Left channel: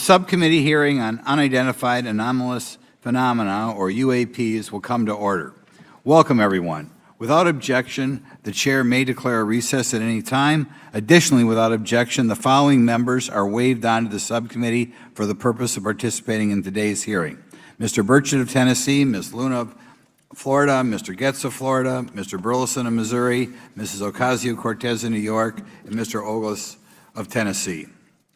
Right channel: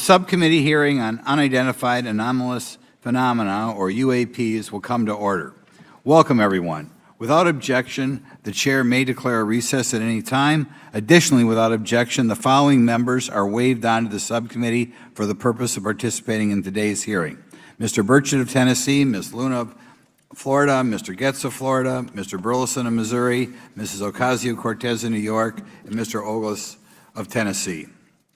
Subcommittee hearing on unidentified anomalous phenomena, or UAPs, will come to order. Welcome, everyone. Without objection, the chair may declare a recess at any time. Additionally, without objection, the following members are waived onto the subcommittee for the purpose of participating in today's hearing: Mr. Burchett of Tennessee, Ms. Luna of Florida, Mr. Getz of Florida, Mr. Burleson of Missouri, Mrs. Ocasio-Cortez of New York, and Mr. Ogles of Tennessee.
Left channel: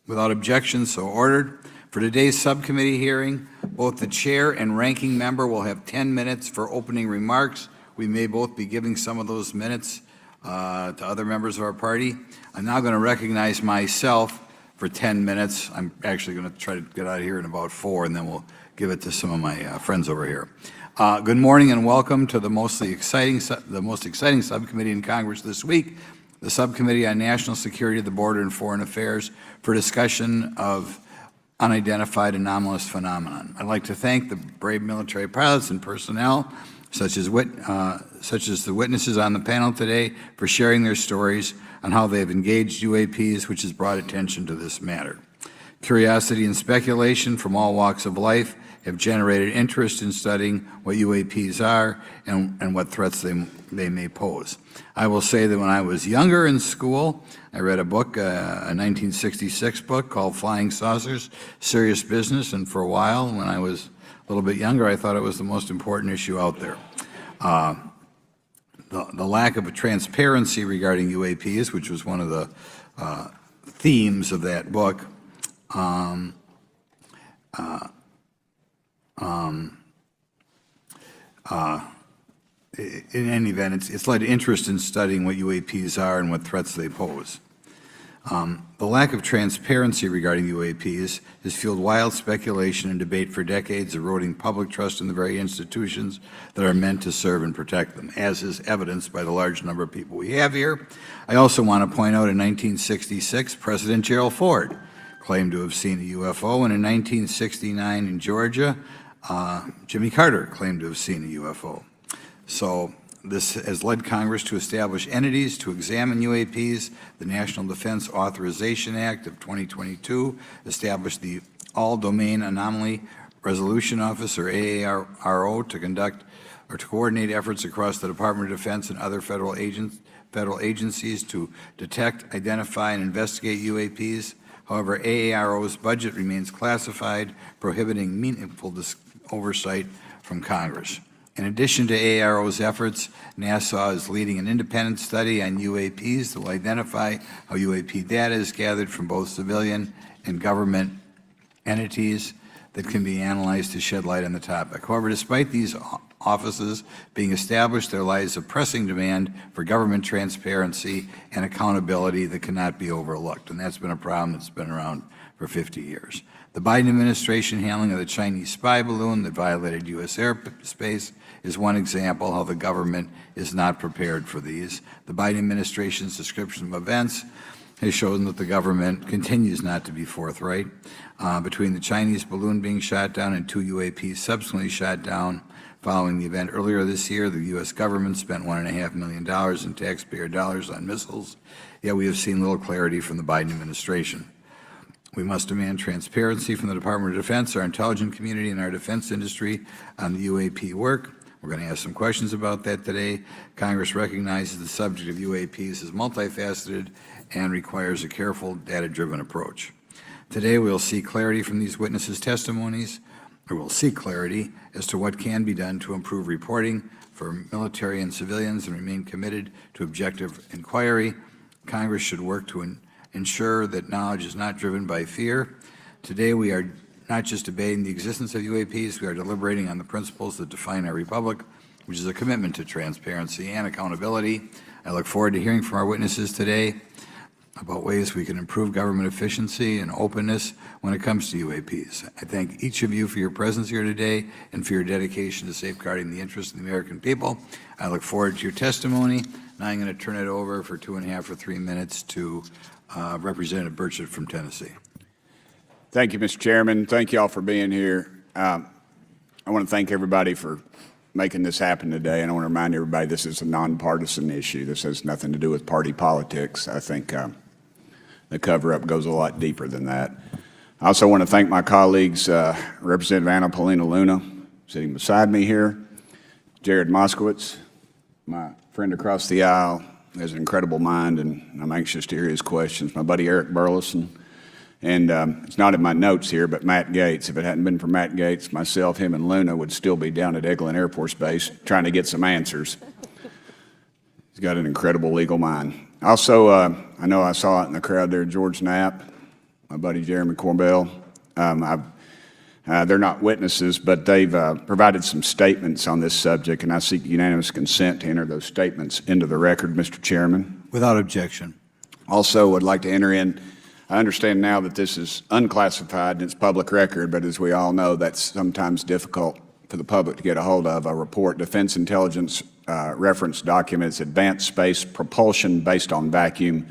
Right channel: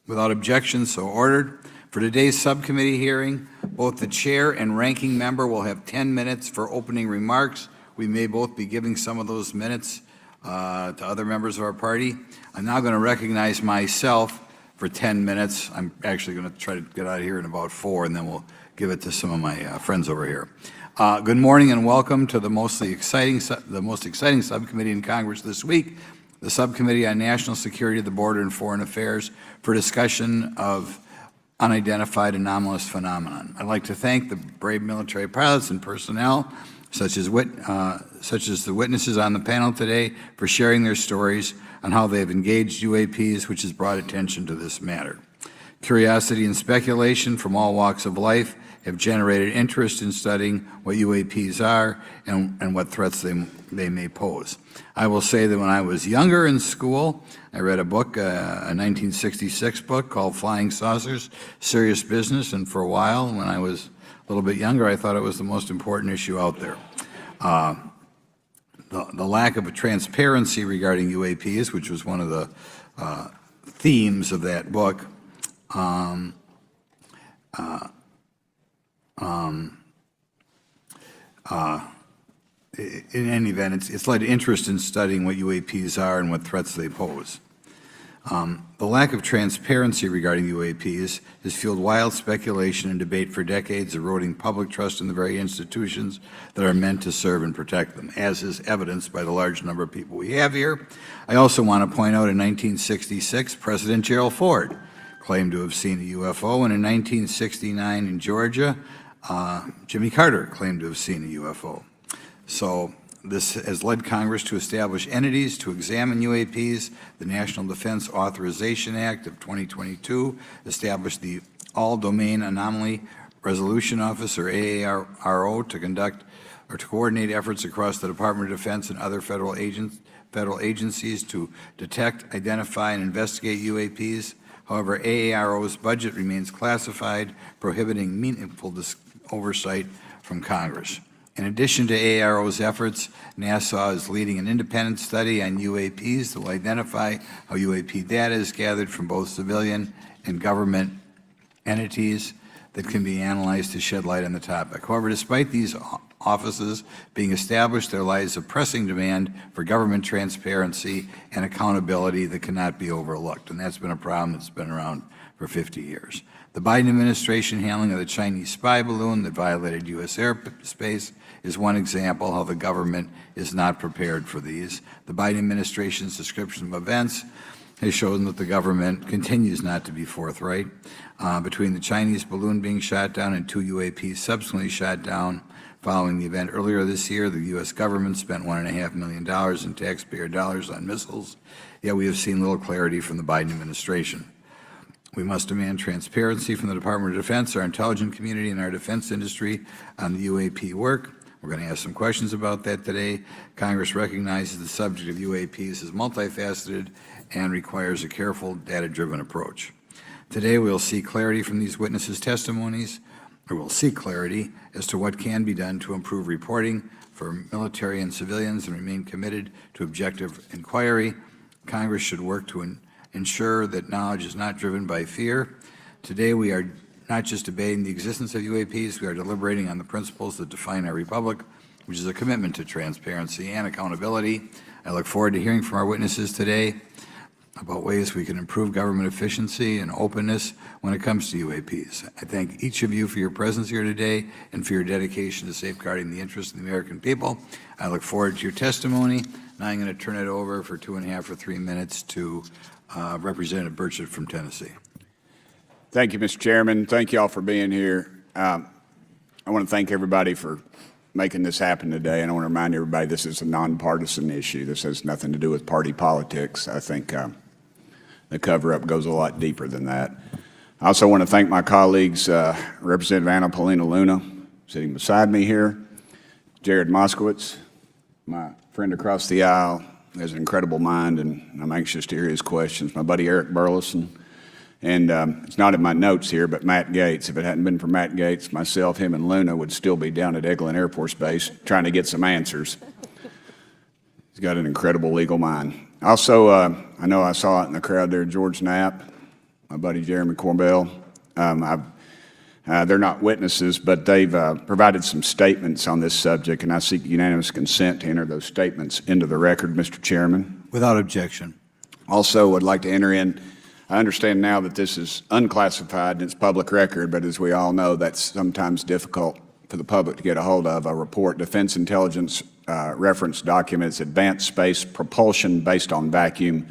Without objection, so ordered. For today's subcommittee hearing, both the chair and ranking member will have 10 minutes for opening remarks. We may both be giving some of those minutes to other members of our party. I'm now going to recognize myself for 10 minutes. I'm actually going to try to get out of here in about 4, and then we'll give it to some of my friends over here. Good morning and welcome to the most exciting subcommittee in Congress this week, the Subcommittee on National Security, the Border, and Foreign Affairs, for discussion of unidentified anomalous phenomenon. I'd like to thank the brave military pilots and personnel, such as the witnesses on the panel today, for sharing their stories on how they've engaged UAPs, which has brought attention to this matter. Curiosity and speculation from all walks of life have generated interest in studying what UAPs are and what threats they may pose. I will say that when I was younger in school, I read a book, a 1966 book called Flying Saucers, Serious Business, and for a while, when I was a little bit younger, I thought it was the most important issue out there. The lack of a transparency regarding UAPs, which was one of the themes of that book, in any event, it's led to interest in studying what UAPs are and what threats they pose. The lack of transparency regarding UAPs has fueled wild speculation and debate for decades, eroding public trust in the very institutions that are meant to serve and protect them, as is evidenced by the large number of people we have here. I also want to point out in 1966, President Gerald Ford claimed to have seen a UFO, and in 1969 in Georgia, Jimmy Carter claimed to have seen a UFO. So this has led Congress to establish entities to examine UAPs. The National Defense Authorization Act of 2022 established the All-Domain Anomaly Resolution Office, or AARO, to conduct or to coordinate efforts across the Department of Defense and other federal agencies to detect, identify, and investigate UAPs. However, AARO's budget remains classified, prohibiting meaningful oversight from Congress. In addition to AARO's efforts, NASA is leading an independent study on UAPs to identify how UAP data is gathered from both civilian and government entities that can be analyzed to shed light on the topic. However, despite these offices being established, there lies a pressing demand for government transparency and accountability that cannot be overlooked, and that's been a problem that's been around for 50 years. The Biden administration handling of the Chinese spy balloon that violated U.S. airspace is one example how the government is not prepared for these. The Biden administration's description of events has shown that the government continues not to be forthright. Between the Chinese balloon being shot down and 2 UAPs subsequently shot down following the event earlier this year, the U.S. government spent $1.5 million in taxpayer dollars on missiles, yet we have seen little clarity from the Biden administration. We must demand transparency from the Department of Defense, our intelligence community, and our defense industry on the UAP work. We're going to ask some questions about that today. Congress recognizes the subject of UAPs as multifaceted and requires a careful, data-driven approach. Today, we'll see clarity from these witnesses' testimonies, or we'll see clarity as to what can be done to improve reporting for military and civilians and remain committed to objective inquiry. Congress should work to ensure that knowledge is not driven by fear. Today, we are not just debating the existence of UAPs, we are deliberating on the principles that define our republic, which is a commitment to transparency and accountability. I look forward to hearing from our witnesses today about ways we can improve government efficiency and openness when it comes to UAPs. I thank each of you for your presence here today and for your dedication to safeguarding the interests of the American people. I look forward to your testimony. Now I'm going to turn it over for 2.5 or 3 minutes to Representative Burchett from Tennessee. Thank you, Mr. Chairman. Thank you all for being here. I want to thank everybody for making this happen today, and I want to remind everybody this is a nonpartisan issue. This has nothing to do with party politics. I think the cover-up goes a lot deeper than that. I also want to thank my colleagues, Representative Anna Paulina Luna, sitting beside me here, Jared Moskowitz, my friend across the aisle, has an incredible mind, and I'm anxious to hear his questions. My buddy Eric Burleson, and it's not in my notes here, but Matt Gates. If it hadn't been for Matt Gates, myself, him, and Luna would still be down at Eglin Air Force Base trying to get some answers. He's got an incredible legal mind. Also, I know I saw it in the crowd there, George Knapp, my buddy Jeremy Corbell. They're not witnesses, but they've provided some statements on this subject, and I seek unanimous consent to enter those statements into the record, Mr. Chairman. Without objection. Also, would like to enter in, I understand now that this is unclassified and it's public record, but as we all know, that's sometimes difficult for the public to get a hold of. A report, Defense Intelligence reference documents, advanced space propulsion based on vacuum,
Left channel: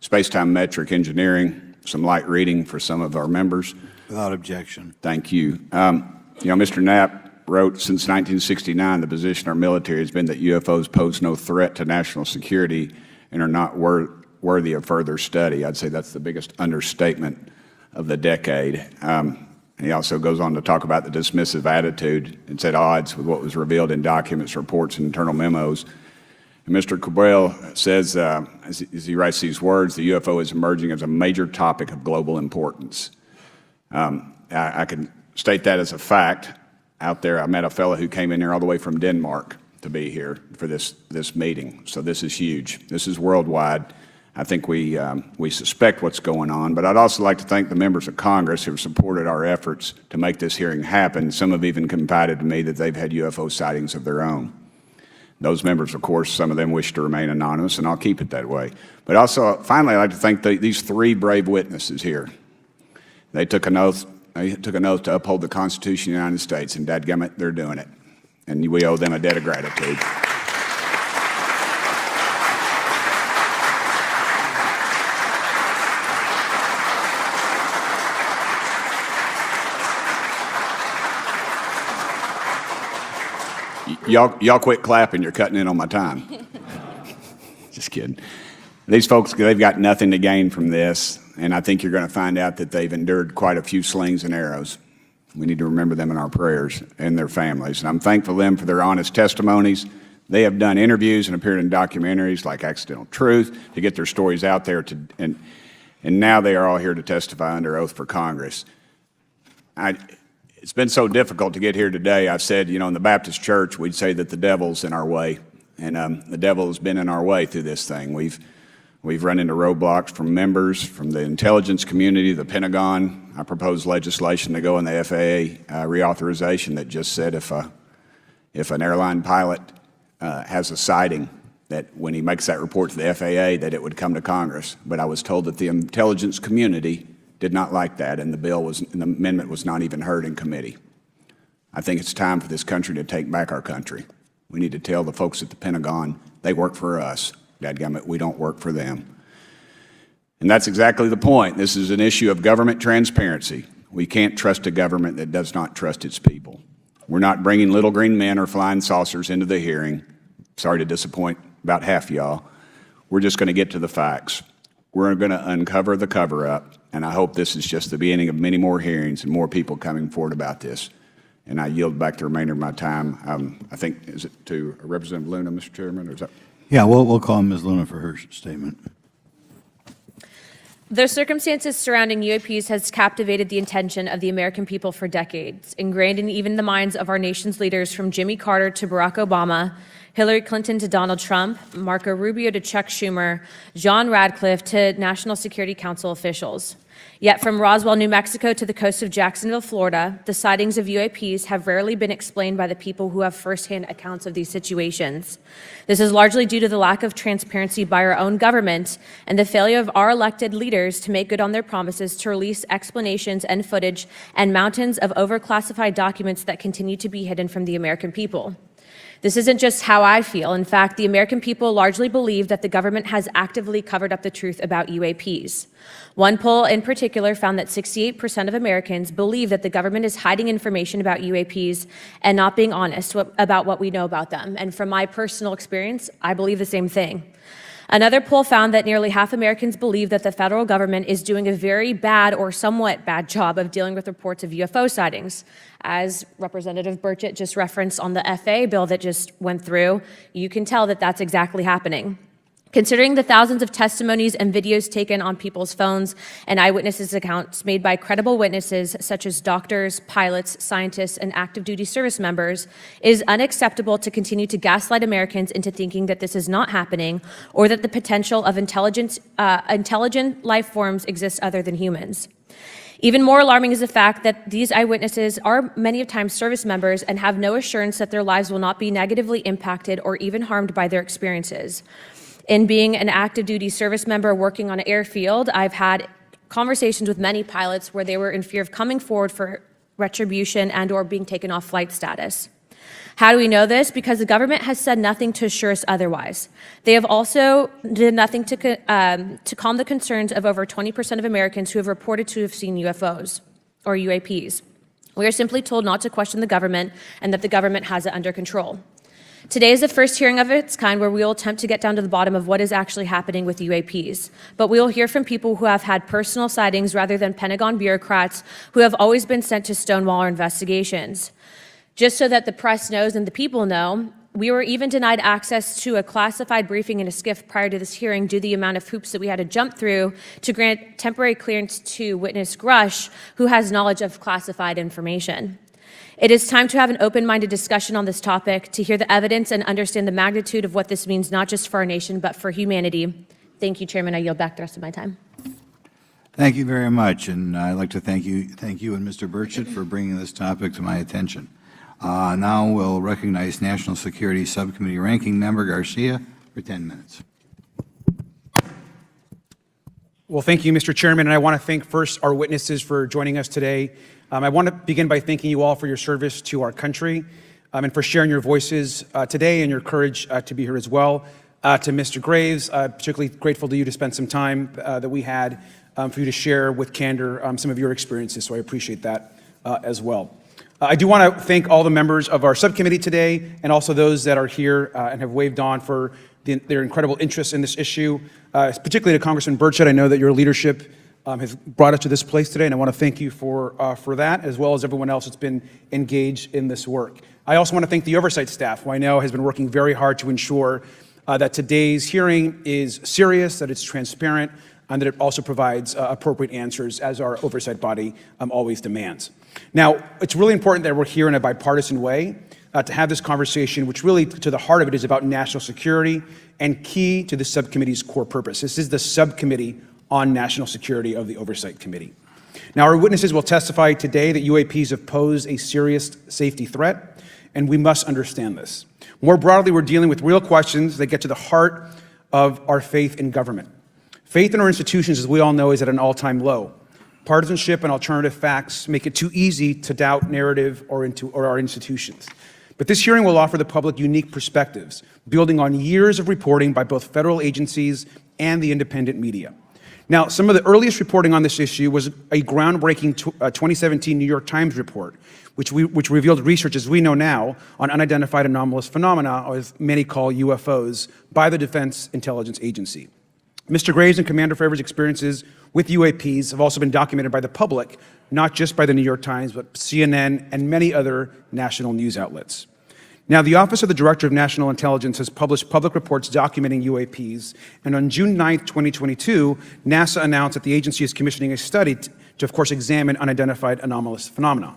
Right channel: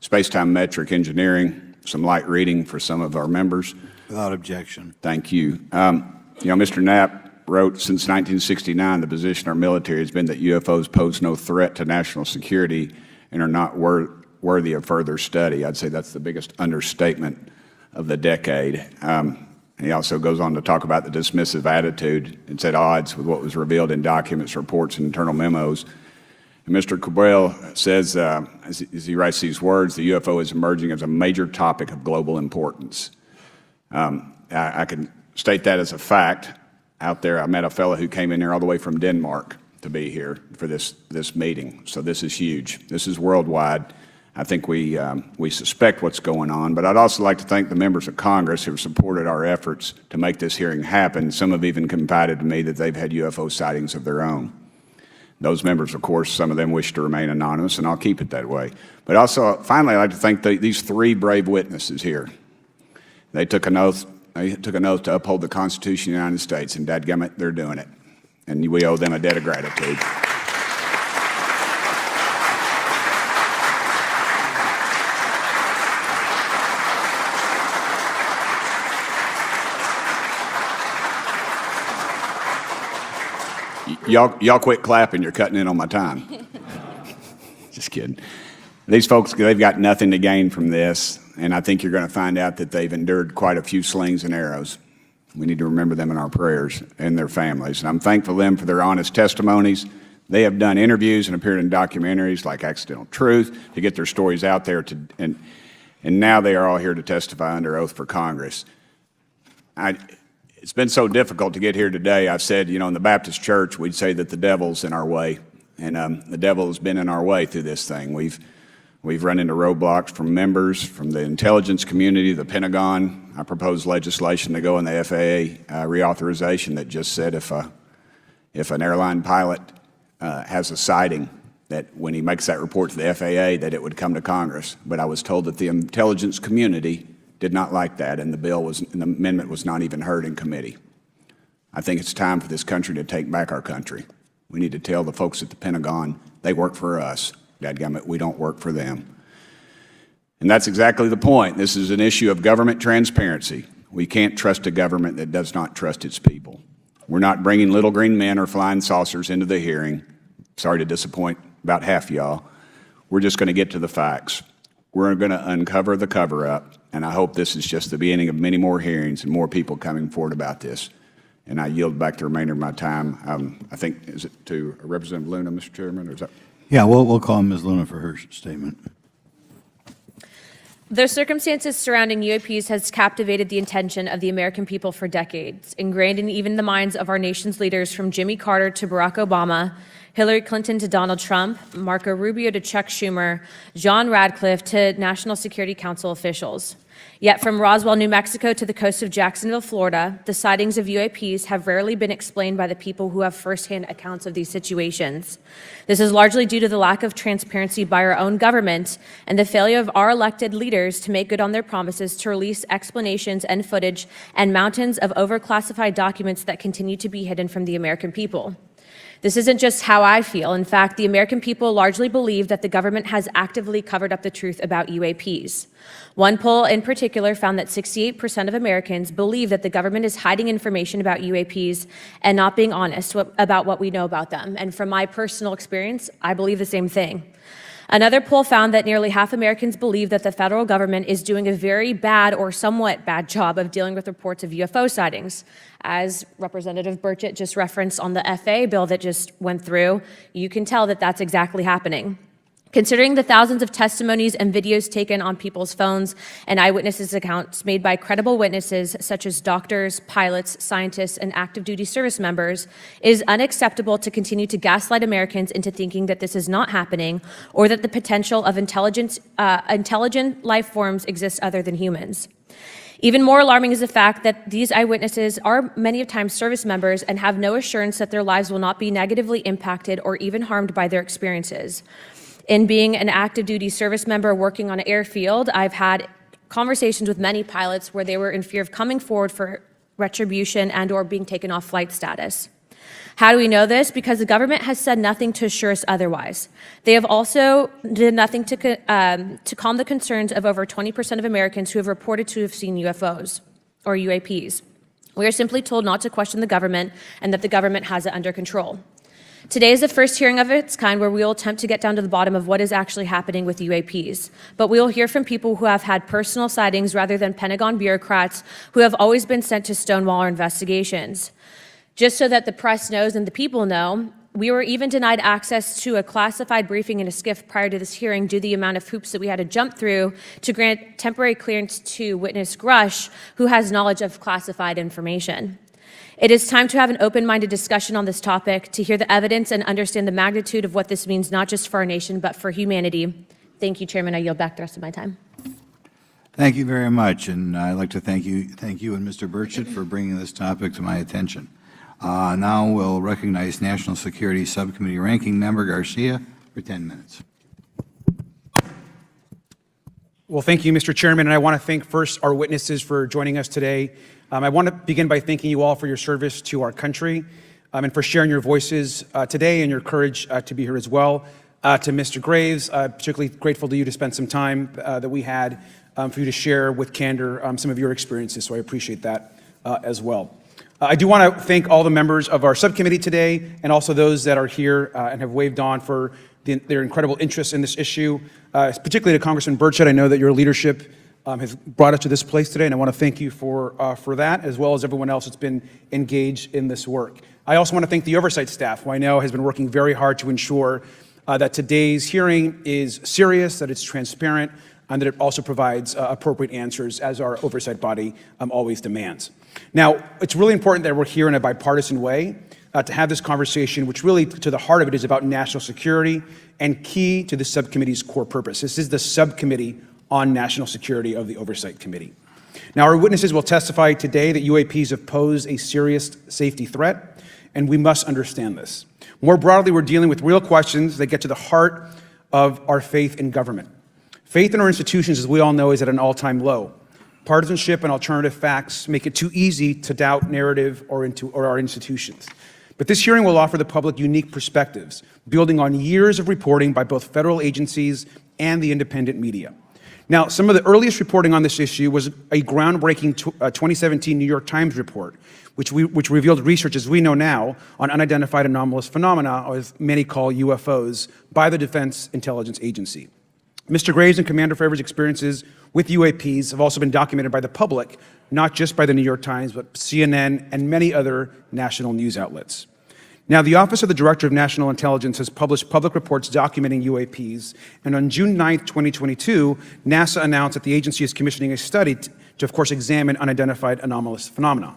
space-time metric engineering, some light reading for some of our members. Without objection. Thank you. Mr. Knapp wrote, since 1969, the position of our military has been that UFOs pose no threat to national security and are not worthy of further study. I'd say that's the biggest understatement of the decade. He also goes on to talk about the dismissive attitude. It's at odds with what was revealed in documents, reports, and internal memos. And Mr. Cabral says, as he writes these words, the UFO is emerging as a major topic of global importance. I can state that as a fact. Out there, I met a fellow who came in there all the way from Denmark to be here for this meeting. So this is huge. This is worldwide. I think we suspect what's going on, but I'd also like to thank the members of Congress who have supported our efforts to make this hearing happen. Some have even confided to me that they've had UFO sightings of their own. Those members, of course, some of them wish to remain anonymous, and I'll keep it that way. But also, finally, I'd like to thank these three brave witnesses here. They took an oath. They took an oath to uphold the Constitution of the United States, and dadgummit, they're doing it. And we owe them a denigrate. Y'all quit clapping. You're cutting in on my time. Just kidding. These folks, they've got nothing to gain from this, and I think you're going to find out that they've endured quite a few slings and arrows. We need to remember them in our prayers and their families. And I'm thankful to them for their honest testimonies. They have done interviews and appeared in documentaries like Accidental Truth to get their stories out there, and now they are all here to testify under oath for Congress. It's been so difficult to get here today. I've said, in the Baptist church, we'd say that the devil's in our way, and the devil has been in our way through this thing. We've run into roadblocks from members, from the intelligence community, the Pentagon. I proposed legislation to go in the FAA reauthorization that just said if an airline pilot has a sighting, that when he makes that report to the FAA, that it would come to Congress. But I was told that the intelligence community did not like that, and the amendment was not even heard in committee. I think it's time for this country to take back our country. We need to tell the folks at the Pentagon they work for us. Dadgummit, we don't work for them. And that's exactly the point. This is an issue of government transparency. We can't trust a government that does not trust its people. We're not bringing little green men or flying saucers into the hearing. Sorry to disappoint about half y'all. We're just going to get to the facts. We're going to uncover the cover-up, and I hope this is just the beginning of many more hearings and more people coming forward about this. And I yield back the remainder of my time. I think, is it to Representative Luna, Mr. Chairman? Yeah, we'll call Ms. Luna for her statement. The circumstances surrounding UAPs has captivated the attention of the American people for decades, ingrained in even the minds of our nation's leaders from Jimmy Carter to Barack Obama, Hillary Clinton to Donald Trump, Marco Rubio to Chuck Schumer, John Radcliffe to National Security Council officials. Yet from Roswell, New Mexico to the coast of Jacksonville, Florida, the sightings of UAPs have rarely been explained by the people who have firsthand accounts of these situations. This is largely due to the lack of transparency by our own government and the failure of our elected leaders to make good on their promises to release explanations and footage and mountains of overclassified documents that continue to be hidden from the American people. This isn't just how I feel. In fact, the American people largely believe that the government has actively covered up the truth about UAPs. One poll in particular found that 68% of Americans believe that the government is hiding information about UAPs and not being honest about what we know about them. And from my personal experience, I believe the same thing. Another poll found that nearly half Americans believe that the federal government is doing a very bad or somewhat bad job of dealing with reports of UFO sightings. As Representative Burchett just referenced on the FA bill that just went through, you can tell that that's exactly happening. Considering the thousands of testimonies and videos taken on people's phones and eyewitnesses' accounts made by credible witnesses such as doctors, pilots, scientists, and active duty service members, it is unacceptable to continue to gaslight Americans into thinking that this is not happening or that the potential of intelligent life forms exists other than humans. Even more alarming is the fact that these eyewitnesses are many times service members and have no assurance that their lives will not be negatively impacted or even harmed by their experiences. In being an active duty service member working on an airfield, I've had conversations with many pilots where they were in fear of coming forward for retribution and or being taken off flight status. How do we know this? Because the government has said nothing to assure us otherwise. They have also did nothing to calm the concerns of over 20% of Americans who have reported to have seen UFOs or UAPs. We are simply told not to question the government and that the government has it under control. Today is the first hearing of its kind where we will attempt to get down to the bottom of what is actually happening with UAPs. But we will hear from people who have had personal sightings rather than Pentagon bureaucrats who have always been sent to stonewall our investigations. Just so that the press knows and the people know, we were even denied access to a classified briefing in a SCIF prior to this hearing due to the amount of hoops that we had to jump through to grant temporary clearance to witness Grusch, who has knowledge of classified information. It is time to have an open-minded discussion on this topic, to hear the evidence and understand the magnitude of what this means, not just for our nation, but for humanity. Thank you, Chairman. I yield back the rest of my time. Thank you very much, and I'd like to thank you and Mr. Burchett for bringing this topic to my attention. Now we'll recognize National Security Subcommittee Ranking Member Garcia for 10 minutes. Well, thank you, Mr. Chairman, and I want to thank first our witnesses for joining us today. I want to begin by thanking you all for your service to our country and for sharing your voices today and your courage to be here as well. To Mr. Graves, particularly grateful to you to spend some time that we had for you to share with candor some of your experiences, so I appreciate that as well. I do want to thank all the members of our subcommittee today and also those that are here and have waved on for their incredible interest in this issue, particularly to Congressman Burchett. I know that your leadership has brought us to this place today, and I want to thank you for that, as well as everyone else that's been engaged in this work. I also want to thank the oversight staff, who I know has been working very hard to ensure that today's hearing is serious, that it's transparent, and that it also provides appropriate answers, as our oversight body always demands. Now, it's really important that we're here in a bipartisan way to have this conversation, which really, to the heart of it, is about national security and key to the subcommittee's core purpose. This is the subcommittee on national security of the Oversight Committee. Now, our witnesses will testify today that UAPs have posed a serious safety threat, and we must understand this. More broadly, we're dealing with real questions that get to the heart of our faith in government. Faith in our institutions, as we all know, is at an all-time low. Partisanship and alternative facts make it too easy to doubt narrative or our institutions. But this hearing will offer the public unique perspectives, building on years of reporting by both federal agencies and the independent media. Now, some of the earliest reporting on this issue was a groundbreaking 2017 New York Times report, which revealed research, as we know now, on unidentified anomalous phenomena, or as many call UFOs, by the Defense Intelligence Agency. Mr. Graves and Commander Favor's experiences with UAPs have also been documented by the public, not just by the New York Times, but CNN and many other national news outlets. Now, the Office of the Director of National Intelligence has published public reports documenting UAPs, and on June 9th, 2022, NASA announced that the agency is commissioning a study to, of course, examine unidentified anomalous phenomena.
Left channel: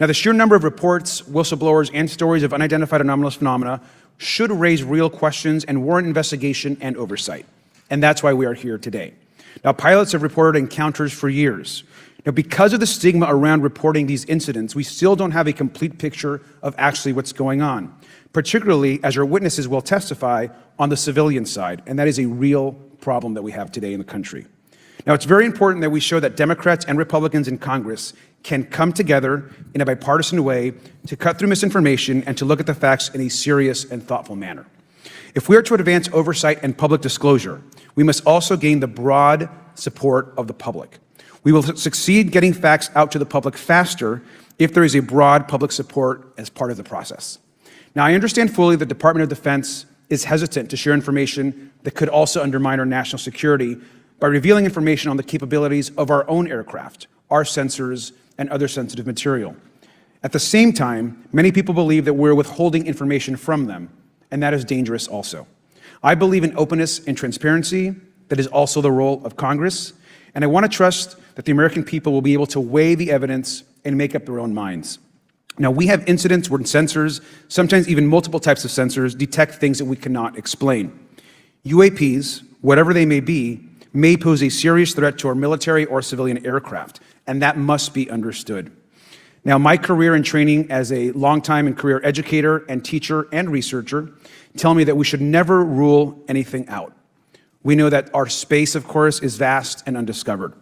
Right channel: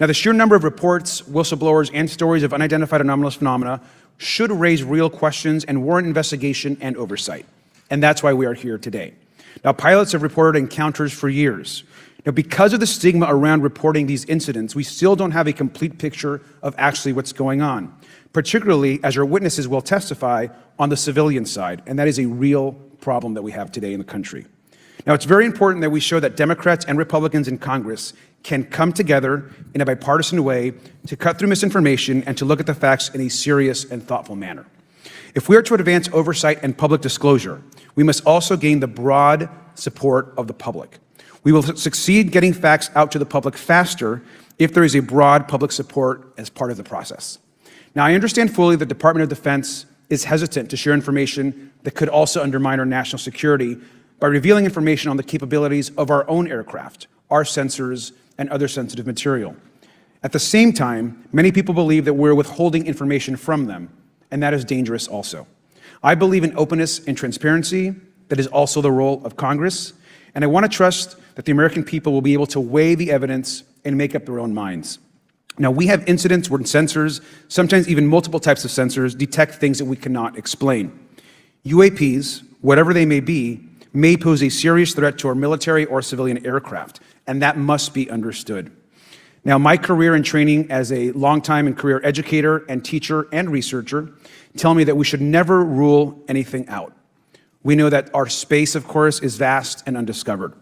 Now, the sheer number of reports, whistleblowers, and stories of unidentified anomalous phenomena should raise real questions and warrant investigation and oversight, and that's why we are here today. Now, pilots have reported encounters for years. Now, because of the stigma around reporting these incidents, we still don't have a complete picture of actually what's going on, particularly as our witnesses will testify on the civilian side, and that is a real problem that we have today in the country. Now, it's very important that we show that Democrats and Republicans in Congress can come together in a bipartisan way to cut through misinformation and to look at the facts in a serious and thoughtful manner. If we are to advance oversight and public disclosure, we must also gain the broad support of the public. We will succeed getting facts out to the public faster if there is a broad public support as part of the process. Now, I understand fully that the Department of Defense is hesitant to share information that could also undermine our national security by revealing information on the capabilities of our own aircraft, our sensors, and other sensitive material. At the same time, many people believe that we're withholding information from them, and that is dangerous also. I believe in openness and transparency. That is also the role of Congress, and I want to trust that the American people will be able to weigh the evidence and make up their own minds. Now, we have incidents where sensors, sometimes even multiple types of sensors, detect things that we cannot explain. UAPs, whatever they may pose a serious threat to our military or civilian aircraft, and that must be understood. Now, my career and training as a longtime and career educator and teacher and researcher tell me that we should never rule anything out. We know that our space, of course, is vast and undiscovered.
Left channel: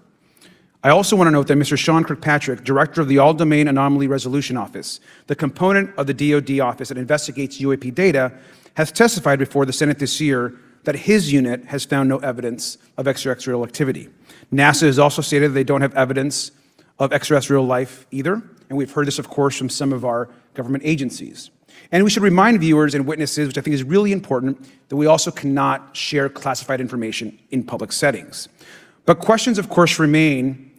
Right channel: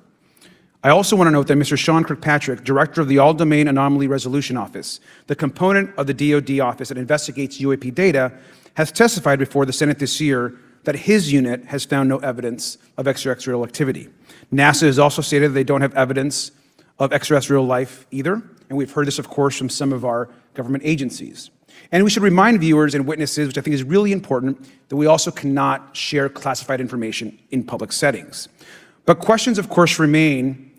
I also want to note that Mr. Sean Kirkpatrick, director of the All-Domain Anomaly Resolution Office, the component of the DoD office that investigates UAP data, has testified before the Senate this year that his unit has found no evidence of extraterrestrial activity. NASA has also stated they don't have evidence of extraterrestrial life either, and we've heard this, of course, from some of our government agencies. And we should remind viewers and witnesses, which I think is really important, that we also cannot share classified information in public settings. But questions, of course, remain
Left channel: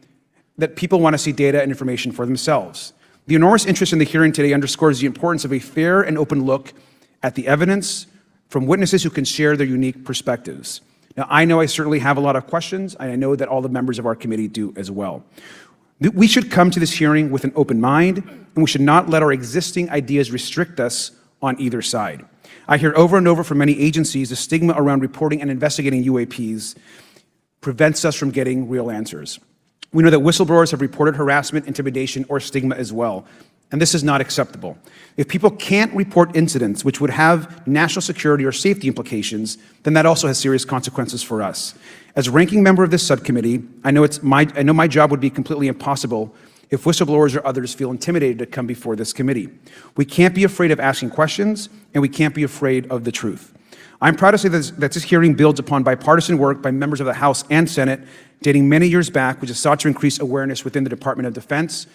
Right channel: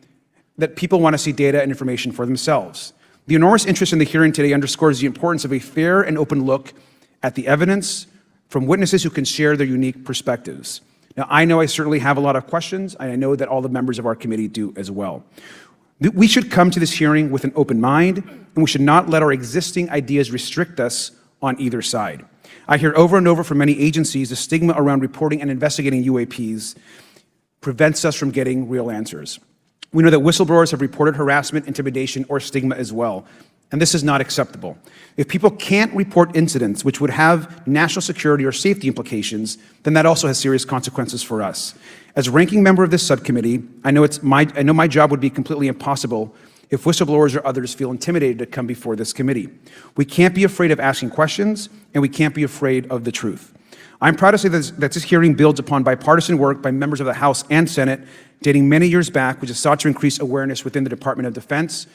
that people want to see data and information for themselves. The enormous interest in the hearing today underscores the importance of a fair and open look at the evidence from witnesses who can share their unique perspectives. Now, I know I certainly have a lot of questions, and I know that all the members of our committee do as well. We should come to this hearing with an open mind, and we should not let our existing ideas restrict us on either side. I hear over and over from many agencies the stigma around reporting and investigating UAPs prevents us from getting real answers. We know that whistleblowers have reported harassment, intimidation, or stigma as well, and this is not acceptable. If people can't report incidents which would have national security or safety implications, then that also has serious consequences for us. As ranking member of this subcommittee, I know my job would be completely impossible if whistleblowers or others feel intimidated to come before this committee. We can't be afraid of asking questions, and we can't be afraid of the truth. I'm proud to say that this hearing builds upon bipartisan work by members of the House and Senate dating many years back, which has sought to increase awareness within the Department of Defense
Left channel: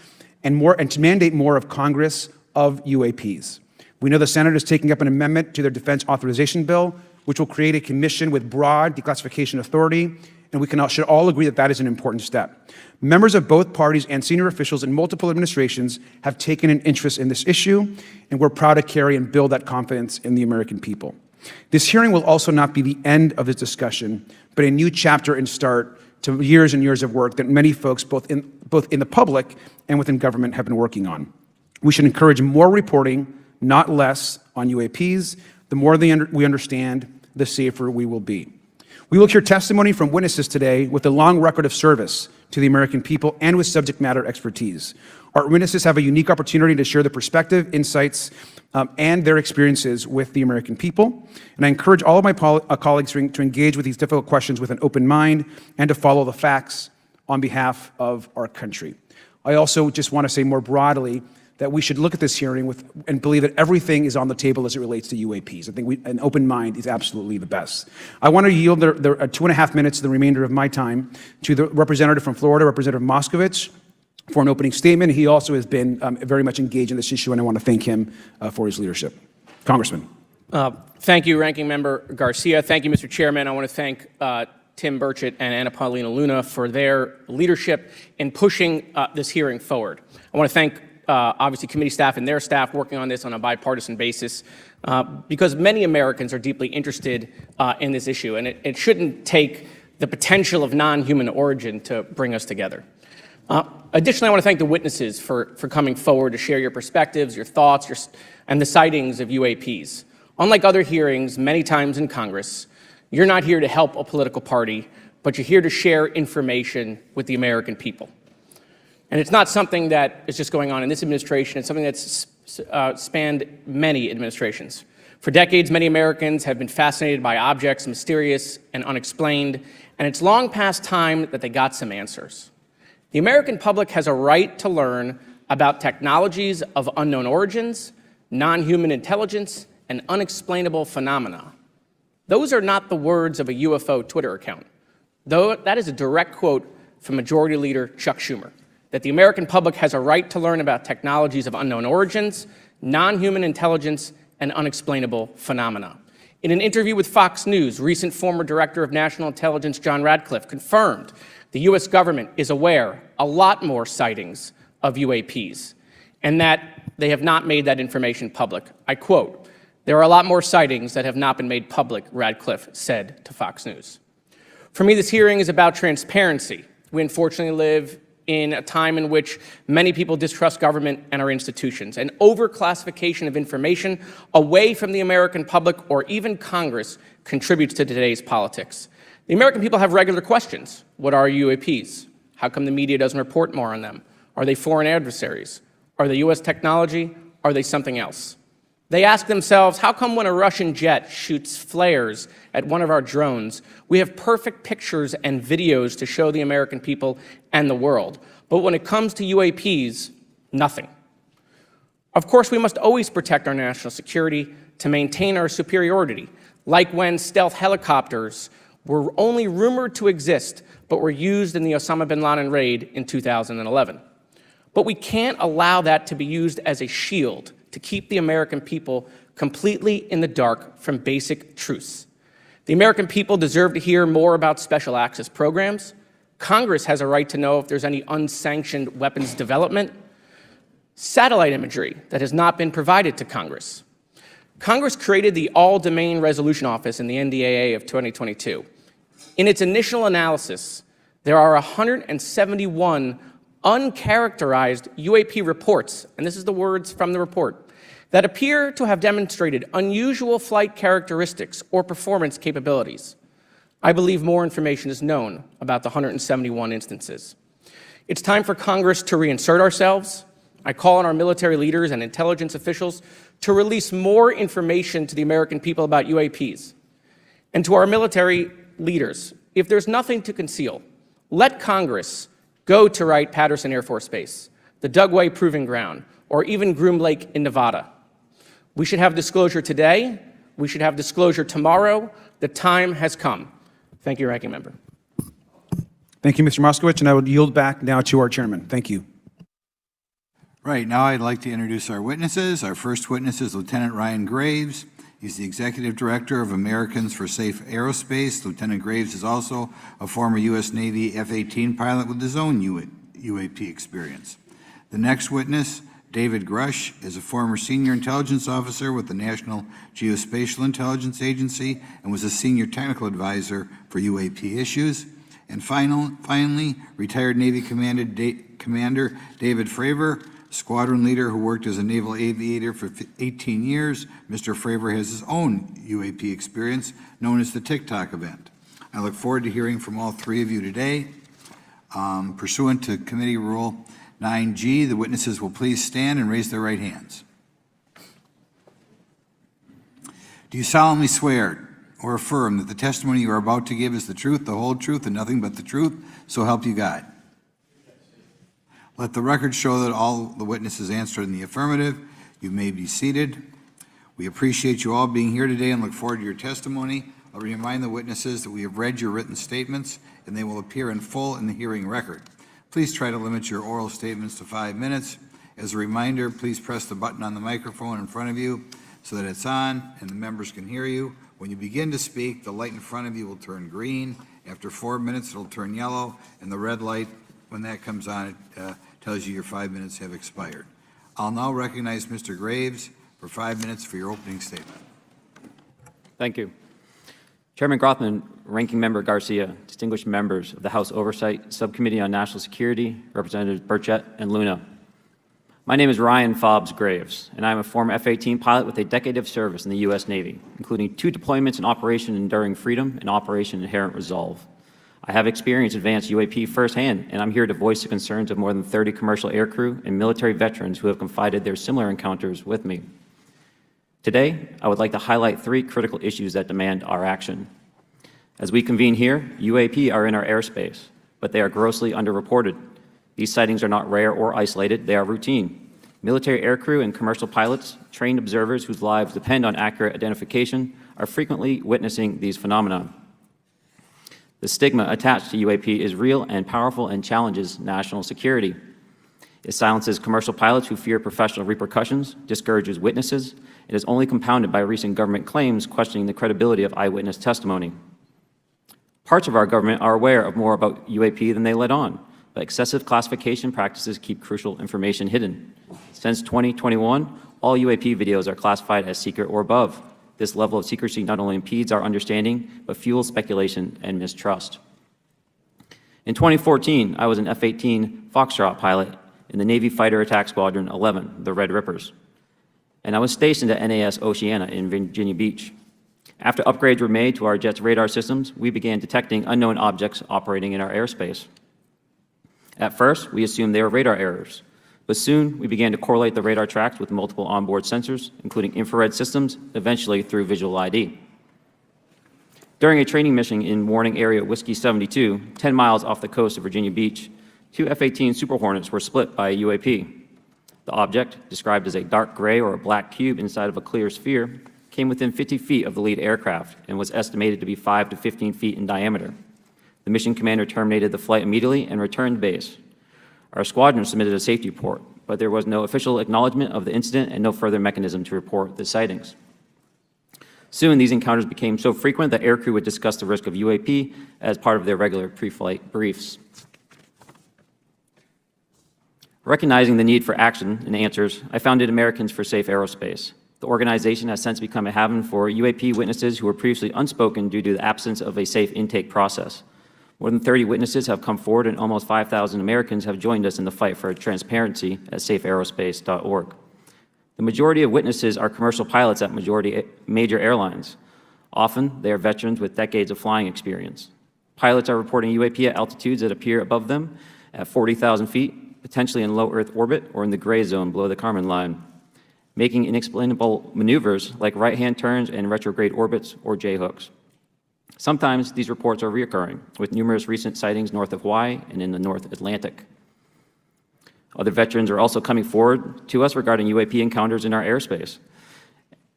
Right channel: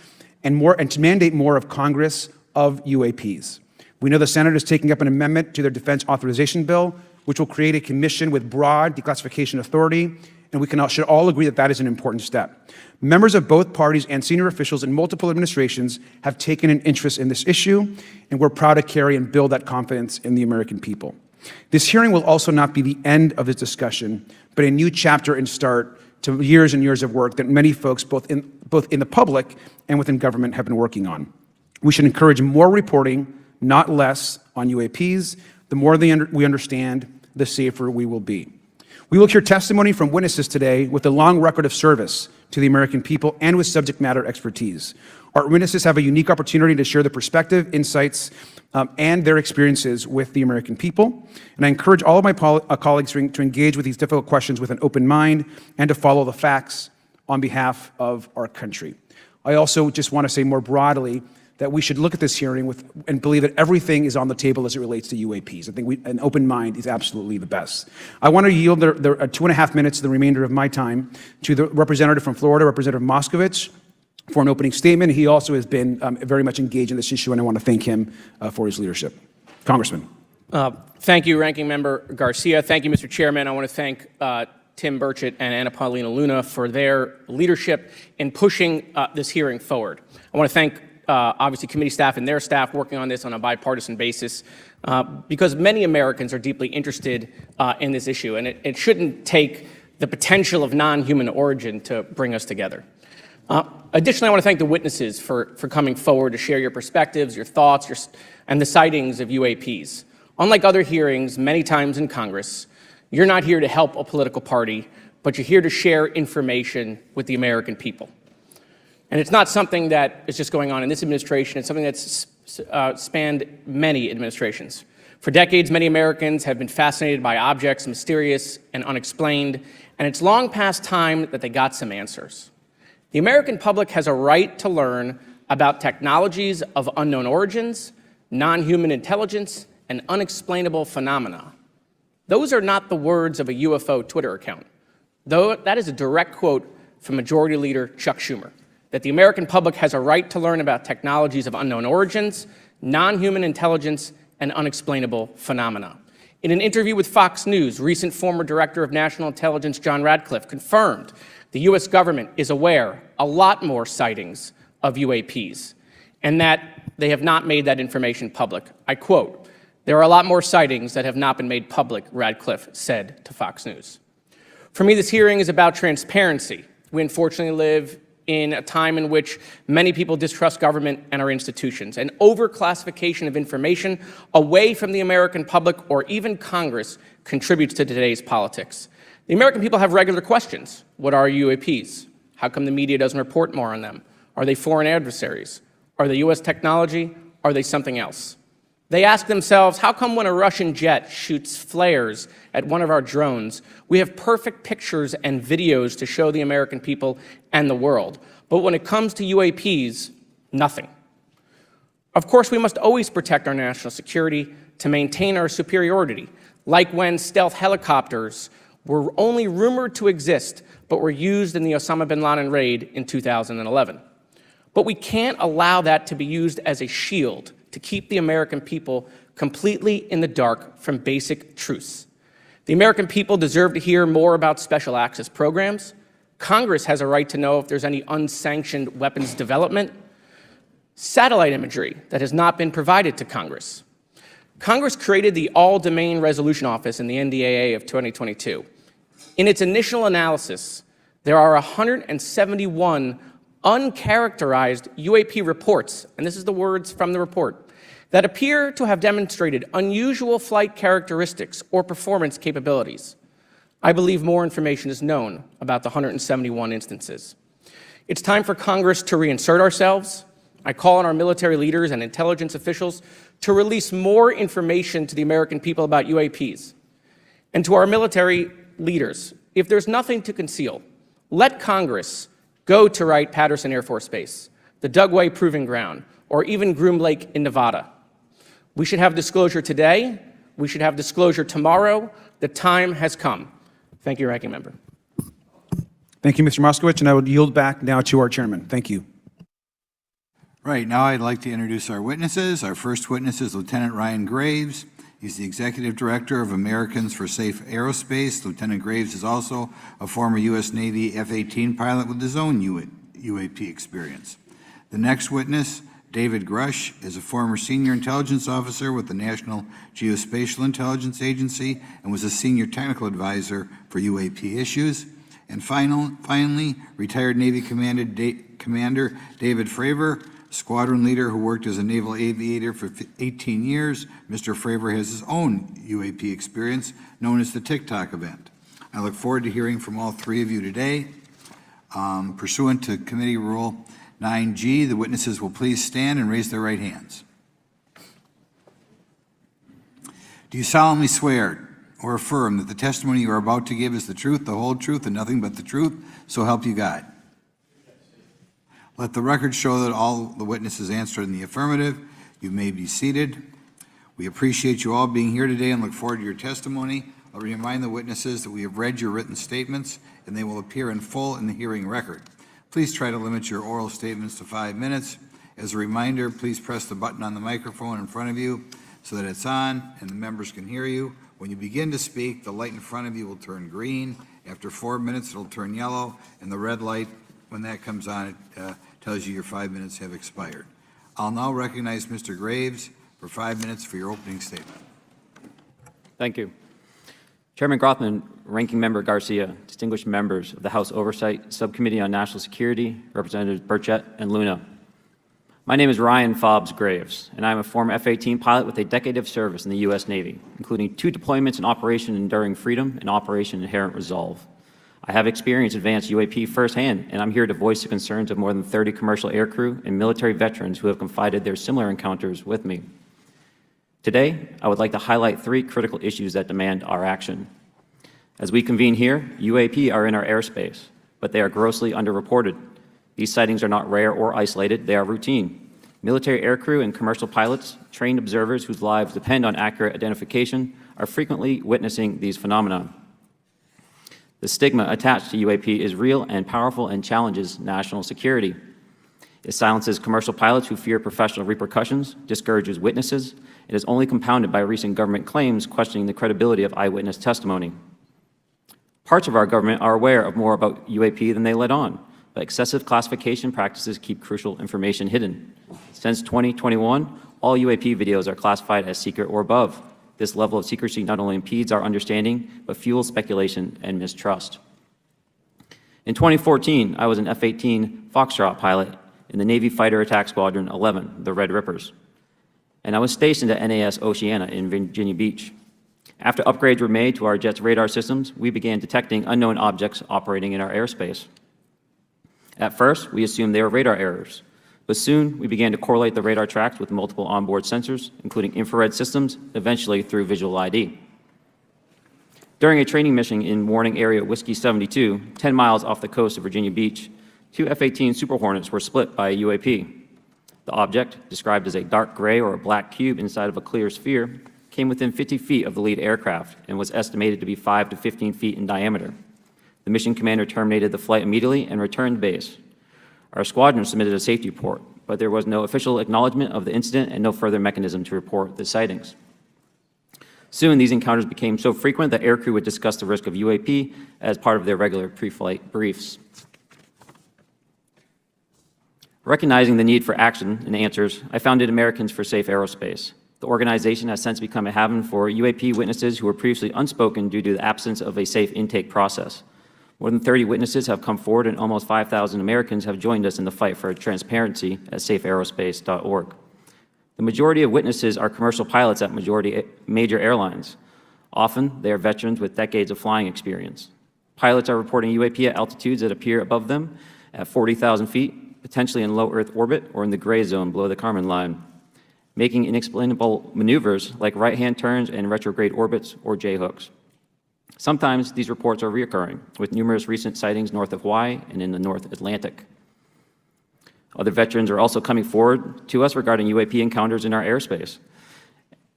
and to mandate more of Congress of UAPs. We know the Senate is taking up an amendment to their defense authorization bill, which will create a commission with broad declassification authority, and we can also all agree that that is an important step. Members of both parties and senior officials in multiple administrations have taken an interest in this issue, and we're proud to carry and build that confidence in the American people. This hearing will also not be the end of this discussion, but a new chapter and start to years and years of work that many folks, both in the public and within government, have been working on. We should encourage more reporting, not less, on UAPs. The more we understand, the safer we will be. We will hear testimony from witnesses today with a long record of service to the American people and with subject matter expertise. Our witnesses have a unique opportunity to share their perspective, insights, and their experiences with the American people. And I encourage all of my colleagues to engage with these difficult questions with an open mind and to follow the facts on behalf of our country. I also just want to say more broadly that we should look at this hearing and believe that everything is on the table as it relates to UAPs. I think an open mind is absolutely the best. I want to yield the 2.5 minutes, the remainder of my time, to the representative from Florida, Representative Moskovich, for an opening statement. He also has been very much engaged in this issue, and I want to thank him for his leadership. Congressman. Thank you, Ranking Member Garcia. Thank you, Mr. Chairman. I want to thank Tim Burchett and Anna Paulina Luna for their leadership in pushing this hearing forward. I want to thank obviously committee staff and their staff working on this on a bipartisan basis because many Americans are deeply interested in this issue, and it shouldn't take the potential of non-human origin to bring us together. Additionally, I want to thank the witnesses for coming forward to share your perspectives, your thoughts, and the sightings of UAPs. Unlike other hearings many times in Congress, you're not here to help a political party, but you're here to share information with the American people. And it's not something that is just going on in this administration. It's something that's spanned many administrations. For decades, many Americans have been fascinated by objects mysterious and unexplained, and it's long past time that they got some answers. The American public has a right to learn about technologies of unknown origins, non-human intelligence, and unexplainable phenomena. Those are not the words of a UFO Twitter account. Though that is a direct quote from Majority Leader Chuck Schumer, that the American public has a right to learn about technologies of unknown origins, non-human intelligence, and unexplainable phenomena. In an interview with Fox News, recent former Director of National Intelligence John Radcliffe confirmed the U.S. government is aware a lot more sightings of UAPs and that they have not made that information public. I quote, "There are a lot more sightings that have not been made public," Radcliffe said to Fox News. For me, this hearing is about transparency. We unfortunately live in a time in which many people distrust government and our institutions. An overclassification of information away from the American public or even Congress contributes to today's politics. The American people have regular questions. What are UAPs? How come the media doesn't report more on them? Are they foreign adversaries? Are they U.S. technology? Are they something else? They ask themselves, how come when a Russian jet shoots flares at one of our drones, we have perfect pictures and videos to show the American people and the world, but when it comes to UAPs, nothing? Of course, we must always protect our national security to maintain our superiority, like when stealth helicopters were only rumored to exist, but were used in the Osama bin Laden raid in 2011. But we can't allow that to be used as a shield to keep the American people completely in the dark from basic truths. The American people deserve to hear more about special access programs. Congress has a right to know if there's any unsanctioned weapons development, satellite imagery that has not been provided to Congress. Congress created the All-Domain Resolution Office in the NDAA of 2022. In its initial analysis, there are 171 uncharacterized UAP reports, and this is the words from the report, that appear to have demonstrated unusual flight characteristics or performance capabilities. I believe more information is known about the 171 instances. It's time for Congress to reinsert ourselves. I call on our military leaders and intelligence officials to release more information to the American people about UAPs. And to our military leaders, if there's nothing to conceal, let Congress go to Wright-Patterson Air Force Base, the Dugway Proving Ground, or even Groom Lake in Nevada. We should have disclosure today. We should have disclosure tomorrow. The time has come. Thank you, Ranking Member. Thank you, Mr. Moskowitz, and I would yield back now to our chairman. Thank you. Right, now I'd like to introduce our witnesses. Our first witness is Lieutenant Ryan Graves. He's the Executive Director of Americans for Safe Aerospace. Lieutenant Graves is also a former U.S. Navy F-18 pilot with his own UAP experience. The next witness, David Grusch, is a former Senior Intelligence Officer with the National Geospatial-Intelligence Agency and was a Senior Technical Advisor for UAP issues. And finally, retired Navy Commander David Fravor, squadron leader who worked as a naval aviator for 18 years. Mr. Fravor has his own UAP experience known as the TikTok event. I look forward to hearing from all three of you today. Pursuant to Committee Rule 9G, the witnesses will please stand and raise their right hands. Do you solemnly swear or affirm that the testimony you are about to give is the truth, the whole truth, and nothing but the truth, so help you God? Let the record show that all the witnesses answered in the affirmative. You may be seated. We appreciate you all being here today and look forward to your testimony. I'll remind the witnesses that we have read your written statements and they will appear in full in the hearing record. Please try to limit your oral statements to 5 minutes. As a reminder, please press the button on the microphone in front of you so that it's on and the members can hear you. When you begin to speak, the light in front of you will turn green. After 4 minutes, it'll turn yellow, and the red light, when that comes on, it tells you your 5 minutes have expired. I'll now recognize Mr. Graves for 5 minutes for your opening statement. Thank you. Chairman Grothman, Ranking Member Garcia, distinguished members of the House Oversight Subcommittee on National Security, Representatives Burchett and Luna. My name is Ryan Fobbs Graves, and I am a former F-18 pilot with a decade of service in the U.S. Navy, including 2 deployments in Operation Enduring Freedom and Operation Inherent Resolve. I have experienced advanced UAP firsthand, and I'm here to voice the concerns of more than 30 commercial aircrew and military veterans who have confided their similar encounters with me. Today, I would like to highlight 3 critical issues that demand our action. As we convene here, UAP are in our airspace, but they are grossly underreported. These sightings are not rare or isolated, they are routine. Military aircrew and commercial pilots, trained observers whose lives depend on accurate identification, are frequently witnessing these phenomena. The stigma attached to UAP is real and powerful and challenges national security. It silences commercial pilots who fear professional repercussions, discourages witnesses, and is only compounded by recent government claims questioning the credibility of eyewitness testimony. Parts of our government are aware of more about UAP than they let on, but excessive classification practices keep crucial information hidden. Since 2021, all UAP videos are classified as secret or above. This level of secrecy not only impedes our understanding, but fuels speculation and mistrust. In 2014, I was an F-18 Foxtrot pilot in the Navy Fighter Attack Squadron 11, the Red Rippers, and I was stationed at NAS Oceana in Virginia Beach. After upgrades were made to our jet's radar systems, we began detecting unknown objects operating in our airspace. At first, we assumed they were radar errors, but soon we began to correlate the radar tracks with multiple onboard sensors, including infrared systems, eventually through visual ID. During a training mission in Warning Area Whiskey 72, 10 miles off the coast of Virginia Beach, 2 F-18 Super Hornets were split by a UAP. The object, described as a dark gray or a black cube inside of a clear sphere, came within 50 feet of the lead aircraft and was estimated to be 5 to 15 feet in diameter. The mission commander terminated the flight immediately and returned to base. Our squadron submitted a safety report, but there was no official acknowledgement of the incident and no further mechanism to report the sightings. Soon, these encounters became so frequent that aircrew would discuss the risk of UAP as part of their regular pre-flight briefs. Recognizing the need for action and answers, I founded Americans for Safe Aerospace. The organization has since become a haven for UAP witnesses who were previously unspoken due to the absence of a safe intake process. More than 30 witnesses have come forward, and almost 5,000 Americans have joined us in the fight for transparency at safeaerospace.org. The majority of witnesses are commercial pilots at major airlines. Often, they are veterans with decades of flying experience. Pilots are reporting UAP at altitudes that appear above them at 40,000 feet, potentially in low Earth orbit or in the gray zone below the Kármán line, making inexplainable maneuvers like right-hand turns and retrograde orbits or J-hooks. Sometimes these reports are reoccurring, with numerous recent sightings north of Hawaii and in the North Atlantic. Other veterans are also coming forward to us regarding UAP encounters in our airspace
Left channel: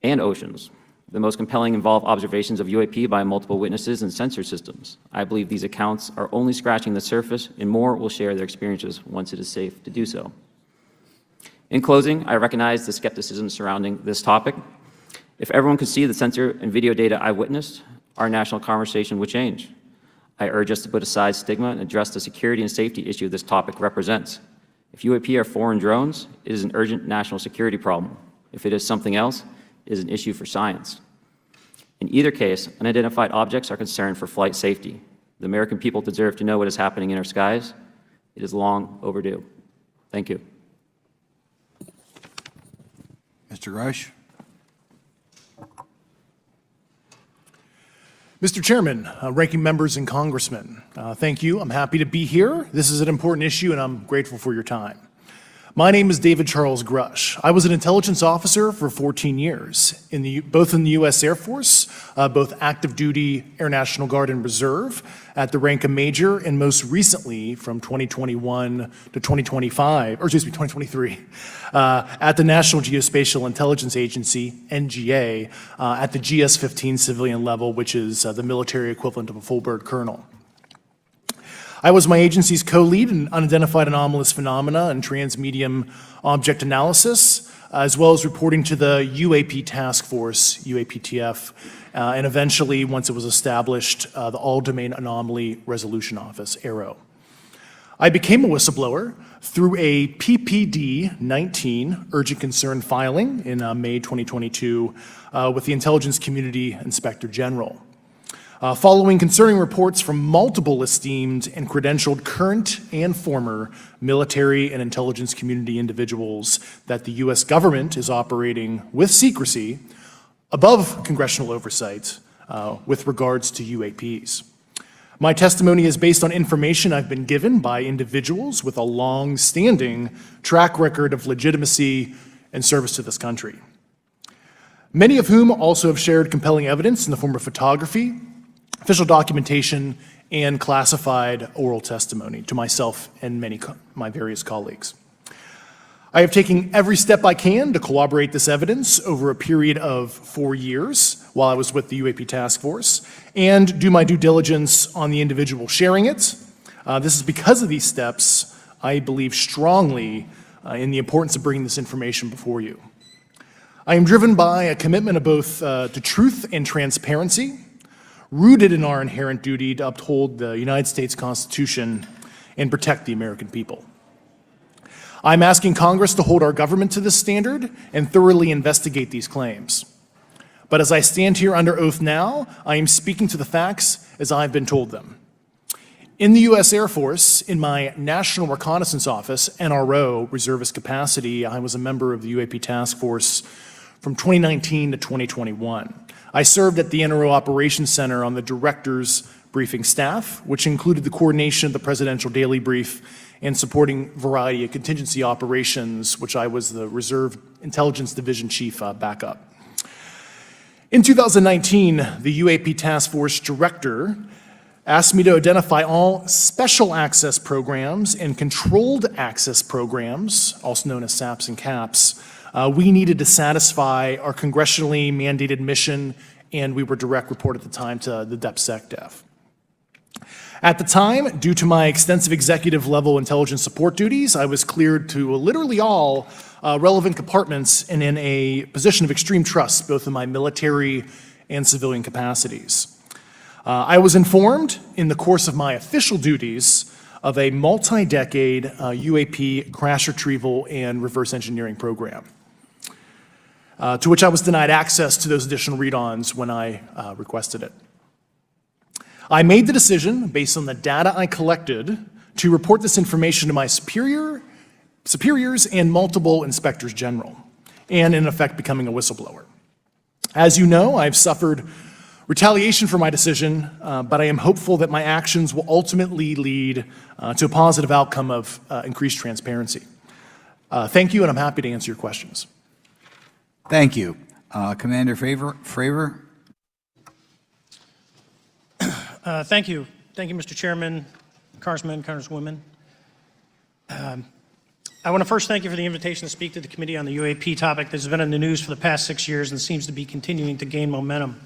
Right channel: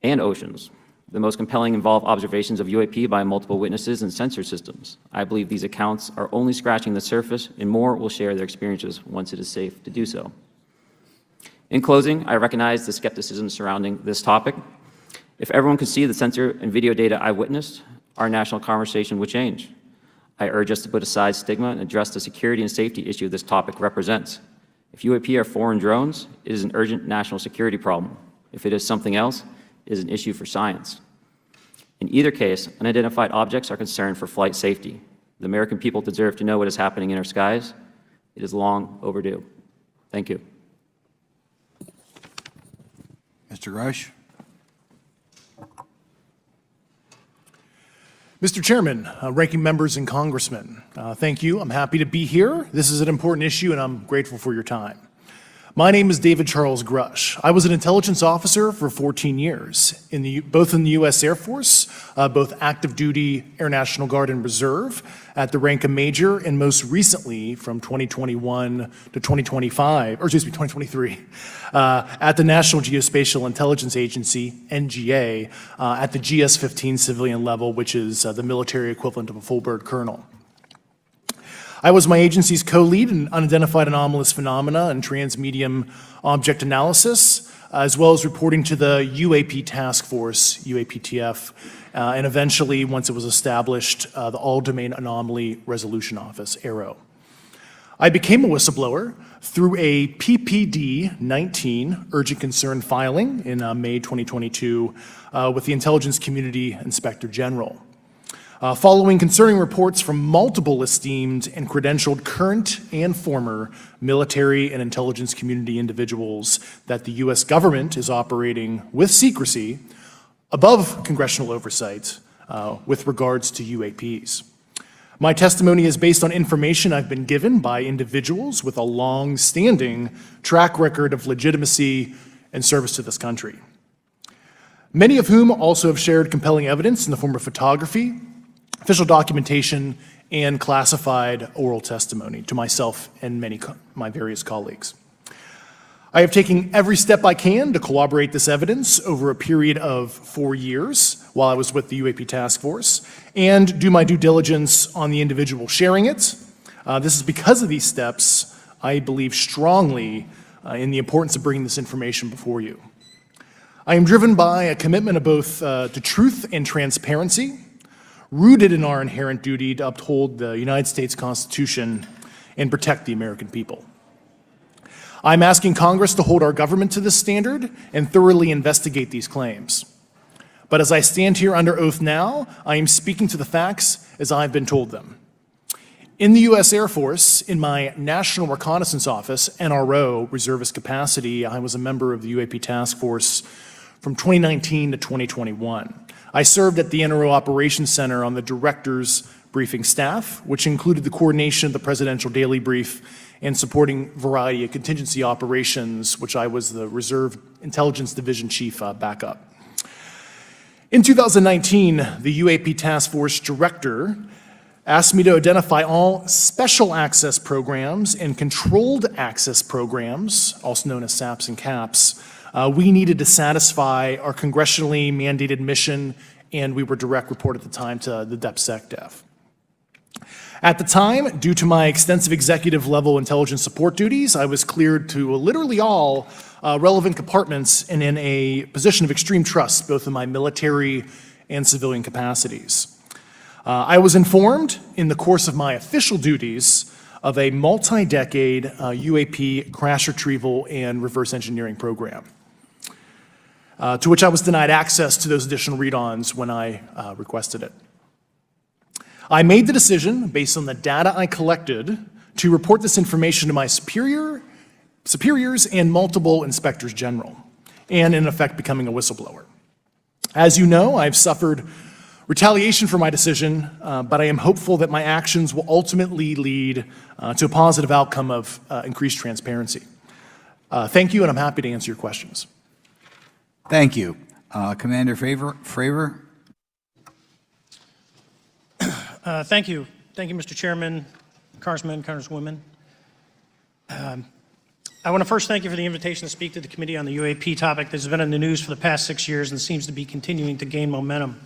and oceans. The most compelling involve observations of UAP by multiple witnesses and sensor systems. I believe these accounts are only scratching the surface, and more will share their experiences once it is safe to do so. In closing, I recognize the skepticism surrounding this topic. If everyone could see the sensor and video data I witnessed, our national conversation would change. I urge us to put aside stigma and address the security and safety issue this topic represents. If UAP are foreign drones, it is an urgent national security problem. If it is something else, it is an issue for science. In either case, unidentified objects are concerned for flight safety. The American people deserve to know what is happening in our skies. It is long overdue. Thank you. Mr. Grusch? Mr. Chairman, ranking members and congressmen, thank you. I'm happy to be here. This is an important issue, and I'm grateful for your time. My name is David Charles Grusch. I was an intelligence officer for 14 years, both in the U.S. Air Force, both active duty, Air National Guard, and Reserve, at the rank of major, and most recently from 2021 to 2023, at the National Geospatial-Intelligence Agency, NGA, at the GS-15 civilian level, which is the military equivalent of a full bird colonel. I was my agency's co-lead in unidentified anomalous phenomena and transmedium object analysis, as well as reporting to the UAP task force, UAPTF, and eventually, once it was established, the All-Domain Anomaly Resolution Office, AARO. I became a whistleblower through a PPD-19 urgent concern filing in May 2022 with the Intelligence Community Inspector General. Following concerning reports from multiple esteemed and credentialed current and former military and intelligence community individuals that the U.S. government is operating with secrecy above congressional oversight with regards to UAPs. My testimony is based on information I've been given by individuals with a long-standing track record of legitimacy and service to this country, many of whom also have shared compelling evidence in the form of photography, official documentation, and classified oral testimony to myself and my various colleagues. I have taken every step I can to corroborate this evidence over a period of 4 years while I was with the UAP task force and do my due diligence on the individual sharing it. This is because of these steps, I believe strongly in the importance of bringing this information before you. I am driven by a commitment of both to truth and transparency, rooted in our inherent duty to uphold the United States Constitution and protect the American people. I'm asking Congress to hold our government to this standard and thoroughly investigate these claims. But as I stand here under oath now, I am speaking to the facts as I've been told them. In the U.S. Air Force, in my National Reconnaissance Office, NRO, reservist capacity, I was a member of the UAP task force from 2019 to 2021. I served at the NRO Operations Center on the Director's briefing staff, which included the coordination of the Presidential Daily Brief and supporting variety of contingency operations, which I was the Reserve Intelligence Division Chief backup. In 2019, the UAP Task Force Director asked me to identify all special access programs and controlled access programs, also known as SAPs and CAPs, we needed to satisfy our congressionally mandated mission, and we were direct report at the time to the DepSecDef. At the time, due to my extensive executive level intelligence support duties, I was cleared to literally all relevant compartments and in a position of extreme trust, both in my military and civilian capacities. I was informed in the course of my official duties of a multi-decade UAP crash retrieval and reverse engineering program, to which I was denied access to those additional read-ons when I requested it. I made the decision, based on the data I collected, to report this information to my superiors and multiple inspectors general, and in effect becoming a whistleblower. As you know, I've suffered retaliation for my decision, but I am hopeful that my actions will ultimately lead to a positive outcome of increased transparency. Thank you, and I'm happy to answer your questions. Thank you. Commander Fravor? Thank you. Thank you, Mr. Chairman, Congressmen, Congresswomen. I want to first thank you for the invitation to speak to the committee on the UAP topic that has been in the news for the past 6 years and seems to be continuing to gain momentum.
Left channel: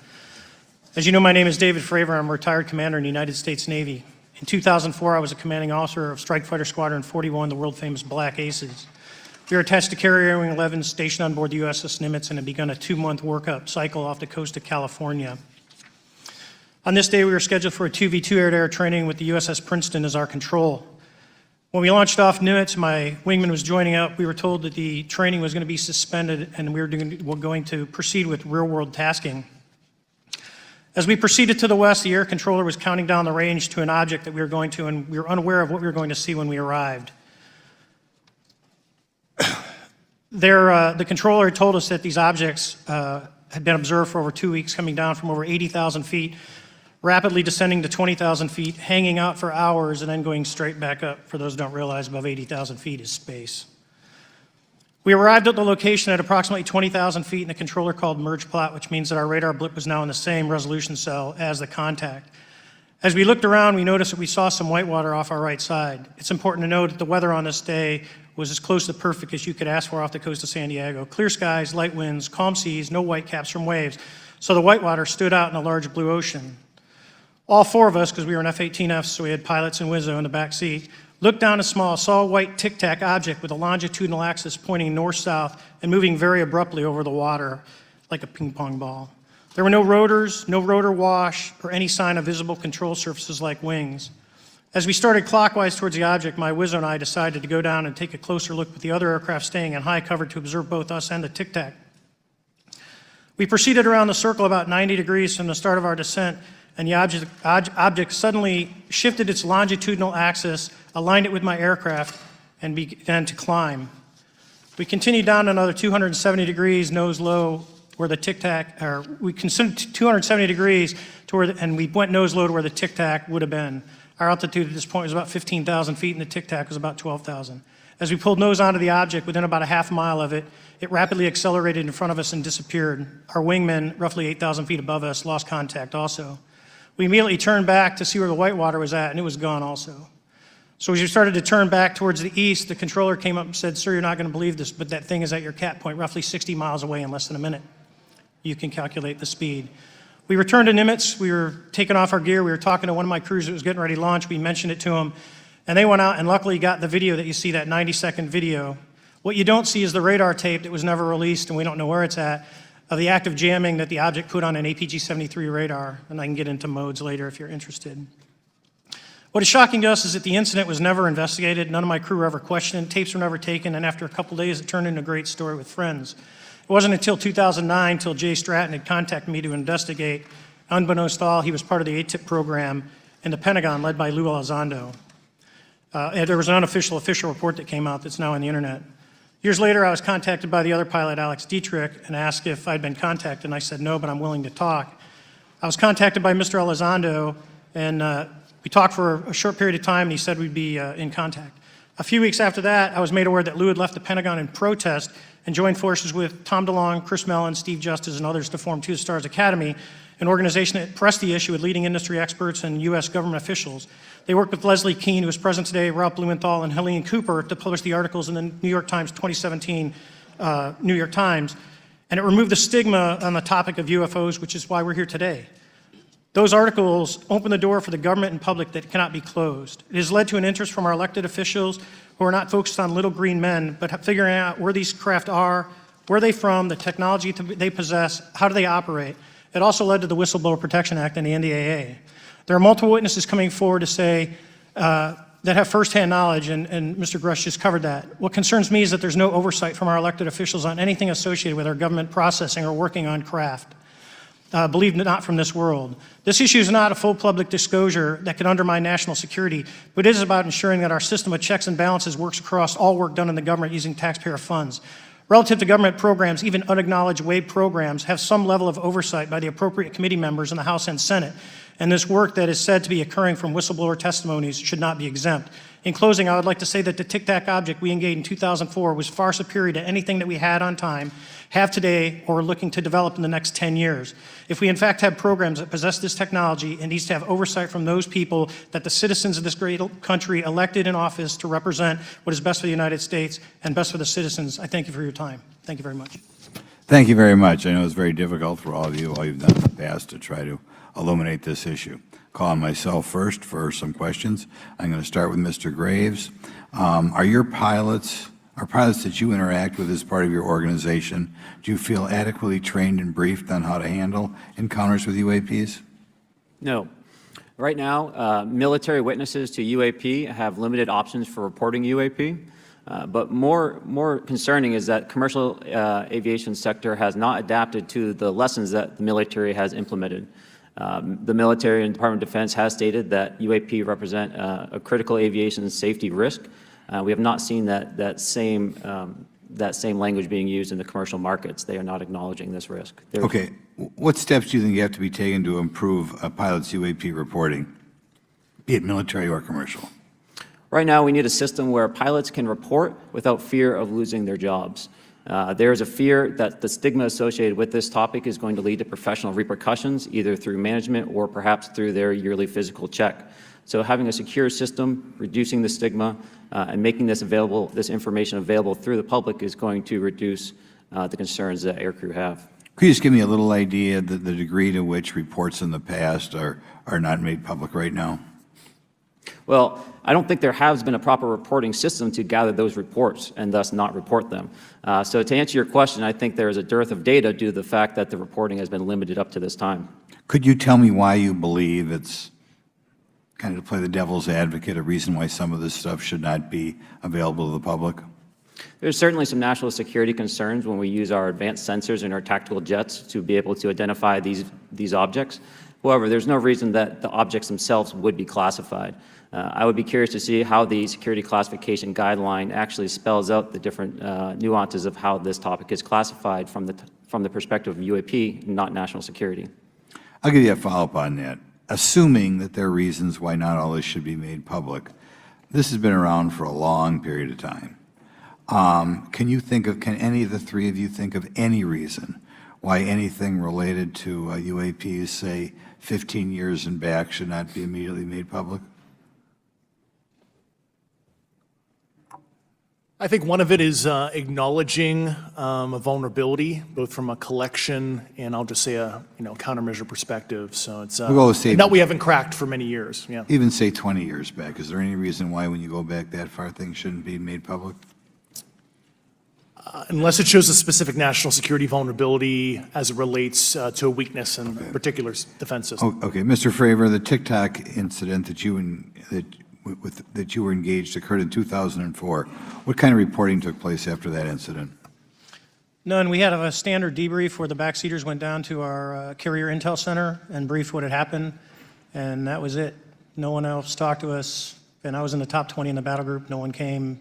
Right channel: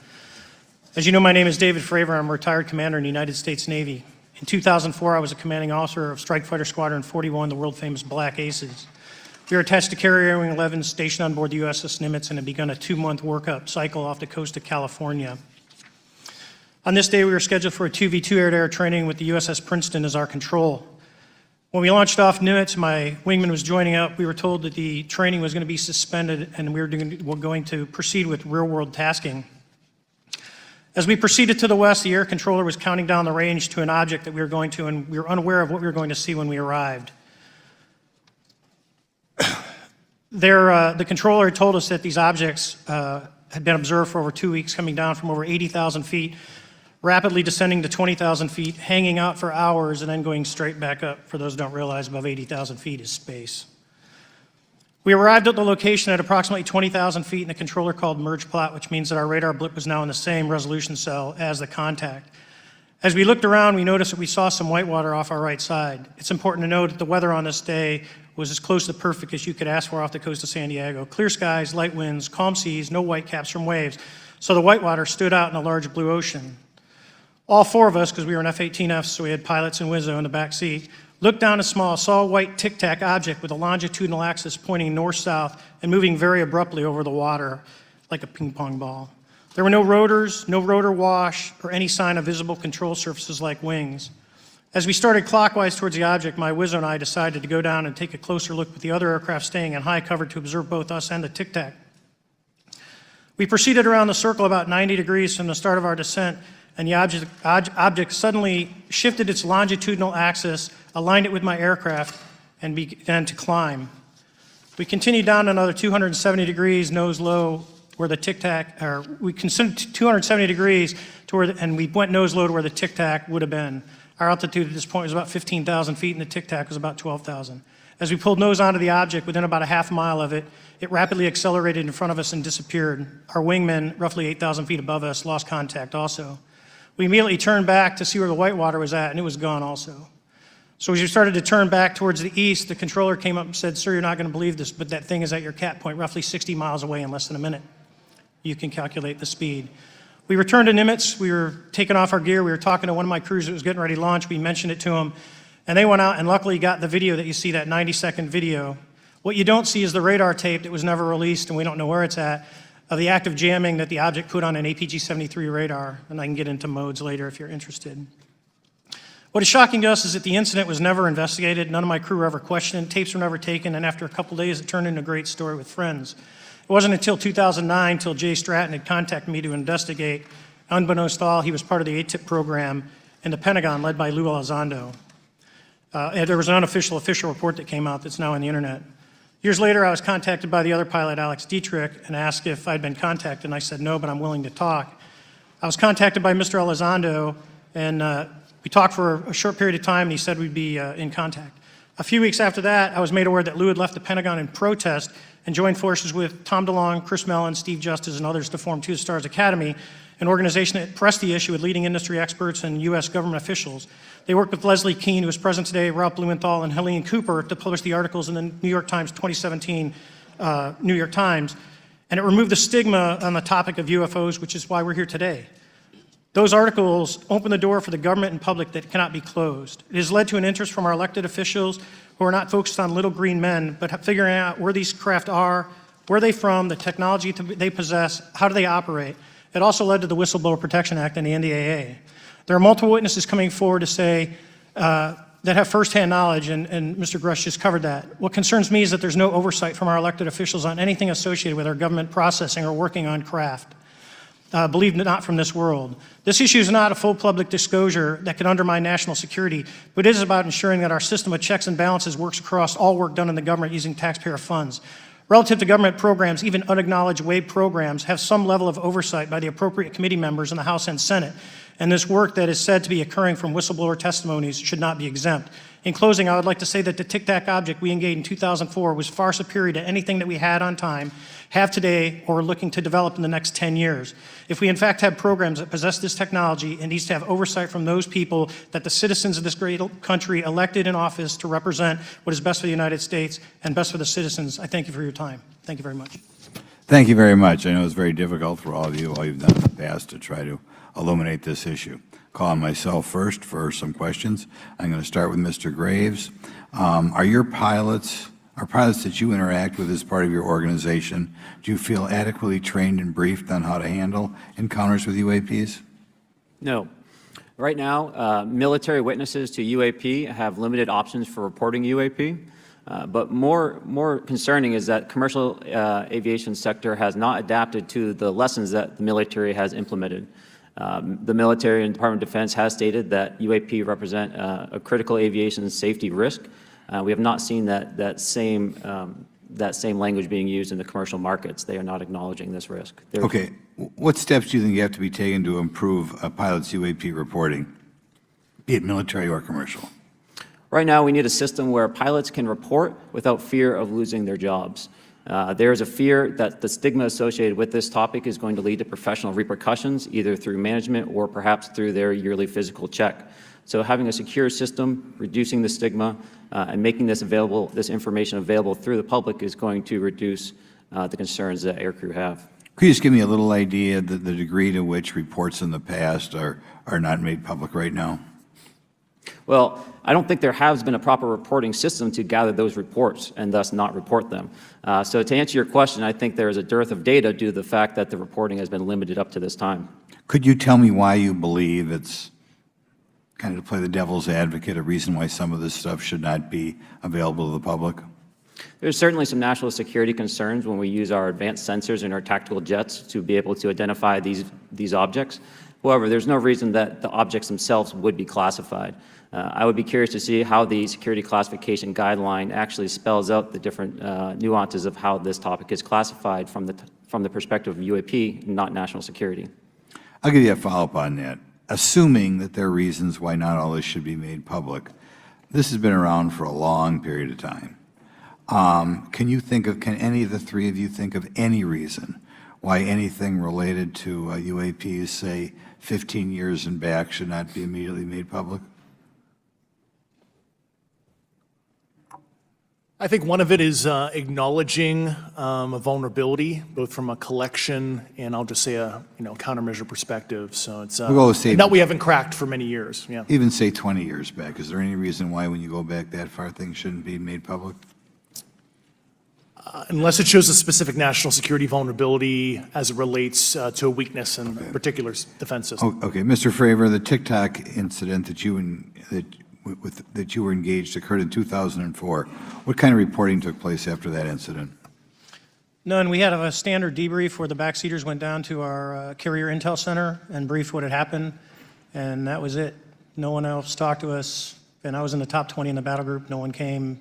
As you know, my name is David Fravor. I'm a retired commander in the United States Navy. In 2004, I was a commanding officer of Strike Fighter Squadron 41, the world-famous Black Aces. We were attached to Carrier Wing 11, stationed on board the USS Nimitz, and had begun a 2-month workup cycle off the coast of California. On this day, we were scheduled for a 2v2 air-to-air training with the USS Princeton as our control. When we launched off Nimitz, my wingman was joining up. We were told that the training was going to be suspended and we were going to proceed with real-world tasking. As we proceeded to the west, the air controller was counting down the range to an object that we were going to, and we were unaware of what we were going to see when we arrived. The controller had told us that these objects had been observed for over 2 weeks, coming down from over 80,000 feet, rapidly descending to 20,000 feet, hanging out for hours, and then going straight back up. For those who don't realize, above 80,000 feet is space. We arrived at the location at approximately 20,000 feet, and the controller called merge plot, which means that our radar blip was now in the same resolution cell as the contact. As we looked around, we noticed that we saw some whitewater off our right side. It's important to note that the weather on this day was as close to perfect as you could ask for off the coast of San Diego. Clear skies, light winds, calm seas, no whitecaps from waves. So the whitewater stood out in a large blue ocean. All 4 of us, because we were in F-18Fs, so we had pilots and Wizzo in the back seat, looked down saw a white tic-tac object with a longitudinal axis pointing north-south and moving very abruptly over the water like a ping-pong ball. There were no rotors, no rotor wash, or any sign of visible control surfaces like wings. As we started clockwise towards the object, my Wizzo and I decided to go down and take a closer look with the other aircraft staying in high cover to observe both us and the tic-tac. We proceeded around the circle about 90 degrees from the start of our descent, and the object suddenly shifted its longitudinal axis, aligned it with my aircraft, and began to climb. We continued down another 270 degrees, nose low, where the tic-tac, or we consumed 270 degrees, and we put nose low where the tic-tac would have been. Our altitude at this point was about 15,000 feet, and the tic-tac was about 12,000. As we pulled nose onto the object, within about a half mile of it, it rapidly accelerated in front of us and disappeared. Our wingman, roughly 8,000 feet above us, lost contact also. We immediately turned back to see where the whitewater was at, and it was gone also. So as we started to turn back towards the east, the controller came up and said, "Sir, you're not going to believe this, but that thing is at your cap point, roughly 60 miles away in less than a minute." You can calculate the speed. We returned to Nimitz. We were taking off our gear. We were talking to one of my crews who was getting ready to launch. We mentioned it to him, and they went out and luckily got the video that you see, that 90-second video. What you don't see is the radar tape that was never released, and we don't know where it's at, of the active jamming that the object put on an APG-73 radar, and I can get into modes later if you're interested. What is shocking to us is that the incident was never investigated. None of my crew were ever questioned. Tapes were never taken, and after a couple days, it turned into a great story with friends. It wasn't until 2009 until Jay Stratton had contacted me to investigate. Unbeknownst to all, he was part of the ATIP program in the Pentagon led by Lou Elizondo. And there was an unofficial official report that came out that's now on the internet. Years later, I was contacted by the other pilot, Alex Dietrich, and asked if I'd been contacted, and I said no, but I'm willing to talk. I was contacted by Mr. Elizondo, and we talked for a short period of time, and he said we'd be in contact. A few weeks after that, I was made aware that Lou had left the Pentagon in protest and joined forces with Tom DeLonge, Chris Mellon, Steve Justice, and others to form Two Stars Academy, an organization that pressed the issue with leading industry experts and U.S. government officials. They worked with Leslie Kean, who is present today, Ralph Blumenthal, and Helene Cooper to publish the articles in the New York Times 2017 New York Times, and it removed the stigma on the topic of UFOs, which is why we're here today. Those articles opened the door for the government and public that cannot be closed. It has led to an interest from our elected officials who are not focused on little green men, but figuring out who these craft are, where are they from, the technology they possess, how do they operate. It also led to the Whistleblower Protection Act and the NDAA. There are multiple witnesses coming forward to say that have firsthand knowledge, and Mr. Grusch just covered that. What concerns me is that there's no oversight from our elected officials on anything associated with our government processing or working on craft. Believe it or not, from this world. This issue is not a full public disclosure that can undermine national security. It is about ensuring that our system of checks and balances works across all work done in the government using taxpayer funds. Relative to government programs, even unacknowledged web programs, have some level of oversight by the appropriate committee members in the House and Senate. And this work that is said to be occurring from whistleblower testimonies should not be exempt. In closing, I would like to say that the Tic Tac object we engaged in 2004 was far superior to anything that we had on time, have today, or are looking to develop in the next 10 years. If we in fact have programs that possess this technology, it needs to have oversight from those people that the citizens of this great country elected in office to represent what is best for the United States and best for the citizens. I thank you for your time. Thank you very much. Thank you very much. I know it's very difficult for all of you, all you've done in the past to try to illuminate this issue. Call on myself first for some questions. I'm going to start with Mr. Graves. Are pilots that you interact with as part of your organization, do you feel adequately trained and briefed on how to handle encounters with UAPs? No. Right now, military witnesses to UAP have limited options for reporting UAP. But more concerning is that commercial aviation sector has not adapted to the lessons that the military has implemented. The military and Department of Defense has stated that UAP represent a critical aviation safety risk. We have not seen that same language being used in the commercial markets. They are not acknowledging this risk. Okay. What steps do you think have to be taken to improve a pilot's UAP reporting, be it military or commercial? Right now, we need a system where pilots can report without fear of losing their jobs. There is a fear that the stigma associated with this topic is going to lead to professional repercussions, either through management or perhaps through their yearly physical check. So having a secure system, reducing the stigma, and making this information available through the public is going to reduce the concerns that aircrew have. Could you just give me a little idea of the degree to which reports in the past are not made public right now? Well, I don't think there has been a proper reporting system to gather those reports and thus not report them. So to answer your question, I think there is a dearth of data due to the fact that the reporting has been limited up to this time. Could you tell me why you believe it's, kind of to play the devil's advocate, a reason why some of this stuff should not be available to the public? There's certainly some national security concerns when we use our advanced sensors in our tactical jets to be able to identify these objects. However, there's no reason that the objects themselves would be classified. I would be curious to see how the security classification guideline actually spells out the different nuances of how this topic is classified from the perspective of UAP, not national security. I'll give you a follow-up on that. Assuming that there are reasons why not all this should be made public, this has been around for a long period of time. Can any of the three of you think of any reason why anything related to UAPs, say 15 years and back, should not be immediately made public? I think one of it is acknowledging a vulnerability, both from a collection and I'll just say a countermeasure perspective. So it's that we haven't cracked for many years. Yeah. Even say 20 years back. Is there any reason why when you go back that far things shouldn't be made public? Unless it shows a specific national security vulnerability as it relates to a weakness in a particular defense system. Okay, Mr. Fravor, the TikTok incident that you were engaged occurred in 2004. What kind of reporting took place after that incident? None. We had a standard debrief where the backseaters went down to our carrier intel center and briefed what had happened, and that was it. No one else talked to us, and I was in the top 20 in the battle group. No one came.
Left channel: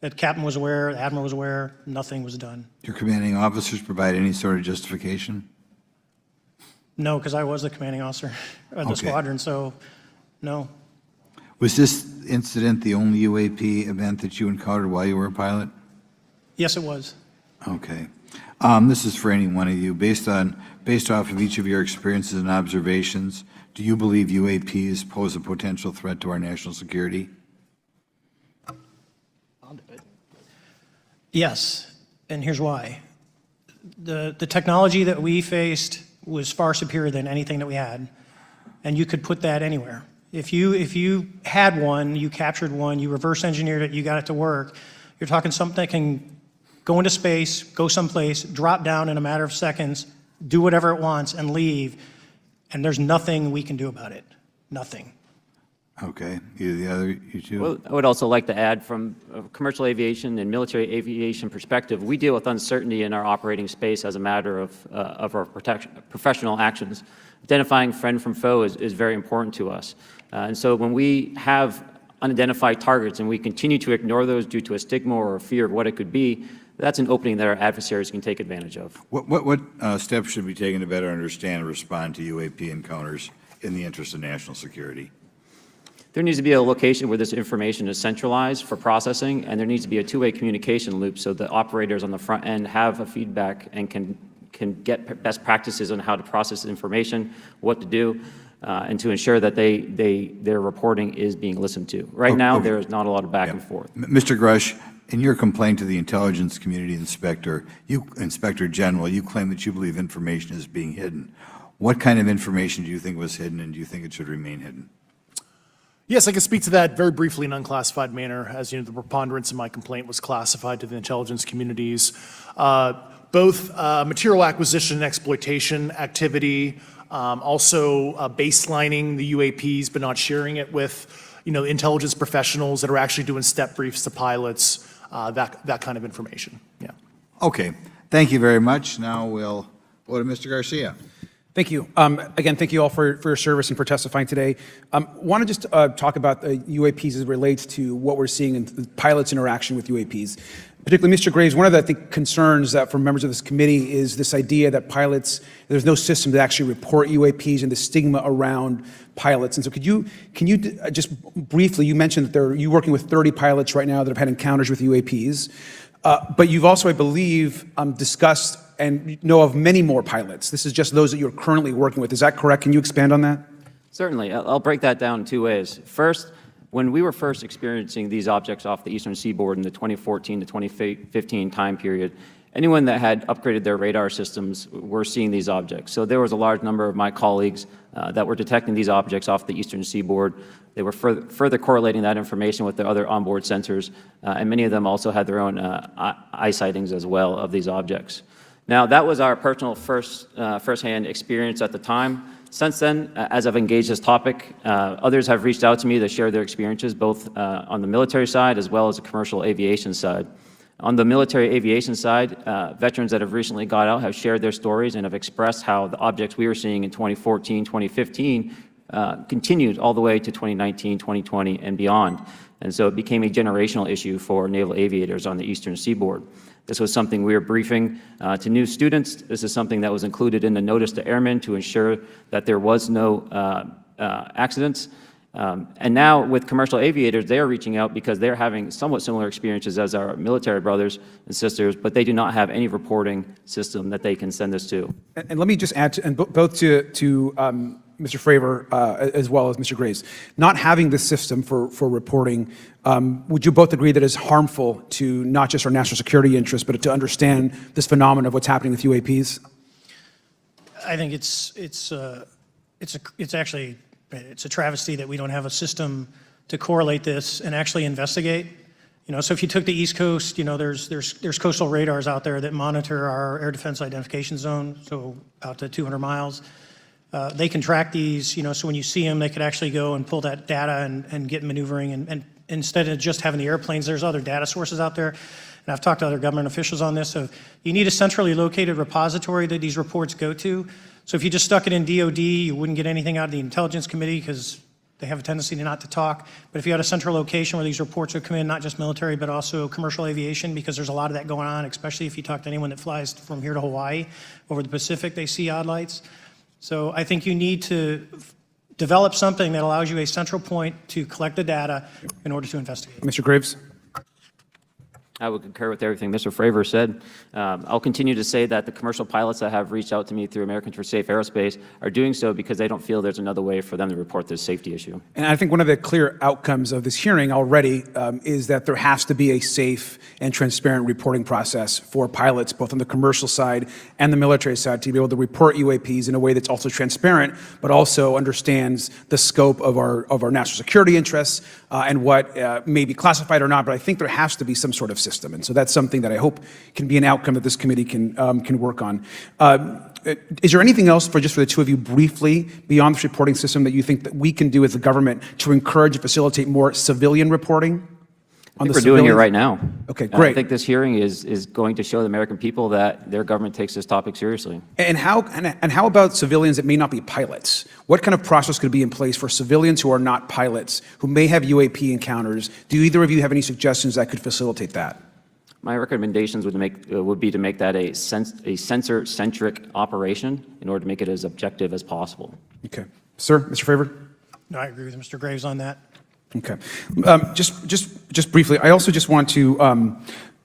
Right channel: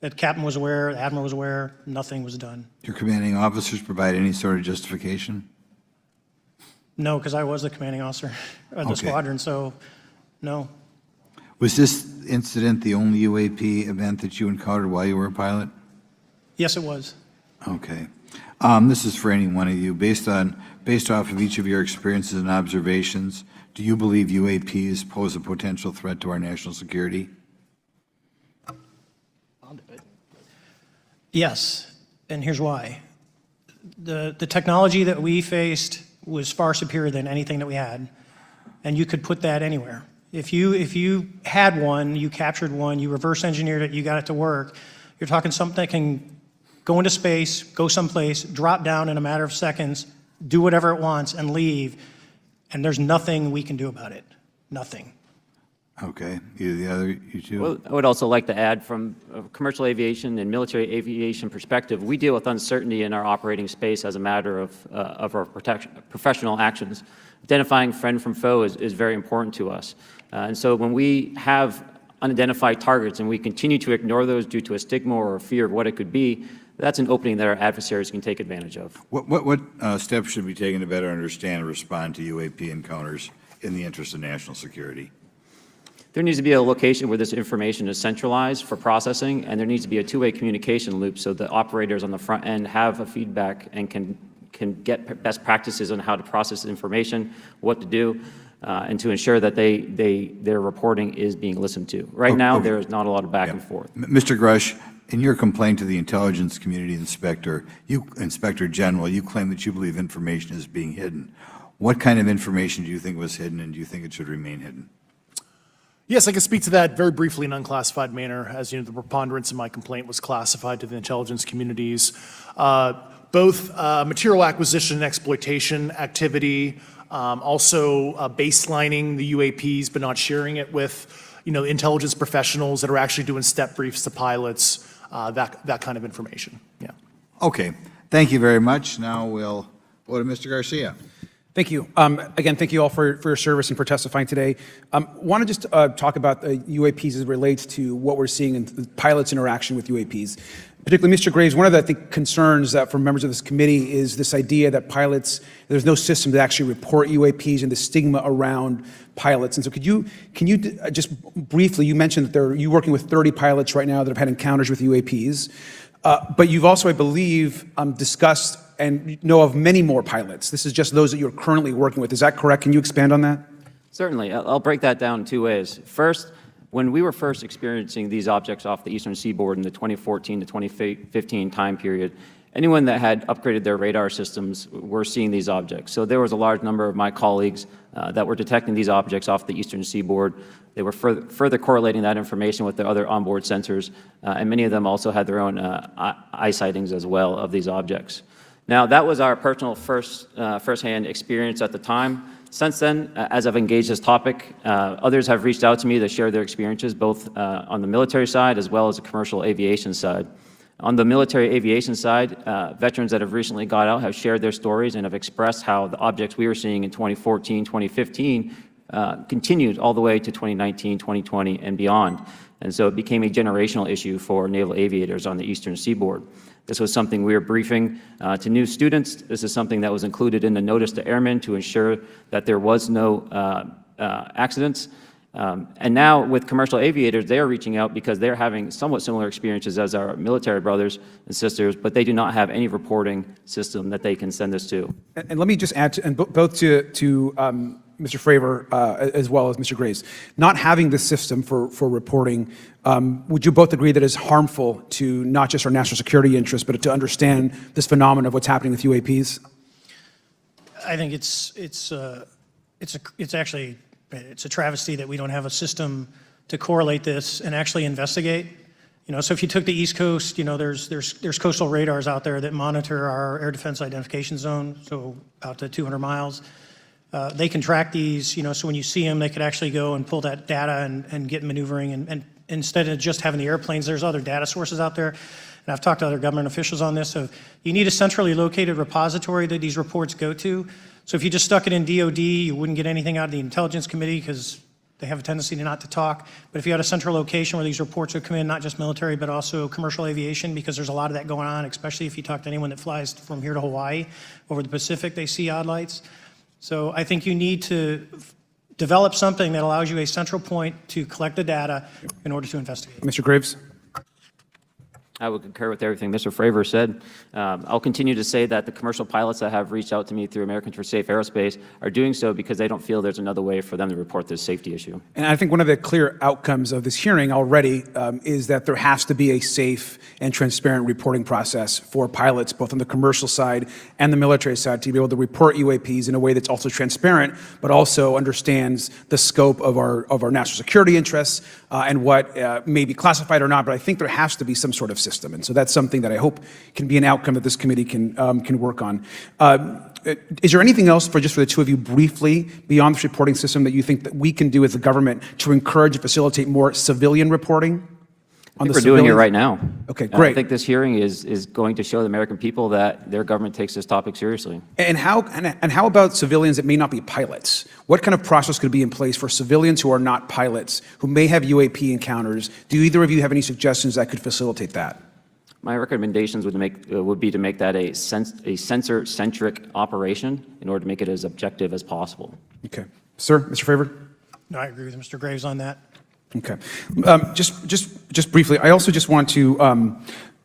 The captain was aware, the admiral was aware, nothing was done. Your commanding officers provide any sort of justification? No, because I was the commanding officer of the Okay. squadron, so no. Was this incident the only UAP event that you encountered while you were a pilot? Yes, it was. Okay. This is for any one of you. Based off of each of your experiences and observations, do you believe UAPs pose a potential threat to our national security? Yes, and here's why. The technology that we faced was far superior than anything that we had, and you could put that anywhere. If you had one, you captured one, you reverse engineered it, you got it to work, you're talking something that can go into space, go someplace, drop down in a matter of seconds, do whatever it wants, and leave, and there's nothing we can do about it. Nothing. Okay. You two? Well, I would also like to add, from a commercial aviation and military aviation perspective, we deal with uncertainty in our operating space as a matter of our professional actions. Identifying friend from foe is very important to us. And so when we have unidentified targets and we continue to ignore those due to a stigma or a fear of what it could be, that's an opening that our adversaries can take advantage of. What steps should be taken to better understand and respond to UAP encounters in the interest of national security? There needs to be a location where this information is centralized for processing, and there needs to be a two-way communication loop so that operators on the front end have a feedback and can get best practices on how to process information, what to do, and to ensure that their reporting is being listened to. Right now, there's not a lot of back and forth. Mr. Grusch, in your complaint to the Intelligence Community Inspector General, you claim that you believe information is being hidden. What kind of information do you think was hidden, and do you think it should remain hidden? Yes, I can speak to that very briefly in an unclassified manner. As you know, the preponderance of my complaint was classified to the intelligence communities. Both material acquisition and exploitation activity, also baselining the UAPs but not sharing it with, intelligence professionals that are actually doing step briefs to pilots, that kind of information. Yeah. Okay. Thank you very much. Now we'll go to Mr. Garcia. Thank you. Again, thank you all for your service and for testifying today. Want to just talk about the UAPs as it relates to what we're seeing in the pilots' interaction with UAPs. Particularly, Mr. Graves, one of the, I think, concerns that for members of this committee is this idea that pilots, there's no system to actually report UAPs and the stigma around pilots. And so can you just briefly, you mentioned that you're working with 30 pilots right now that have had encounters with UAPs, but you've also, I believe, discussed and know of many more pilots. This is just those that you're currently working with. Is that correct? Can you expand on that? Certainly. I'll break that down in two ways. First, when we were first experiencing these objects off the eastern seaboard in the 2014 to 2015 time period, anyone that had upgraded their radar systems were seeing these objects. So there was a large number of my colleagues that were detecting these objects off the eastern seaboard. They were further correlating that information with the other onboard sensors, and many of them also had their own eye sightings as well of these objects. Now, that was our personal firsthand experience at the time. Since then, as I've engaged this topic, others have reached out to me to share their experiences, both on the military side as well as the commercial aviation side. On the military aviation side, veterans that have recently got out have shared their stories and have expressed how the objects we were seeing in 2014, 2015 continued all the way to 2019, 2020, and beyond. And so it became a generational issue for naval aviators on the eastern seaboard. This was something we were briefing to new students. This is something that was included in the notice to airmen to ensure that there was no accidents. And now with commercial aviators, they are reaching out because they're having somewhat similar experiences as our military brothers and sisters, but they do not have any reporting system that they can send this to. And let me just add, both to Mr. Fravor as well as Mr. Graves, not having the system for reporting, would you both agree that it's harmful to not just our national security interests, but to understand this phenomenon of what's happening with UAPs? I think it's a travesty that we don't have a system to correlate this and actually investigate. So if you took the East Coast, there's coastal radars out there that monitor our air defense identification zone, so out to 200 miles. They can track these, so when you see them, they could actually go and pull that data and get maneuvering. And instead of just having the airplanes, there's other data sources out there. And I've talked to other government officials on this. So you need a centrally located repository that these reports go to. So if you just stuck it in DOD, you wouldn't get anything out of the Intelligence Committee because they have a tendency to not to talk. But if you had a central location where these reports would come in, not just military, but also commercial aviation, because there's a lot of that going on, especially if you talk to anyone that flies from here to Hawaii, over the Pacific, they see odd lights. So I think you need to develop something that allows you a central point to collect the data in order to investigate. Mr. Graves? I would concur with everything Mr. Fravor said. I'll continue to say that the commercial pilots that have reached out to me through Americans for Safe Aerospace are doing so because they don't feel there's another way for them to report this safety issue. And I think one of the clear outcomes of this hearing already is that there has to be a safe and transparent reporting process for pilots, both on the commercial side and the military side, to be able to report UAPs in a way that's also transparent, but also understands the scope of our national security interests and what may be classified or not. But I think there has to be some sort of system. And so that's something that I hope can be an outcome that this committee can work on. Is there anything else for the two of you briefly beyond this reporting system that you think that we can do as a government to encourage and facilitate more civilian reporting? We're doing it right now. Okay, I great. think this hearing is going to show the American people that their government takes this topic seriously. And how about civilians that may not be pilots? What kind of process can be in place for civilians who are not pilots, who may have UAP encounters? Do either of you have any suggestions that could facilitate that? My recommendations would be to make that a sensor-centric operation in order to make it as objective as possible. Okay. Sir, Mr. Fravor? No, I agree with Mr. Graves on that. Okay. Just briefly, I also just want to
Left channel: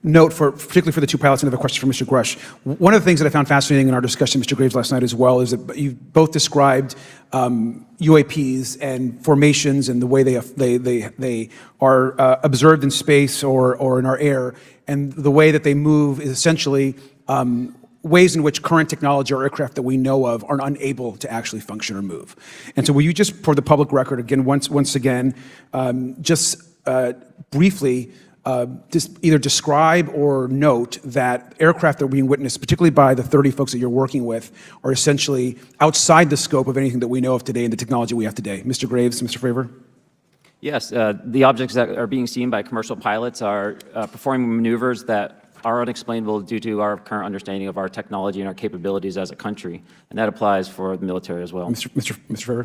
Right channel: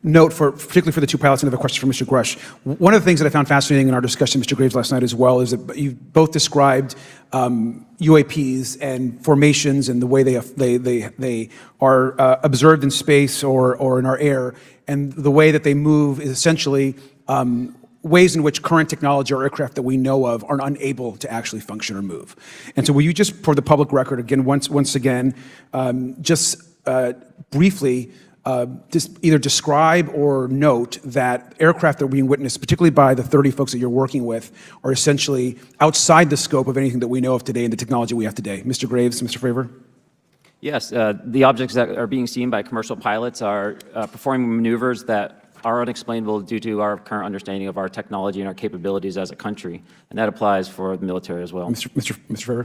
note, particularly for the two pilots, and I have a question for Mr. Grusch. One of the things that I found fascinating in our discussion, Mr. Graves, last night as well, is that you both described UAPs and formations and the way they are observed in space or in our air, and the way that they move is essentially ways in which current technology or aircraft that we know of are unable to actually function or move. And so will you just, for the public record, again, once again, just briefly, just either describe or note that aircraft that are being witnessed, particularly by the 30 folks that you're working with, are essentially outside the scope of anything that we know of today and the technology we have today. Mr. Graves, Mr. Fravor? Yes, the objects that are being seen by commercial pilots are performing maneuvers that are unexplainable due to our current understanding of our technology and our capabilities as a country, and that applies for the military as well. Mr. Fravor?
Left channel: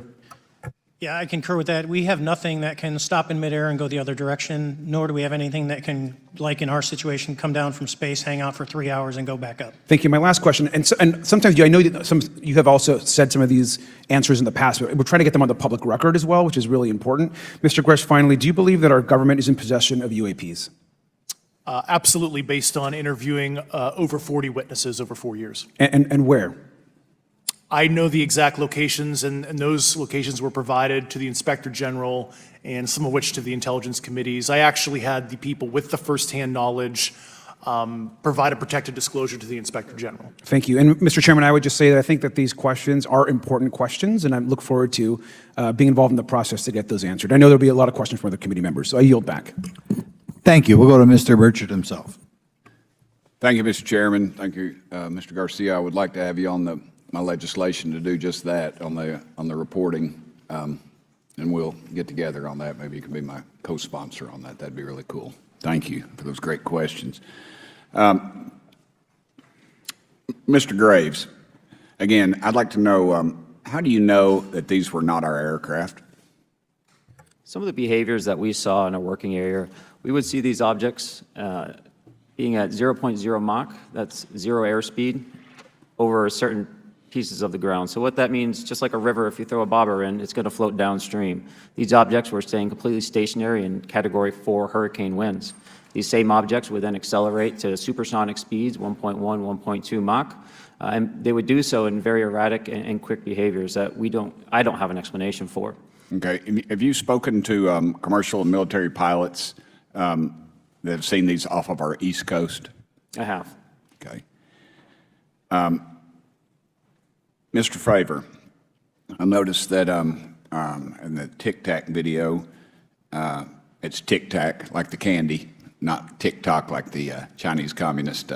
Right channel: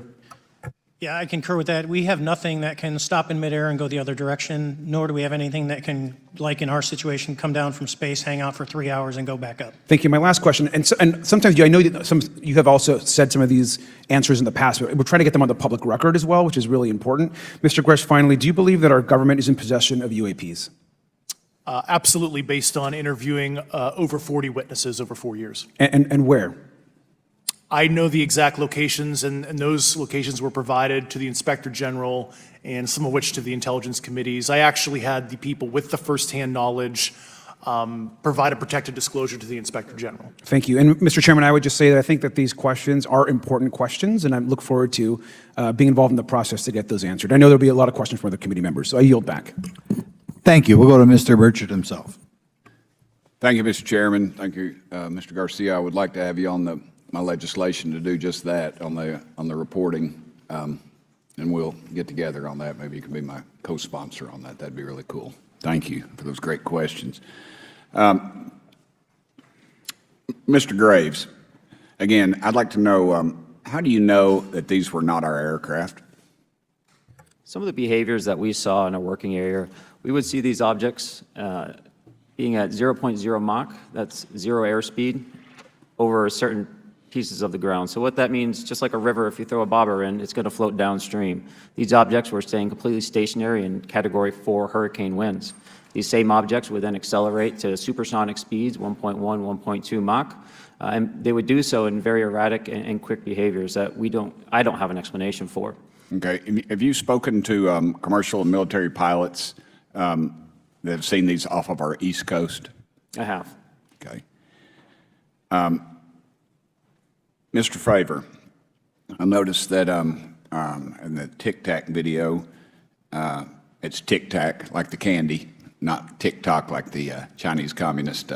Yeah, I concur with that. We have nothing that can stop in midair and go the other direction, nor do we have anything that can, like in our situation, come down from space, hang out for 3 hours, and go back up. Thank you. My last question, and sometimes I know that you have also said some of these answers in the past, but we're trying to get them on the public record as well, which is really important. Mr. Grusch, finally, do you believe that our government is in possession of UAPs? Absolutely, based on interviewing over 40 witnesses over 4 years. And where? I know the exact locations, and those locations were provided to the Inspector General and some of which to the Intelligence Committees. I actually had the people with the firsthand knowledge provide a protected disclosure to the Inspector General. Thank you. And Mr. Chairman, I would just say that I think that these questions are important questions, and I look forward to being involved in the process to get those answered. I know there'll be a lot of questions from other committee members, so I yield back. Thank you. We'll go to Mr. Burchett himself. Thank you, Mr. Chairman. Thank you, Mr. Garcia. I would like to have you on my legislation to do just that on the reporting, and we'll get together on that. Maybe you can be my co-sponsor on that. That'd be really cool. Thank you for those great questions. Mr. Graves, again, I'd like to know, how do you know that these were not our aircraft? Some of the behaviors that we saw in a working area, we would see these objects being at 0.0 Mach, that's zero airspeed, over certain pieces of the ground. So what that means, just like a river, if you throw a bobber in, it's going to float downstream. These objects were staying completely stationary in Category 4 hurricane winds. These same objects would then accelerate to supersonic speeds, 1.1, 1.2 Mach, and they would do so in very erratic and quick behaviors that I don't have an explanation for. Okay. Have you spoken to commercial and military pilots that have seen these off of our East Coast? I have. Okay. Mr. Fravor, I noticed that the Tic Tac video, it's Tic Tac like the candy, not TikTok like the Chinese Communist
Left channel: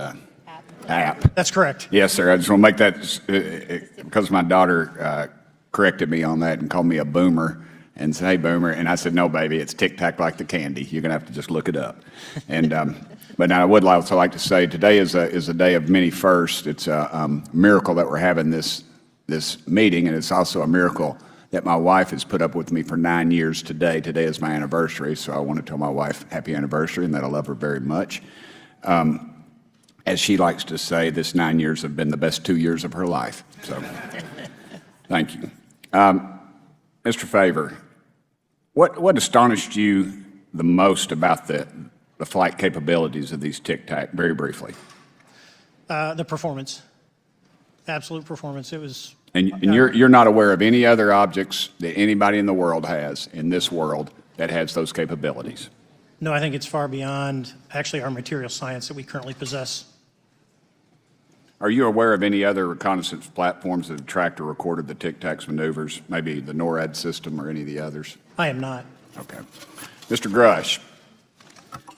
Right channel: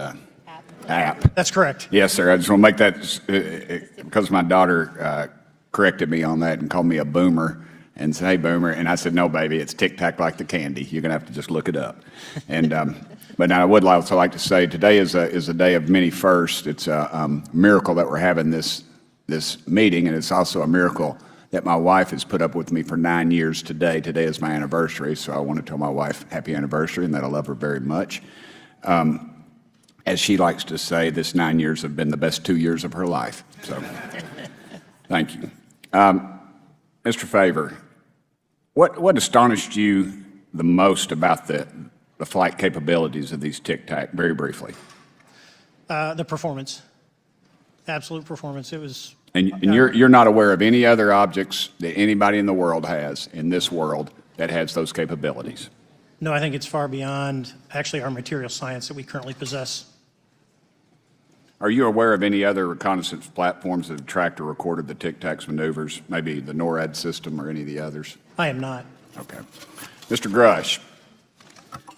app. That's correct. Yes, sir. I just want to make that, because my daughter corrected me on that and called me a boomer and said, "Hey, boomer." And I said, "No, baby, it's Tic-Tac like the candy. You're going to have to just look it up." And but I would also like to say today is a day of many firsts. It's a miracle that we're having this meeting, and it's also a miracle that my wife has put up with me for 9 years today. Today is my anniversary, so I want to tell my wife happy anniversary and that I love her very much. As she likes to say, this 9 years have been the best 2 years of her life. So, thank you. Mr. Favor, what astonished you the most about the flight capabilities of these Tic-Tac, very briefly? The performance, absolute performance. It was. And you're not aware of any other objects that anybody in the world has, in this world, that has those capabilities? No, I think it's far beyond actually our material science that we currently possess. Are you aware of any other reconnaissance platforms that tracked or recorded the Tic-Tac's maneuvers, maybe the NORAD system or any of the others? I am not. Okay. Mr. Grusch,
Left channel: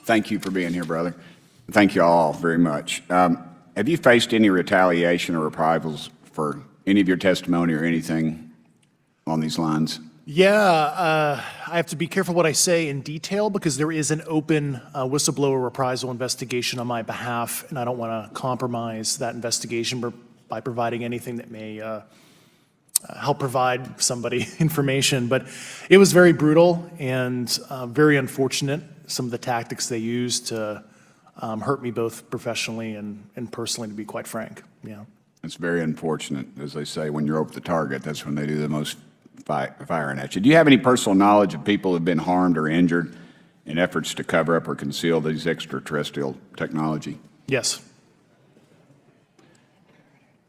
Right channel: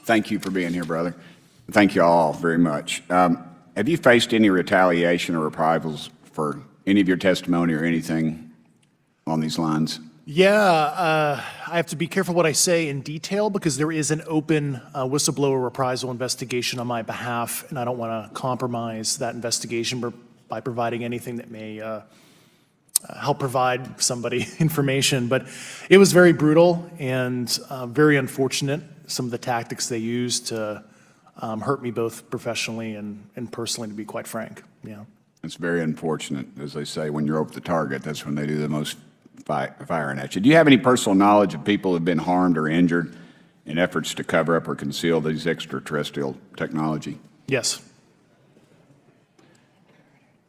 thank you for being here, brother. Thank you all very much. Have you faced any retaliation or reprisals for any of your testimony or anything on these lines? Yeah, I have to be careful what I say in detail because there is an open whistleblower reprisal investigation on my behalf, and I don't want to compromise that investigation by providing anything that may help provide somebody information. But it was very brutal and very unfortunate, some of the tactics they used to hurt me both professionally and personally, to be quite frank. Yeah. It's very unfortunate. As they say, when you're over the target, that's when they do the most firing at you. Do you have any personal knowledge of people who have been harmed or injured in efforts to cover up or conceal these extraterrestrial technology? Yes.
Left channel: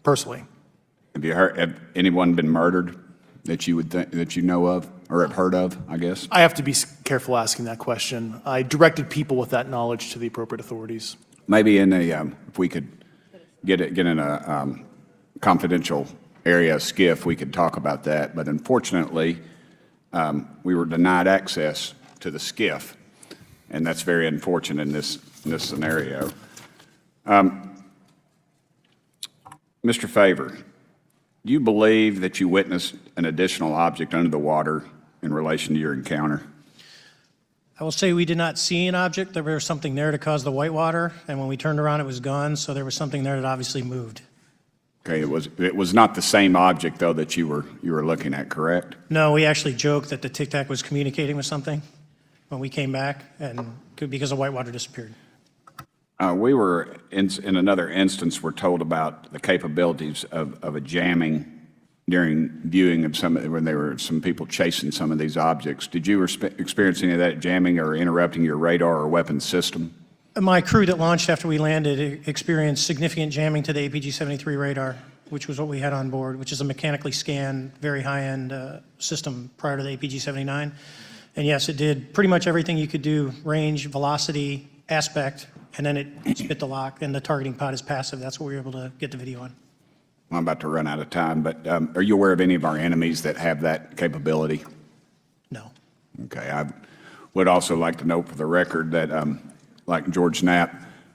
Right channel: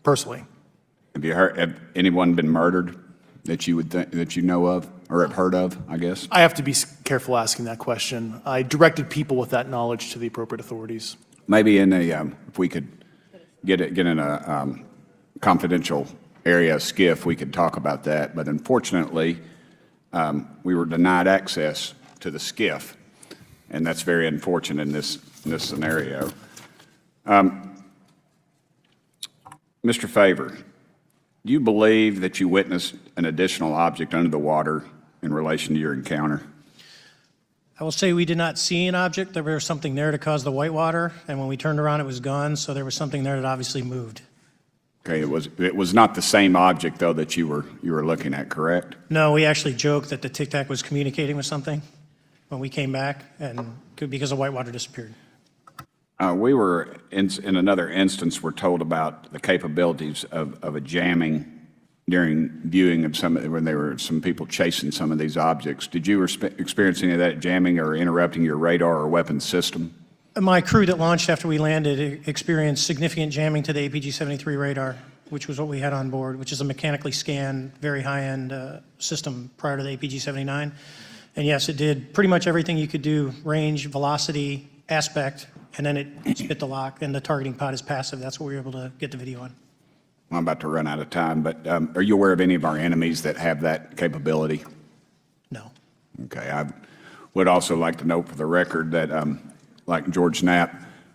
Personally. Have anyone been murdered that you would think, that you know of or have heard of, I guess? I have to be careful asking that question. I directed people with that knowledge to the appropriate authorities. Maybe in a, if we could get in a confidential area of SCIF, we could talk about that. But unfortunately, we were denied access to the SCIF, and that's very unfortunate in this scenario. Mr. Favor, do you believe that you witnessed an additional object under the water in relation to your encounter? I will say we did not see an object. There was something there to cause the whitewater, and when we turned around, it was gone. So there was something there that obviously moved. Okay, it was not the same object though that you were looking at, correct? No, we actually joked that the Tic Tac was communicating with something when we came back, and because the whitewater disappeared. We were in another instance. We're told about the capabilities of a jamming during viewing of when there were some people chasing some of these objects. Did you experience any of that jamming or interrupting your radar or weapons system? My crew that launched after we landed experienced significant jamming to the APG-73 radar, which was what we had on board, which is a mechanically scanned, very high-end system prior to the APG-79. And yes, it did pretty much everything you could do, range, velocity, aspect, and then it spit the lock, and the targeting pod is passive. That's what we were able to get the video on. I'm about to run out of time, but are you aware of any of our enemies that have that capability? No. Okay, I would also like to note for the record that like George Knapp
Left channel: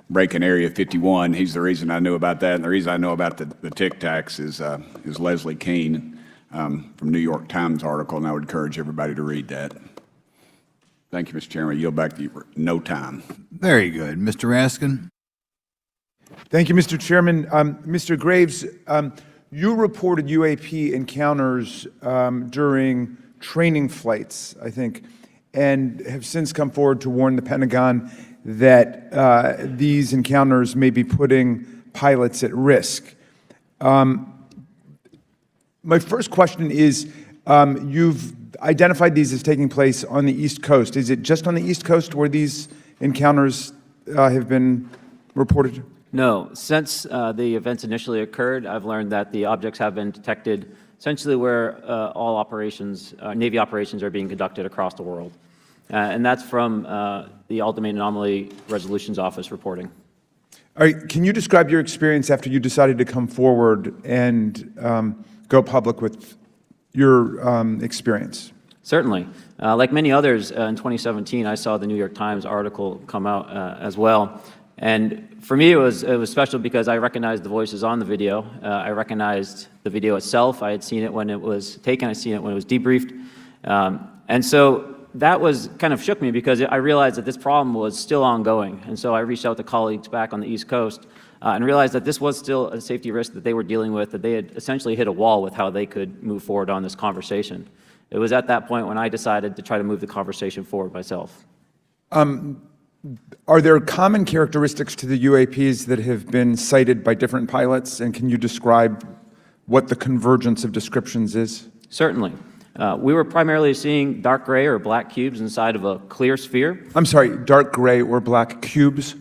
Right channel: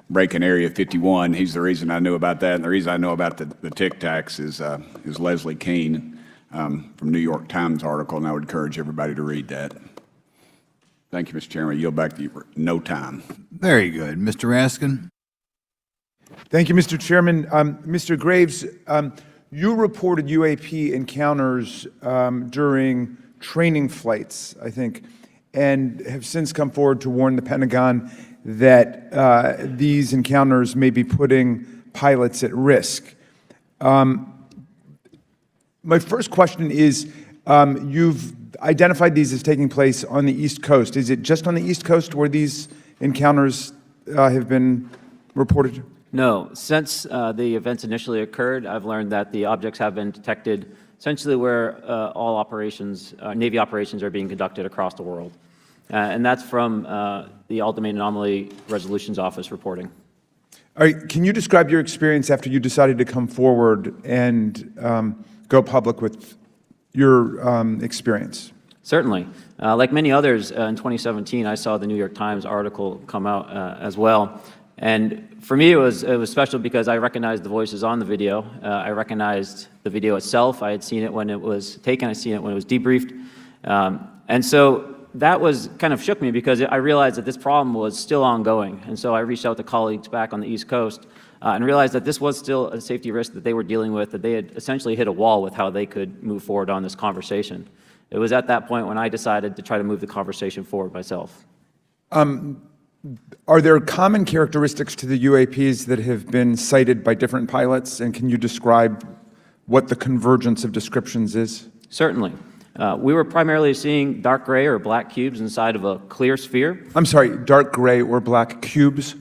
breaking Area 51, he's the reason I knew about that. And the reason I know about the Tic Tacs is Leslie Keene from New York Times article, and I would encourage everybody to read that. Thank you, Mr. Chairman. I yield back to you for no time. Very good. Mr. Raskin? Thank you, Mr. Chairman. Mr. Graves, you reported UAP encounters during training flights, I think, and have since come forward to warn the Pentagon that these encounters may be putting pilots at risk. My first question is, you've identified these as taking place on the East Coast. Is it just on the East Coast where these encounters have been reported? No. Since the events initially occurred, I've learned that the objects have been detected essentially where all operations, Navy operations are being conducted across the world. And that's from the Ultimate Anomaly Resolutions Office reporting. All right, can you describe your experience after you decided to come forward and go public with your experience? Certainly. Like many others, in 2017, I saw the New York Times article come out as well. And for me, it was special because I recognized the voices on the video. I recognized the video itself. I had seen it when it was taken. I'd seen it when it was debriefed. And so that was kind of shook me because I realized that this problem was still ongoing. And so I reached out to colleagues back on the East Coast and realized that this was still a safety risk that they were dealing with, that they had essentially hit a wall with how they could move forward on this conversation. It was at that point when I decided to try to move the conversation forward myself. Are there common characteristics to the UAPs that have been cited by different pilots, and can you describe what the convergence of descriptions is? Certainly. We were primarily seeing dark gray or black cubes inside of a clear sphere. I'm sorry, dark gray or black cubes?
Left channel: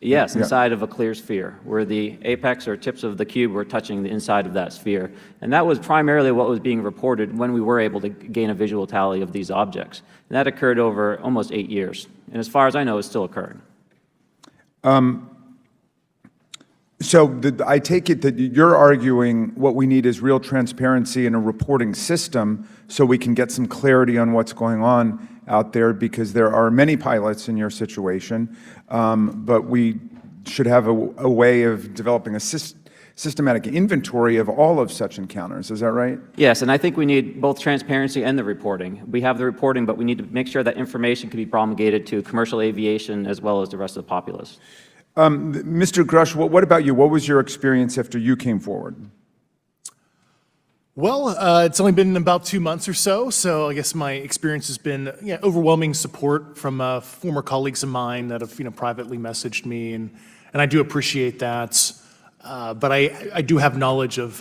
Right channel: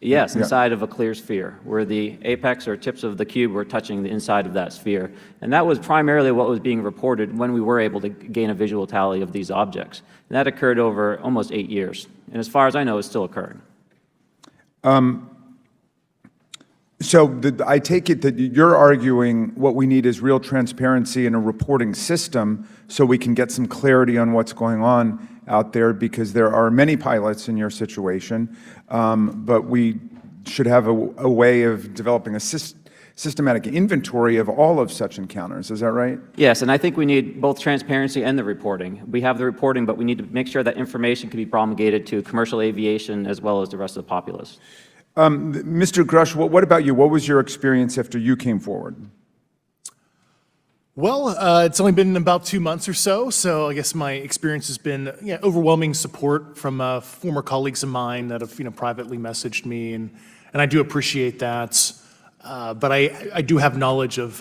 Yes, inside of a clear sphere, where the apex or tips of the cube were touching the inside of that sphere. And that was primarily what was being reported when we were able to gain a visual tally of these objects. That occurred over almost 8 years. And as far as I know, it's still occurring. So I take it that you're arguing what we need is real transparency in a reporting system so we can get some clarity on what's going on out there, because there are many pilots in your situation, but we should have a way of developing a systematic inventory of all of such encounters. Is that right? Yes, and I think we need both transparency and the reporting. We have the reporting, but we need to make sure that information can be promulgated to commercial aviation as well as the rest of the populace. Mr. Grusch, what about you? What was your experience after you came forward? Well, it's only been about 2 months or so I guess my experience has been overwhelming support from former colleagues of mine that have privately messaged me, and I do appreciate that. But I do have knowledge of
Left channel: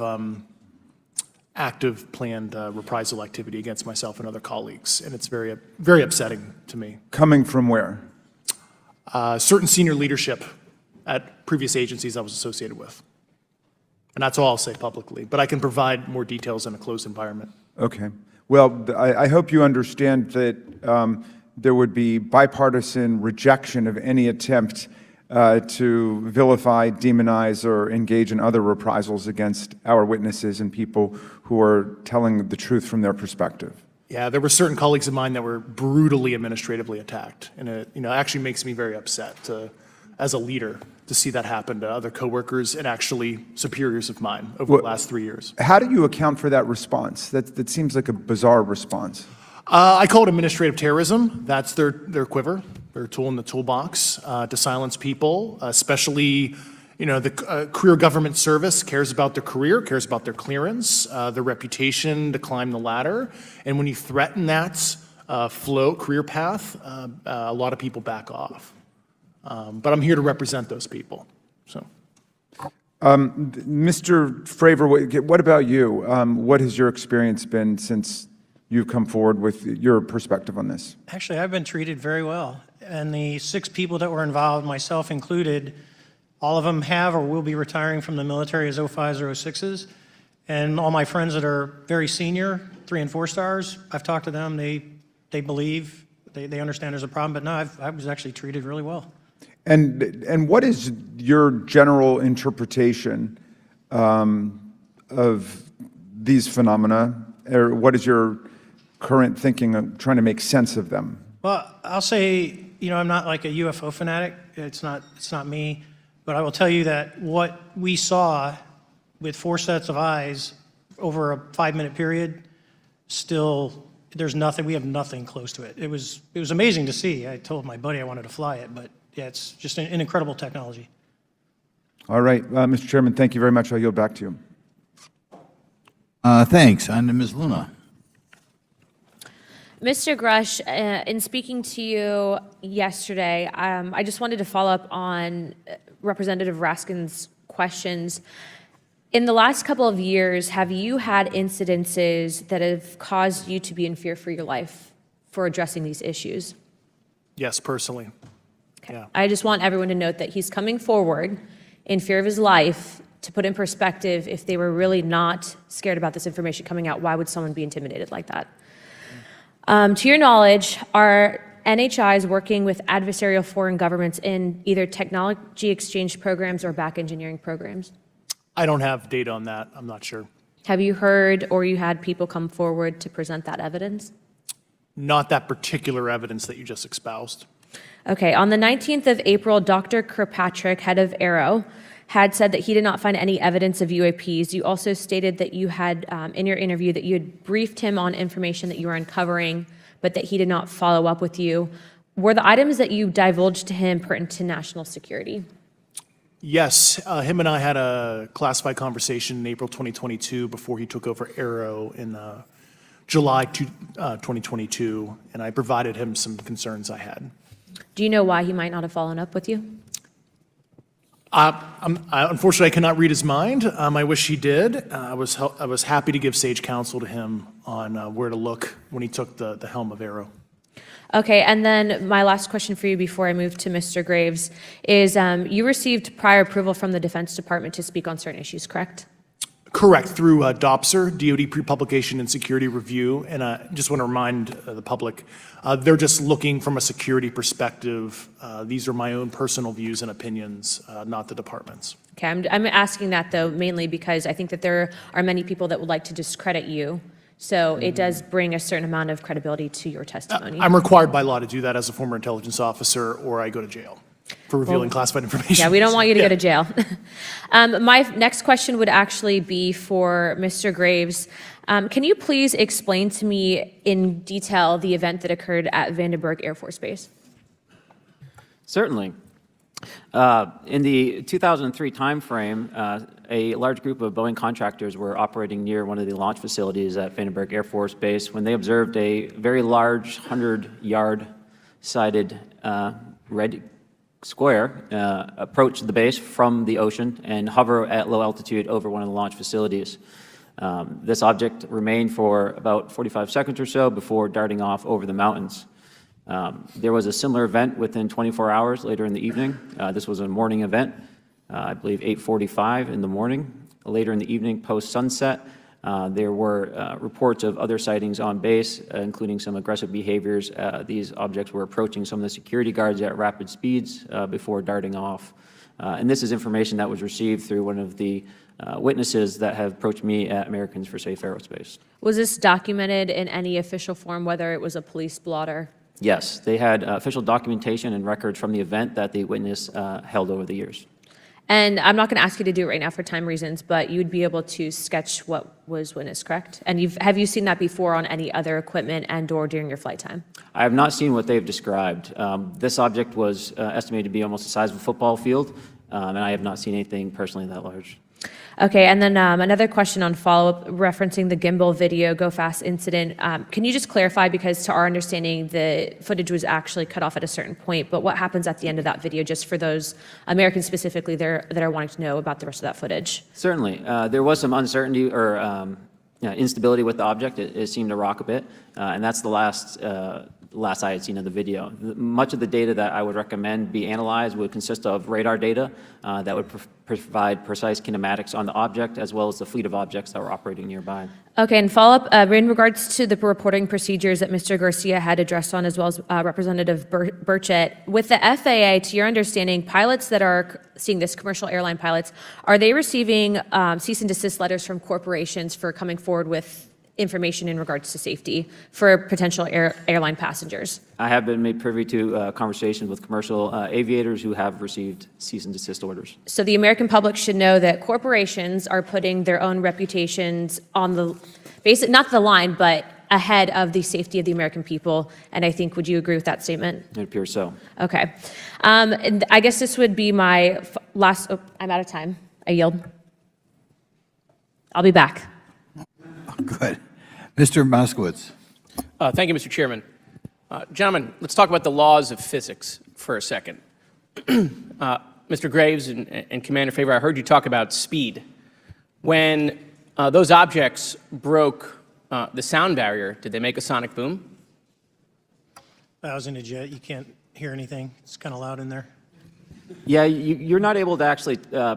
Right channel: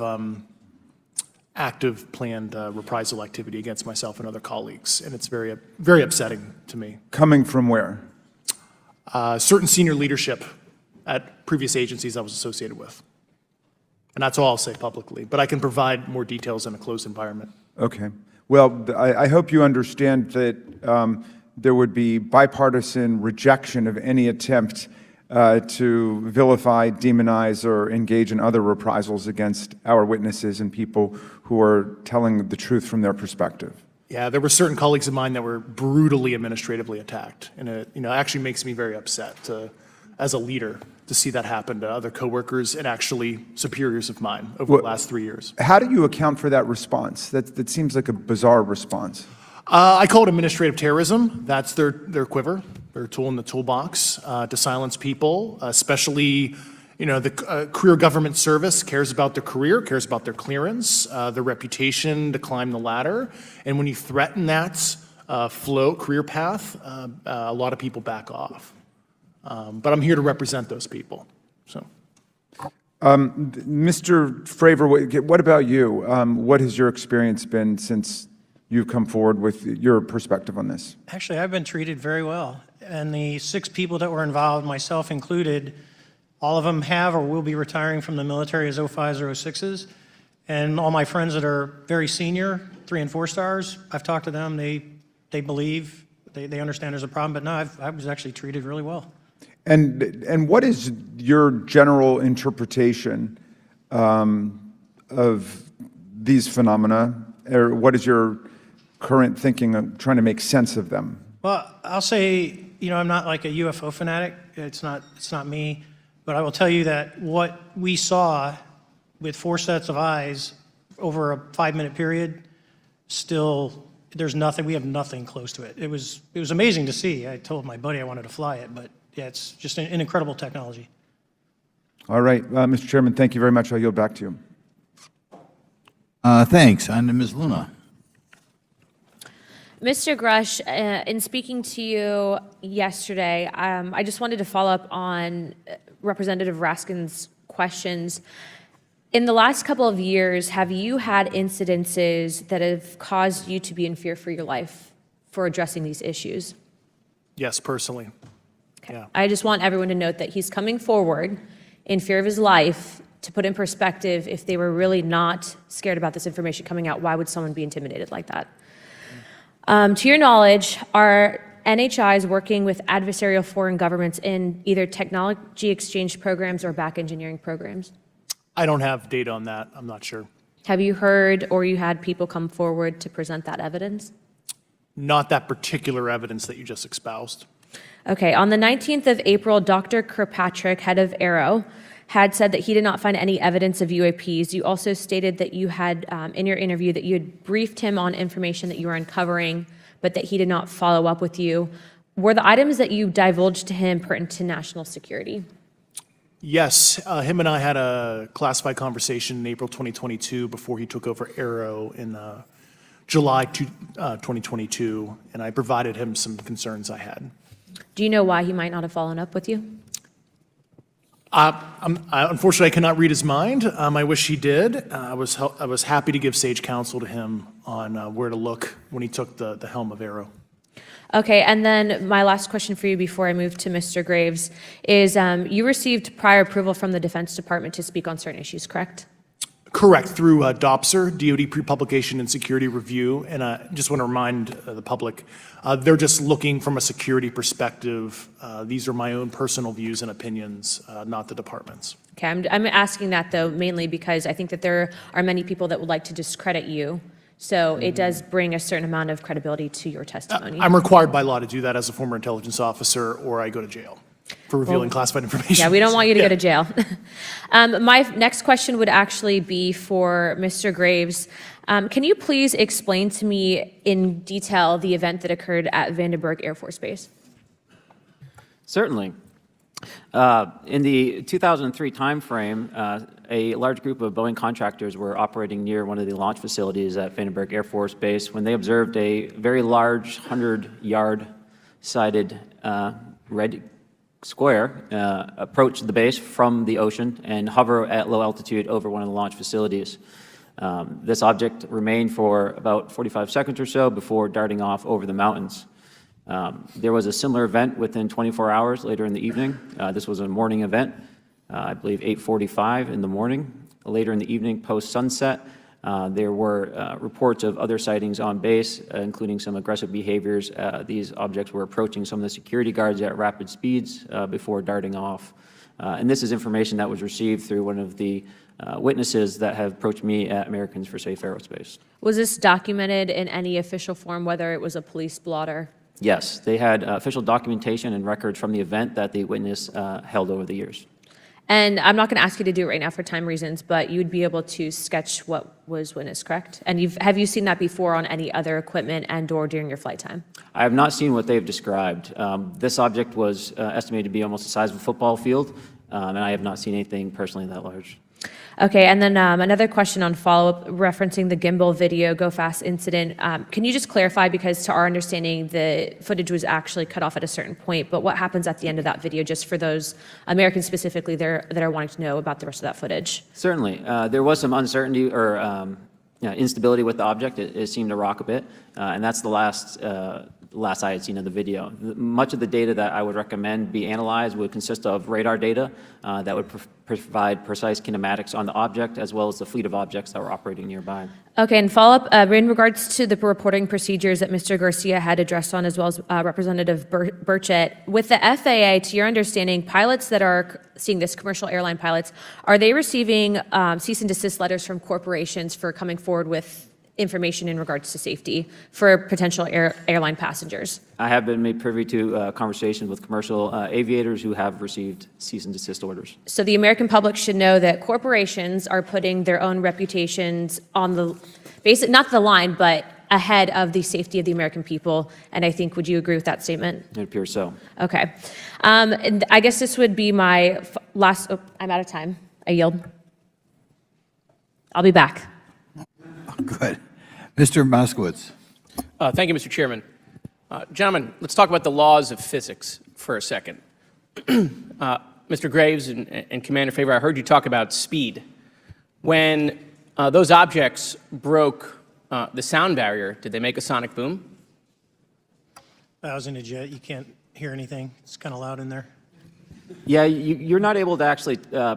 active planned reprisal activity against myself and other colleagues, and it's very, very upsetting to me. Coming from where? Certain senior leadership at previous agencies I was associated with. And that's all I'll say publicly, but I can provide more details in a closed environment. Okay. Well, I hope you understand that there would be bipartisan rejection of any attempt to vilify, demonize, or engage in other reprisals against our witnesses and people who are telling the truth from their perspective. Yeah, there were certain colleagues of mine that were brutally administratively attacked, and it actually makes me very upset as a leader to see that happen to other coworkers and actually superiors of mine over the last 3 years. How do you account for that response? That seems like a bizarre response. I call it administrative terrorism. That's their quiver, their tool in the toolbox to silence people, especially the career government service cares about their career, cares about their clearance, their reputation to climb the ladder. And when you threaten that career path, a lot of people back off. But I'm here to represent those people. So, Mr. Fravor, what about you? What has your experience been since you've come forward with your perspective on this? Actually, I've been treated very well. And the 6 people that were involved, myself included, all of them have or will be retiring from the military as 05s or 06s. And all my friends that are very senior, 3 and 4 stars, I've talked to them. They believe, they understand there's a problem. But no, I was actually treated really well. And what is your general interpretation of these phenomena, or what is your current thinking of trying to make sense of them? Well, I'll say, I'm not like a UFO fanatic. It's not me. But I will tell you that what we saw with 4 sets of eyes over a 5-minute period, still, there's nothing, we have nothing close to it. It was amazing to see. I told my buddy I wanted to fly it, but yeah, it's just an incredible technology. All right, Mr. Chairman, thank you very much. I'll yield back to you. Thanks. On to Ms. Luna. Mr. Grusch, in speaking to you yesterday, I just wanted to follow up on Representative Raskin's questions. In the last couple of years, have you had incidences that have caused you to be in fear for your life for addressing these issues? yes, personally. Yeah. I just want everyone to note that he's coming forward in fear of his life. To put in perspective, if they were really not scared about this information coming out, why would someone be intimidated like that? To your knowledge, are NHIs working with adversarial foreign governments in either technology exchange programs or back engineering programs? I don't have data on that. I'm not sure. Have you heard or you had people come forward to present that evidence? not that particular evidence that you just espoused. Okay, on the 19th of April, Dr. Kirkpatrick, head of Aero, had said that he did not find any evidence of UAPs. You also stated that you had, in your interview, that you had briefed him on information that you were uncovering, but that he did not follow up with you. Were the items that you divulged to him pertinent to national security? Yes, him and I had a classified conversation in April 2022 before he took over Aero in July 2022, and I provided him some concerns I had. Do you know why he might not have followed up with you? Unfortunately, I cannot read his mind. I wish he did. I was happy to give sage counsel to him on where to look when he took the helm of Aero. Okay, and then my last question for you before I move to Mr. Graves is you received prior approval from the Defense Department to speak on certain issues, correct? Correct, through DOPSR, DoD Pre-Publication and Security Review, and I just want to remind the public, they're just looking from a security perspective. These are my own personal views and opinions, not the department's. Okay, I'm asking that though mainly because I think that there are many people that would like to discredit you. So it does bring a certain amount of credibility to your testimony. I'm required by law to do that as a former intelligence officer, or I go to jail for revealing classified information. Yeah, we don't want you to go to jail. My next question would actually be for Mr. Graves. Can you please explain to me in detail the event that occurred at Vandenberg Air Force Base? Certainly. In the 2003 timeframe, a large group of Boeing contractors were operating near one of the launch facilities at Vandenberg Air Force Base when they observed a very large 100-yard sided red square approach the base from the ocean and hover at low altitude over one of the launch facilities. This object remained for about 45 seconds or so before darting off over the mountains. There was a similar event within 24 hours later in the evening. This was a morning event, I believe 8:45 in the morning. Later in the evening, post-sunset, there were reports of other sightings on base, including some aggressive behaviors. These objects were approaching some of the security guards at rapid speeds before darting off. And this is information that was received through one of the witnesses that have approached me at Americans for Safe Aerospace. Was this documented in any official form, whether it was a police blotter? Yes, they had official documentation and records from the event that the witness held over the years. And I'm not going to ask you to do it right now for time reasons, but you'd be able to sketch what was witnessed, correct? And have you seen that before on any other equipment and or during your flight time? I have not seen what they've described. This object was estimated to be almost the size of a football field, and I have not seen anything personally that large. Okay, and then another question on follow-up referencing the gimbal video Go Fast incident. Can you just clarify, because to our understanding, the footage was actually cut off at a certain point, but what happens at the end of that video, just for those Americans specifically that are wanting to know about the rest of that footage? Certainly. There was some uncertainty or instability with the object. It seemed to rock a bit, and that's the last I had seen of the video. Much of the data that I would recommend be analyzed would consist of radar data that would provide precise kinematics on the object, as well as the fleet of objects that were operating nearby. Okay, and follow-up, in regards to the reporting procedures that Mr. Garcia had addressed on, as well as Representative Burchett, with the FAA, to your understanding, pilots that are seeing this, commercial airline pilots, are they receiving cease and desist letters from corporations for coming forward with information in regards to safety for potential airline passengers? I have been made privy to a conversation with commercial aviators who have received cease and desist orders. So the American public should know that corporations are putting their own reputations on the not the line, but ahead of the safety of the American people. And I think, would you agree with that statement? It appears so. Okay. And I guess this would be my last, I'm out of time. I yield. I'll be back. Good. Mr. Moskowitz. Thank you, Mr. Chairman. Gentlemen, let's talk about the laws of physics for a second. Mr. Graves and Commander Faber, I heard you talk about speed. When those objects broke the sound barrier, did they make a sonic boom? I was in a jet. You can't hear anything. It's kind of loud in there. Yeah, you're not able to actually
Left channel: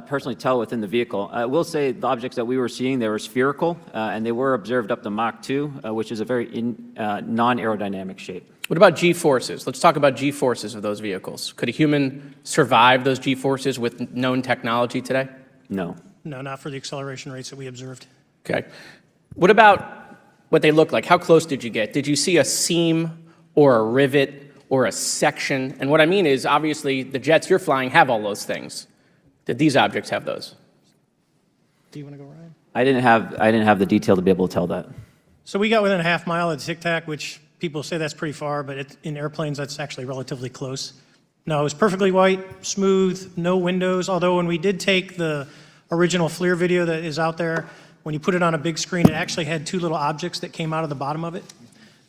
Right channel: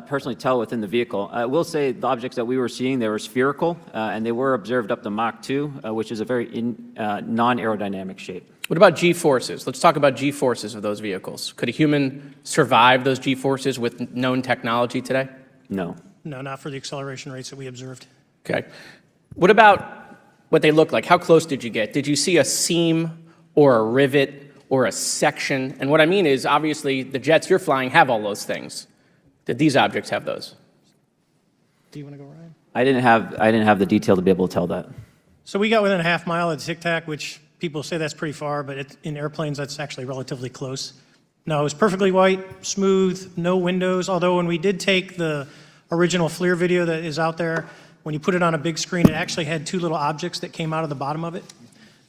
personally tell within the vehicle. I will say the objects that we were seeing, they were spherical, and they were observed up to Mach 2, which is a very non-aerodynamic shape. What about G-forces? Let's talk about G-forces of those vehicles. Could a human survive those G-forces with known technology today? No. No, not for the acceleration rates that we observed. Okay. What about what they look like. How close did you get? Did you see a seam or a rivet or a section? And what I mean is, obviously, the jets you're flying have all those things. Did these objects have those? Do you want to go, Ryan? I didn't have the detail to be able to tell that. So we got within a half mile at Tic Tac, which people say that's pretty far, but in airplanes, it's actually relatively close. No, it was perfectly white, smooth, no windows, although when we did take the original FLIR video that is out there, when you put it on a big screen, it actually had two little objects that came out of the bottom of it.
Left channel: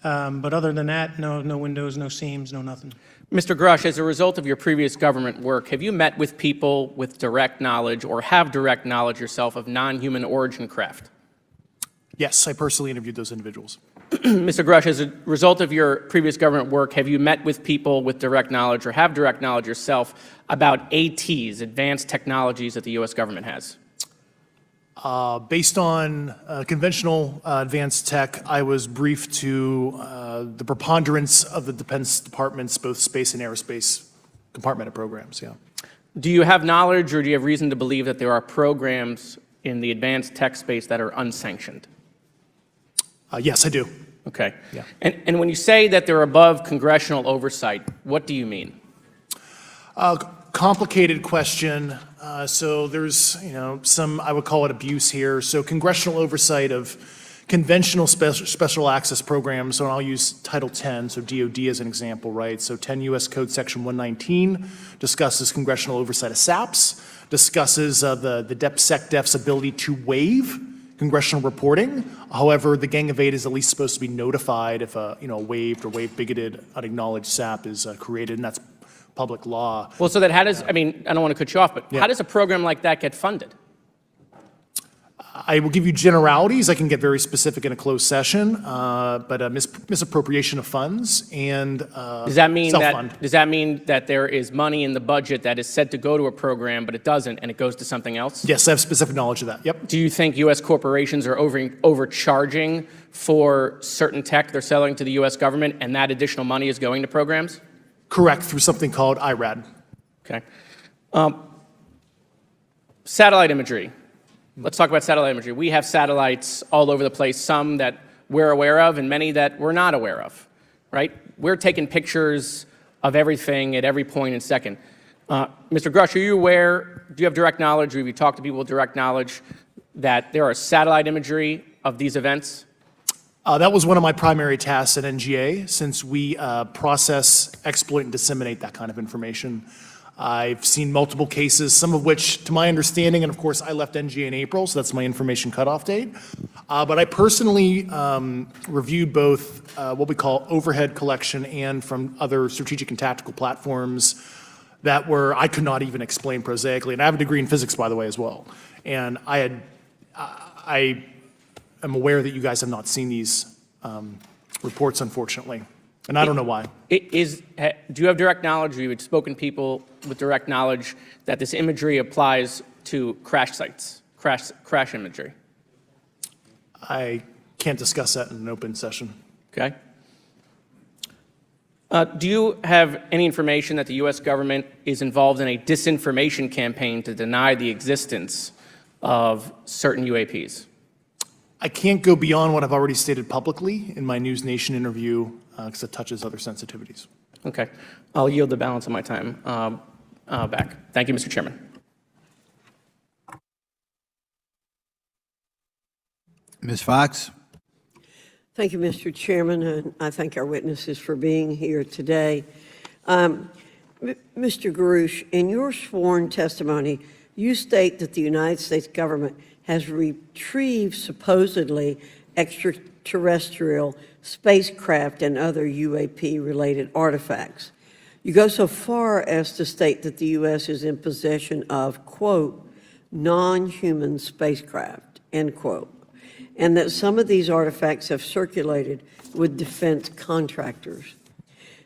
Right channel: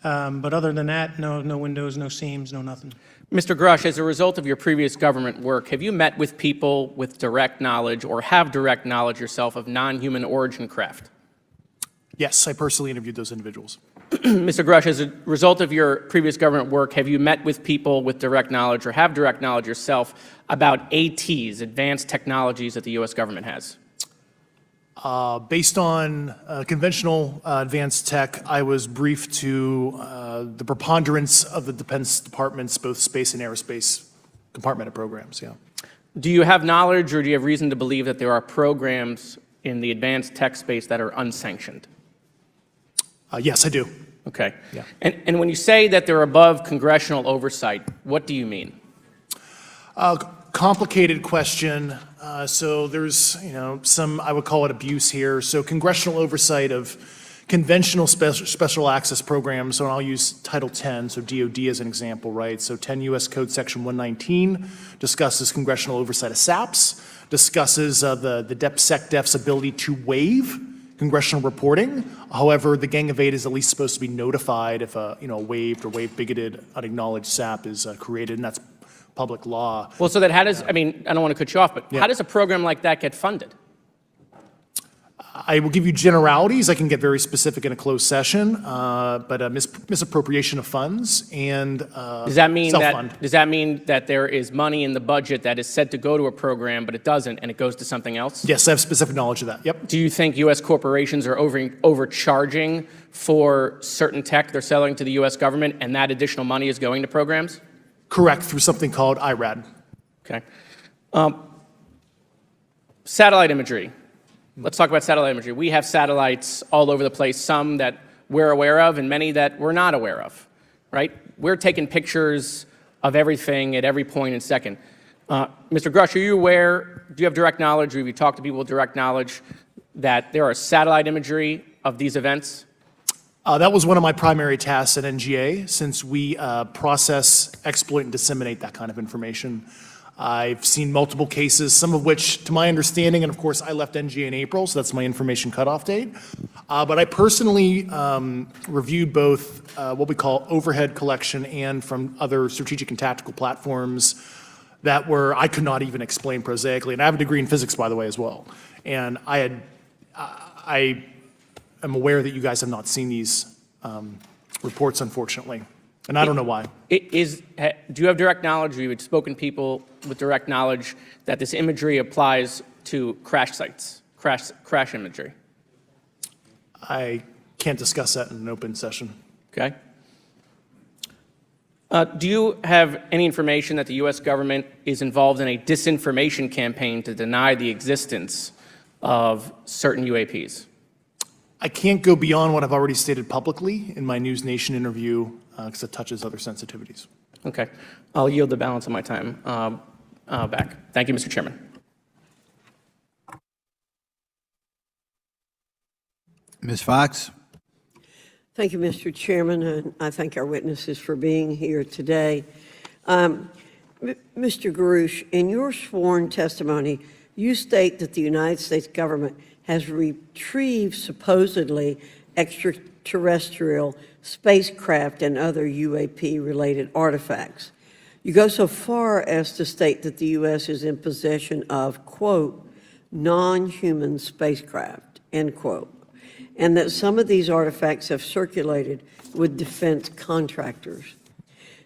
But other than that, no windows, no seams, no nothing. Mr. Grusch, as a result of your previous government work, have you met with people with direct knowledge or have direct knowledge yourself of non-human origin craft? Yes, I personally interviewed those individuals. Mr. Grusch, as a result of your previous government work, have you met with people with direct knowledge or have direct knowledge yourself about ATs, advanced technologies that the U.S. government has? Based on conventional advanced tech, I was briefed to the preponderance of the Defense Department's both space and aerospace compartmented programs, yeah. Do you have knowledge or do you have reason to believe that there are programs in the advanced tech space that are unsanctioned? Yes, I do. Okay. Yeah. And when you say that they're above congressional oversight, what do you mean? Complicated question. So there's, some, I would call it abuse here. So congressional oversight of conventional special access programs. So I'll use Title 10, so DOD as an example, right? So 10 U.S. Code Section 119 discusses congressional oversight of SAPs, discusses the DepSecDef's ability to waive congressional reporting. However, the Gang of Eight is at least supposed to be notified if a waived or waive bigoted unacknowledged SAP is created, and that's public law. Well, so then how does, I don't want to cut you off, but how does a program like that get funded? I will give you generalities. I can get very specific in a closed session, but misappropriation of funds and Does that mean self-fund. does that mean that there is money in the budget that is said to go to a program, but it doesn't, and it goes to something else? Yes, I have specific knowledge of that. Yep. Do you think U.S. corporations are overcharging for certain tech they're selling to the U.S. government, and that additional money is going to programs? Correct, through something called IRAD. Okay. Satellite imagery. Let's talk about satellite imagery. We have satellites all over the place, some that we're aware of and many that we're not aware of, right? We're taking pictures of everything at every point and second. Mr. Grusch, are you aware, do you have direct knowledge, or have you talked to people with direct knowledge that there are satellite imagery of these events? That was one of my primary tasks at NGA, since we process, exploit, and disseminate that kind of information. I've seen multiple cases, some of which, to my understanding, and of course I left NGA in April, so that's my information cutoff date. But I personally reviewed both what we call overhead collection and from other strategic and tactical platforms that I could not even explain prosaically. And I have a degree in physics, by the way, as well. And I am aware that you guys have not seen these reports, unfortunately, and I don't know why. Do you have direct knowledge, or you had spoken people with direct knowledge that this imagery applies to crash sites, crash imagery? I can't discuss that in an open session. Okay. Do you have any information that the U.S. government is involved in a disinformation campaign to deny the existence of certain UAPs? I can't go beyond what I've already stated publicly in my News Nation interview because it touches other sensitivities. Okay. I'll yield the balance of my time back. Thank you, Mr. Chairman. Ms. Fox? Thank you, Mr. Chairman, and I thank our witnesses for being here today. Mr. Grusch, in your sworn testimony, you state that the United States government has retrieved supposedly extraterrestrial spacecraft and other UAP-related artifacts. You go so far as to state that the U.S. is in possession of, quote, non-human spacecraft, end quote, and that some of these artifacts have circulated with defense contractors.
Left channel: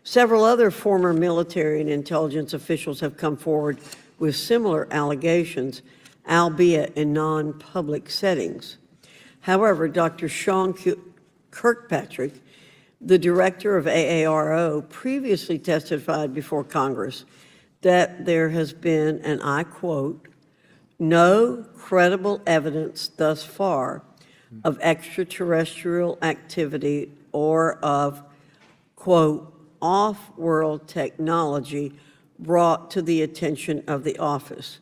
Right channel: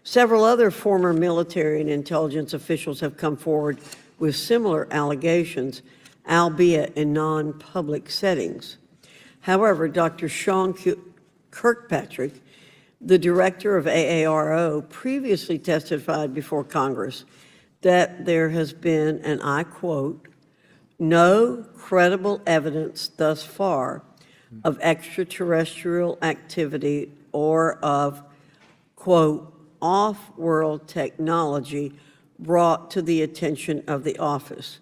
Several other former military and intelligence officials have come forward with similar allegations, albeit in non-public settings. However, Dr. Sean Kirkpatrick, the director of AARO, previously testified before Congress that there has been, and I quote, no credible evidence thus far of extraterrestrial activity or of, quote, off-world technology brought to the attention of the office.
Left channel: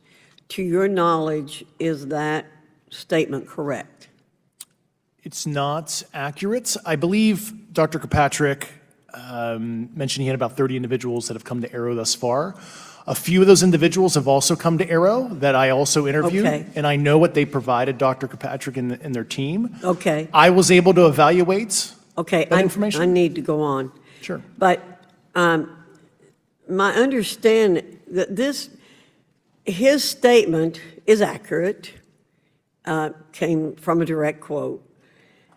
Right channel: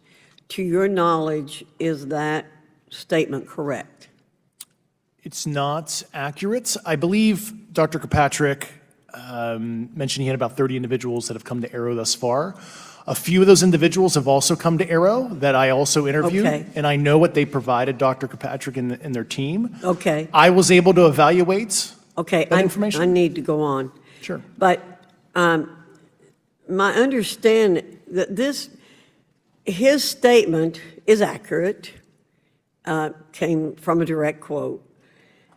To your knowledge, is that statement correct? It's not accurate. I believe Dr. Kirkpatrick mentioned he had about 30 individuals that have come to Arrow thus far. A few of those individuals have also come to Arrow that I also interviewed, Okay. and I know what they provided Dr. Kirkpatrick and their team. Okay. I was able to evaluate Okay, that I information. need to go on. Sure. But my understanding that his statement is accurate, came from a direct quote.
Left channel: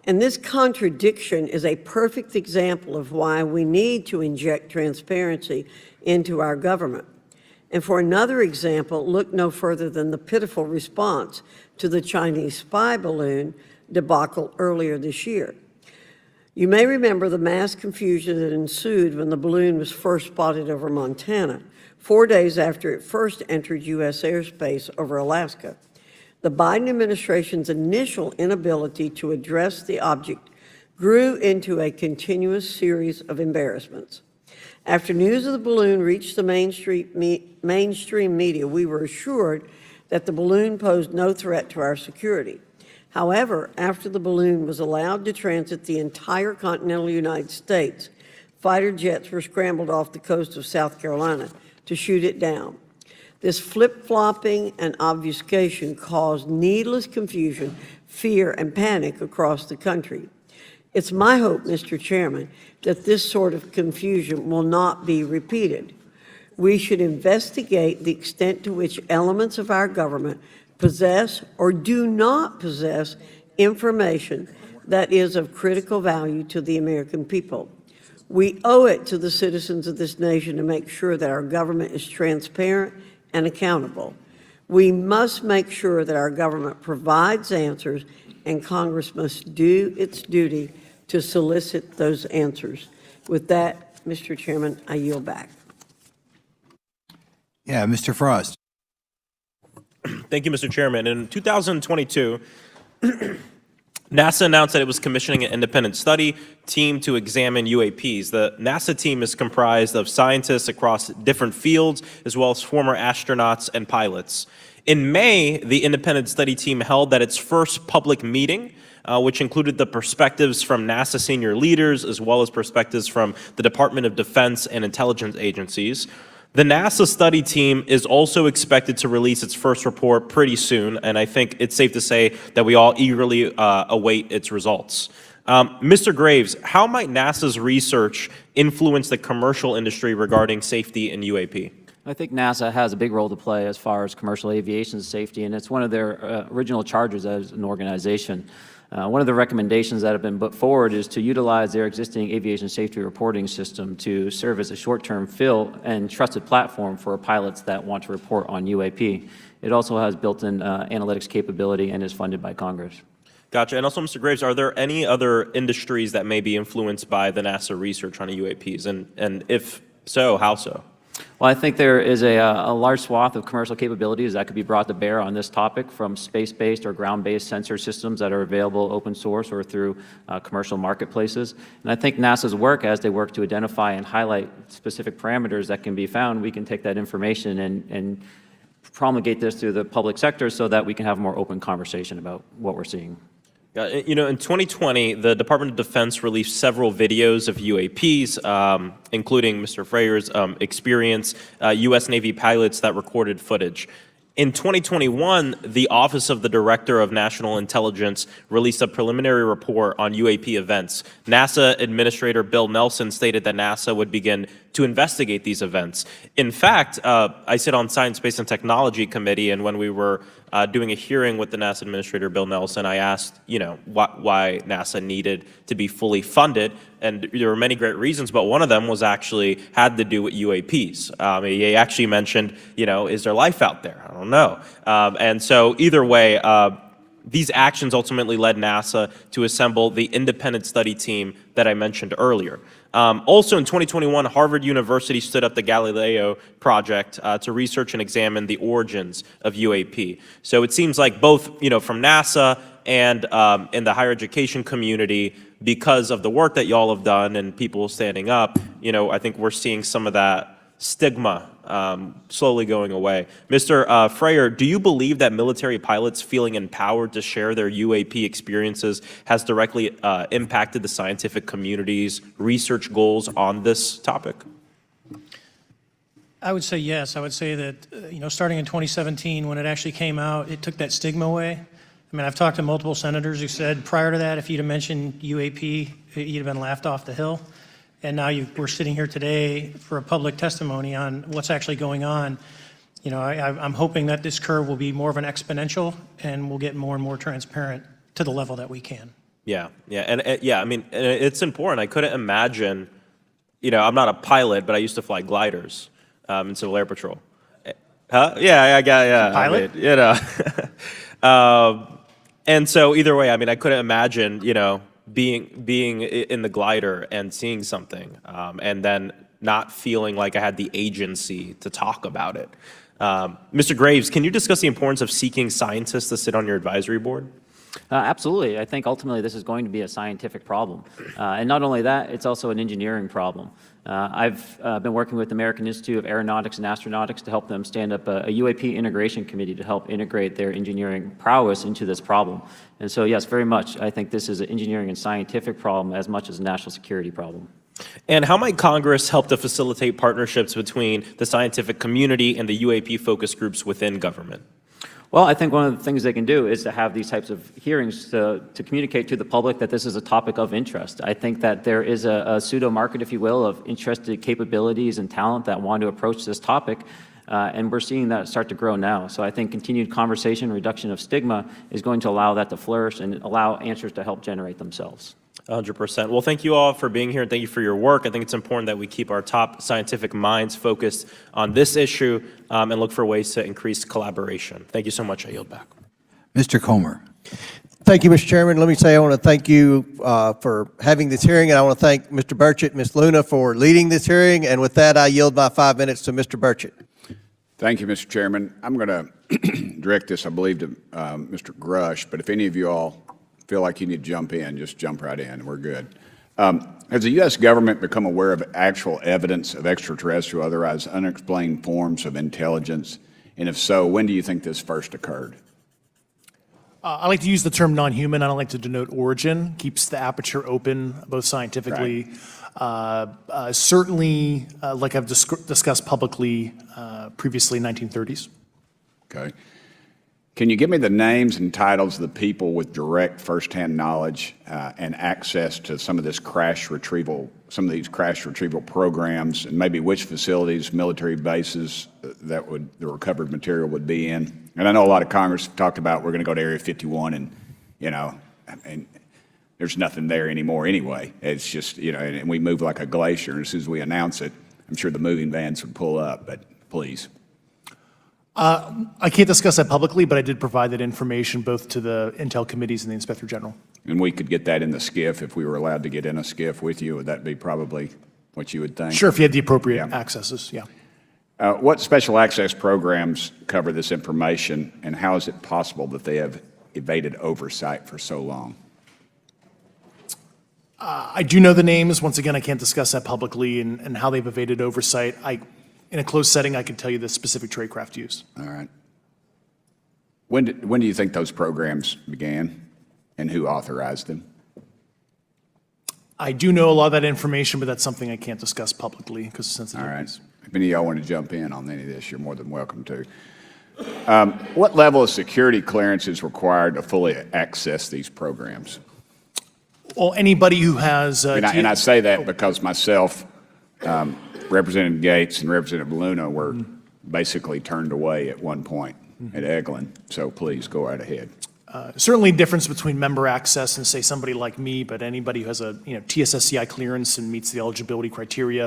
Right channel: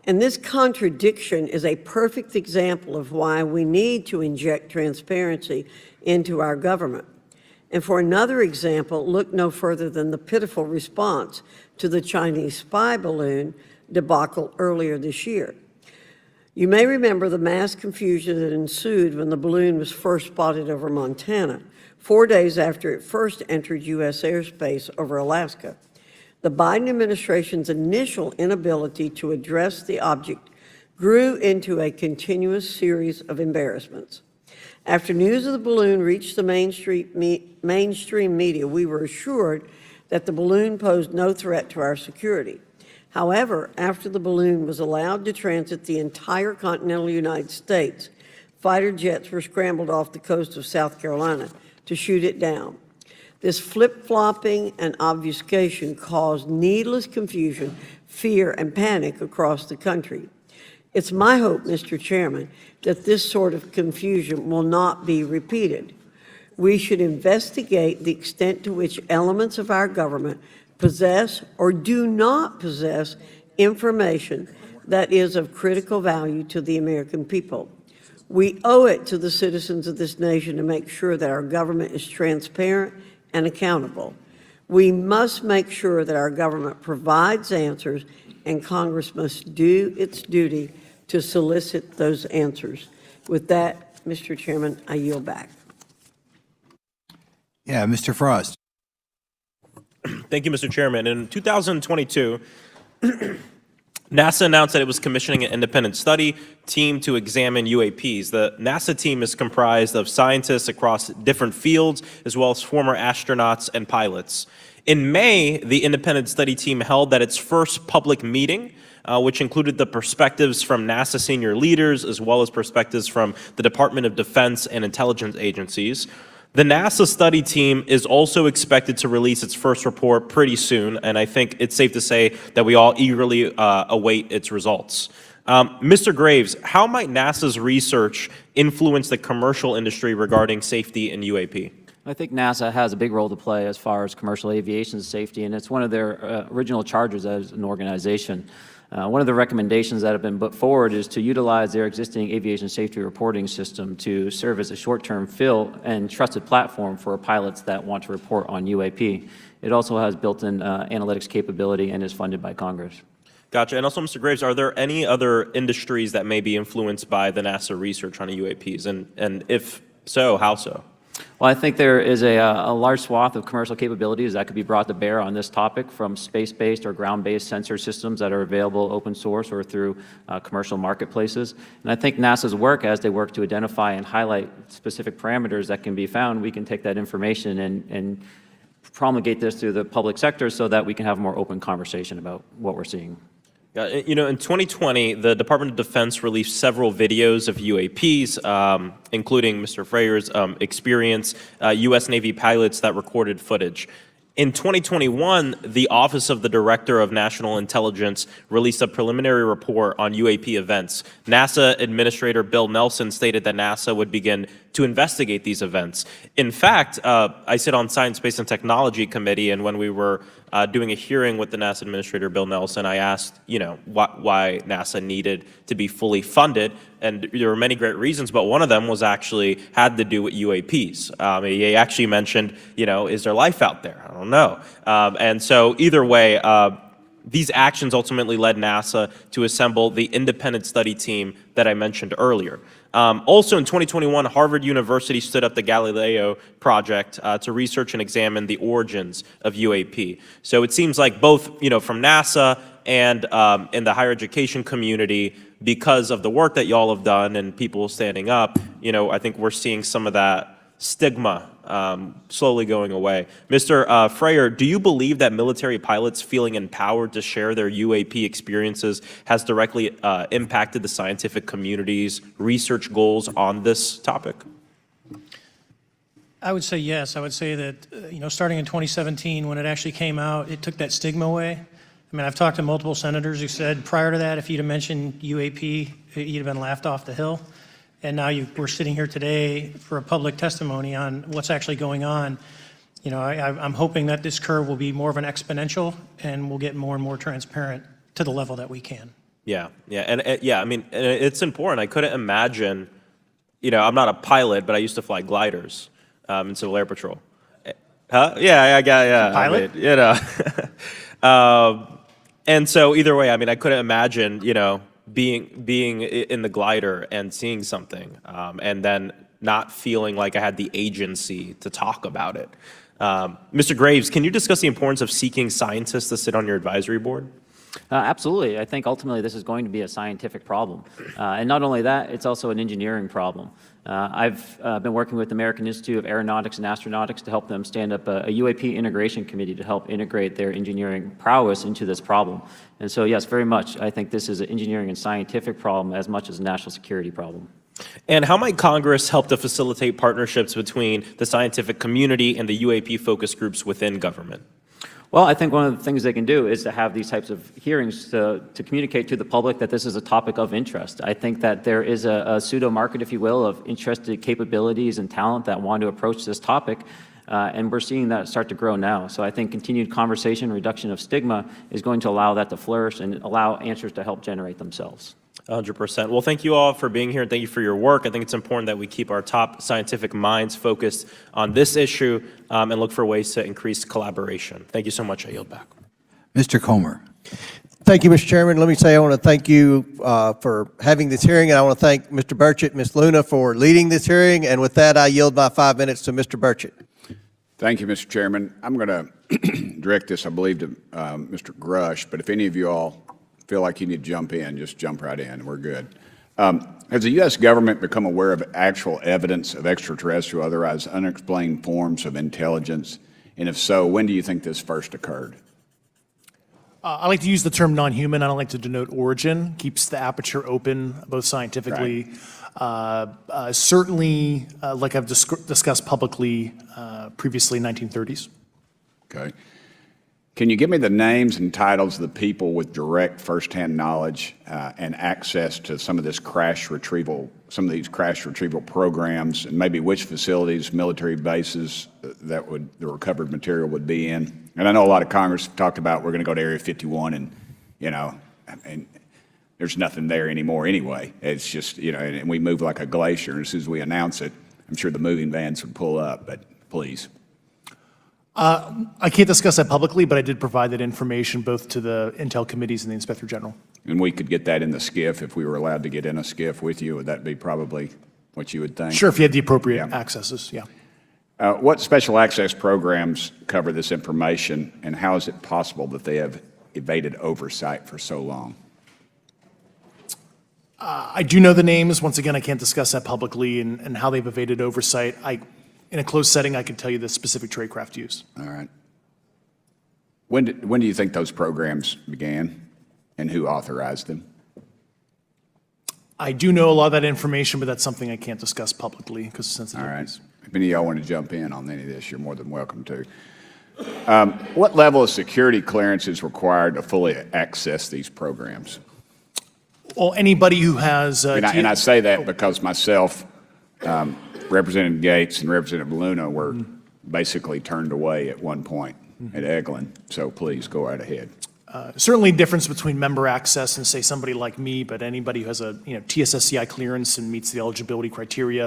And this contradiction is a perfect example of why we need to inject transparency into our government. And for another example, look no further than the pitiful response to the Chinese spy balloon debacle earlier this year. You may remember the mass confusion that ensued when the balloon was first spotted over Montana, 4 days after it first entered U.S. airspace over Alaska. The Biden administration's initial inability to address the object grew into a continuous series of embarrassments. After news of the balloon reached the mainstream media, we were assured that the balloon posed no threat to our security. However, after the balloon was allowed to transit the entire continental United States, fighter jets were scrambled off the coast of South Carolina to shoot it down. This flip-flopping and obfuscation caused needless confusion, fear, and panic across the country. It's my hope, Mr. Chairman, that this sort of confusion will not be repeated. We should investigate the extent to which elements of our government possess or do not possess information that is of critical value to the American people. We owe it to the citizens of this nation to make sure that our government is transparent and accountable. We must make sure that our government provides answers, and Congress must do its duty to solicit those answers. With that, Mr. Chairman, I yield back. Yeah, Mr. Frost. Thank you, Mr. Chairman. In 2022, NASA announced that it was commissioning an independent study team to examine UAPs. The NASA team is comprised of scientists across different fields, as well as former astronauts and pilots. In May, the independent study team held its first public meeting, which included the perspectives from NASA senior leaders, as well as perspectives from the Department of Defense and intelligence agencies. The NASA study team is also expected to release its first report pretty soon, and I think it's safe to say that we all eagerly await its results. Mr. Graves, how might NASA's research influence the commercial industry regarding safety in UAP? I think NASA has a big role to play as far as commercial aviation safety, and it's one of their original charges as an organization. One of the recommendations that have been put forward is to utilize their existing aviation safety reporting system to serve as a short-term fill and trusted platform for pilots that want to report on UAP. It also has built-in analytics capability and is funded by Congress. Gotcha. And also, Mr. Graves, are there any other industries that may be influenced by the NASA research on UAPs? And if so, how so? Well, I think there is a large swath of commercial capabilities that could be brought to bear on this topic, from space-based or ground-based sensor systems that are available open source or through commercial marketplaces. And I think NASA's work, as they work to identify and highlight specific parameters that can be found, we can take that information and promulgate this through the public sector so that we can have a more open conversation about what we're seeing. You know, in 2020, the Department of Defense released several videos of UAPs, including Mr. Freyer's experience, U.S. Navy pilots that recorded footage. In 2021, the Office of the Director of National Intelligence released a preliminary report on UAP events. NASA Administrator Bill Nelson stated that NASA would begin to investigate these events. In fact, I sit on Science, Space, and Technology Committee, and when we were doing a hearing with the NASA Administrator Bill Nelson, I asked, why NASA needed to be fully funded, and there were many great reasons, but one of them was actually had to do with UAPs. He actually mentioned, is there life out there? I don't know. And so either way, these actions ultimately led NASA to assemble the independent study team that I mentioned earlier. Also in 2021, Harvard University stood up the Galileo project to research and examine the origins of UAP. So it seems like both, from NASA and in the higher education community, because of the work that y'all have done and people standing up, I think we're seeing some of that stigma slowly going away. Mr. Freyer, do you believe that military pilots feeling empowered to share their UAP experiences has directly impacted the scientific community's research goals on this topic? I would say yes. I would say that, starting in 2017, when it actually came out, it took that stigma away. I mean, I've talked to multiple senators who said prior to that, if you'd have mentioned UAP, you'd have been laughed off the hill. And now we're sitting here today for a public testimony on what's actually going on. I'm hoping that this curve will be more of an exponential and we'll get more and more transparent to the level that we can. Yeah. And I mean, it's important. I couldn't imagine, I'm not a pilot, but I used to fly gliders in Civil Air Patrol. Huh? Yeah. Pilot? And so either way, I mean, I couldn't imagine, being in the glider and seeing something, and then not feeling like I had the agency to talk about it. Mr. Graves, can you discuss the importance of seeking scientists to sit on your advisory board? Absolutely. I think ultimately this is going to be a scientific problem. And not only that, it's also an engineering problem. I've been working with the American Institute of Aeronautics and Astronautics to help them stand up a UAP integration committee to help integrate their engineering prowess into this problem. And so, yes, very much. I think this is an engineering and scientific problem as much as a national security problem. And how might Congress help to facilitate partnerships between the scientific community and the UAP focus groups within government? Well, I think one of the things they can do is to have these types of hearings to communicate to the public that this is a topic of interest. I think that there is a pseudo market, if you will, of interested capabilities and talent that want to approach this topic. And we're seeing that start to grow now. So I think continued conversation, reduction of stigma is going to allow that to flourish and allow answers to help generate themselves. 100%. Well, thank you all for being here and thank you for your work. I think it's important that we keep our top scientific minds focused on this issue and look for ways to increase collaboration. Thank you so much. I yield back. Mr. Comer. Thank you, Mr. Chairman. Let me say I want to thank you for having this hearing, and I want to thank Mr. Burchett and Ms. Luna for leading this hearing. And with that, I yield my 5 minutes to Mr. Burchett. Thank you, Mr. Chairman. I'm going to direct this, I believe, to Mr. Grusch, but if any of you all feel like you need to jump in, just jump right in. We're good. Has the U.S. government become aware of actual evidence of extraterrestrial, otherwise unexplained forms of intelligence? And if so, when do you think this first occurred? I like to use the term non-human. I don't like to denote origin. Keeps the aperture open, both scientifically. Right. Certainly, like I've discussed publicly previously, 1930s. Okay. Can you give me the names and titles of the people with direct firsthand knowledge and access to some of these crash retrieval programs, and maybe which facilities, military bases the recovered material would be in? And I know a lot of Congress talked about we're going to go to Area 51, and there's nothing there anymore anyway. It's just and we move like a glacier. And as soon as we announce it, I'm sure the moving vans would pull up. But please. I can't discuss that publicly, but I did provide that information both to the Intel committees and the Inspector General. And we could get that in the SCIF if we were allowed to get in a SCIF with you. Would that be probably what you would think? Sure, if you had the appropriate accesses, yeah. What special access programs cover this information, and how is it possible that they have evaded oversight for so long? I do know the names. Once again, I can't discuss that publicly and how they've evaded oversight. In a closed setting, I can tell you the specific tradecraft used. All right. When do you think those programs began, and who authorized them? I do know a lot of that information, but that's something I can't discuss publicly because it's sensitive. All right. If any of y'all want to jump in on any of this, you're more than welcome to. What level of security clearance is required to fully access these programs? Well, anybody who has... And I say that because myself, Representative Gates and Representative Luna were basically turned away at one point at Eglin. So please go right ahead. Certainly a difference between member access and, say, somebody like me, but anybody who has a TSSCI clearance and meets the eligibility criteria,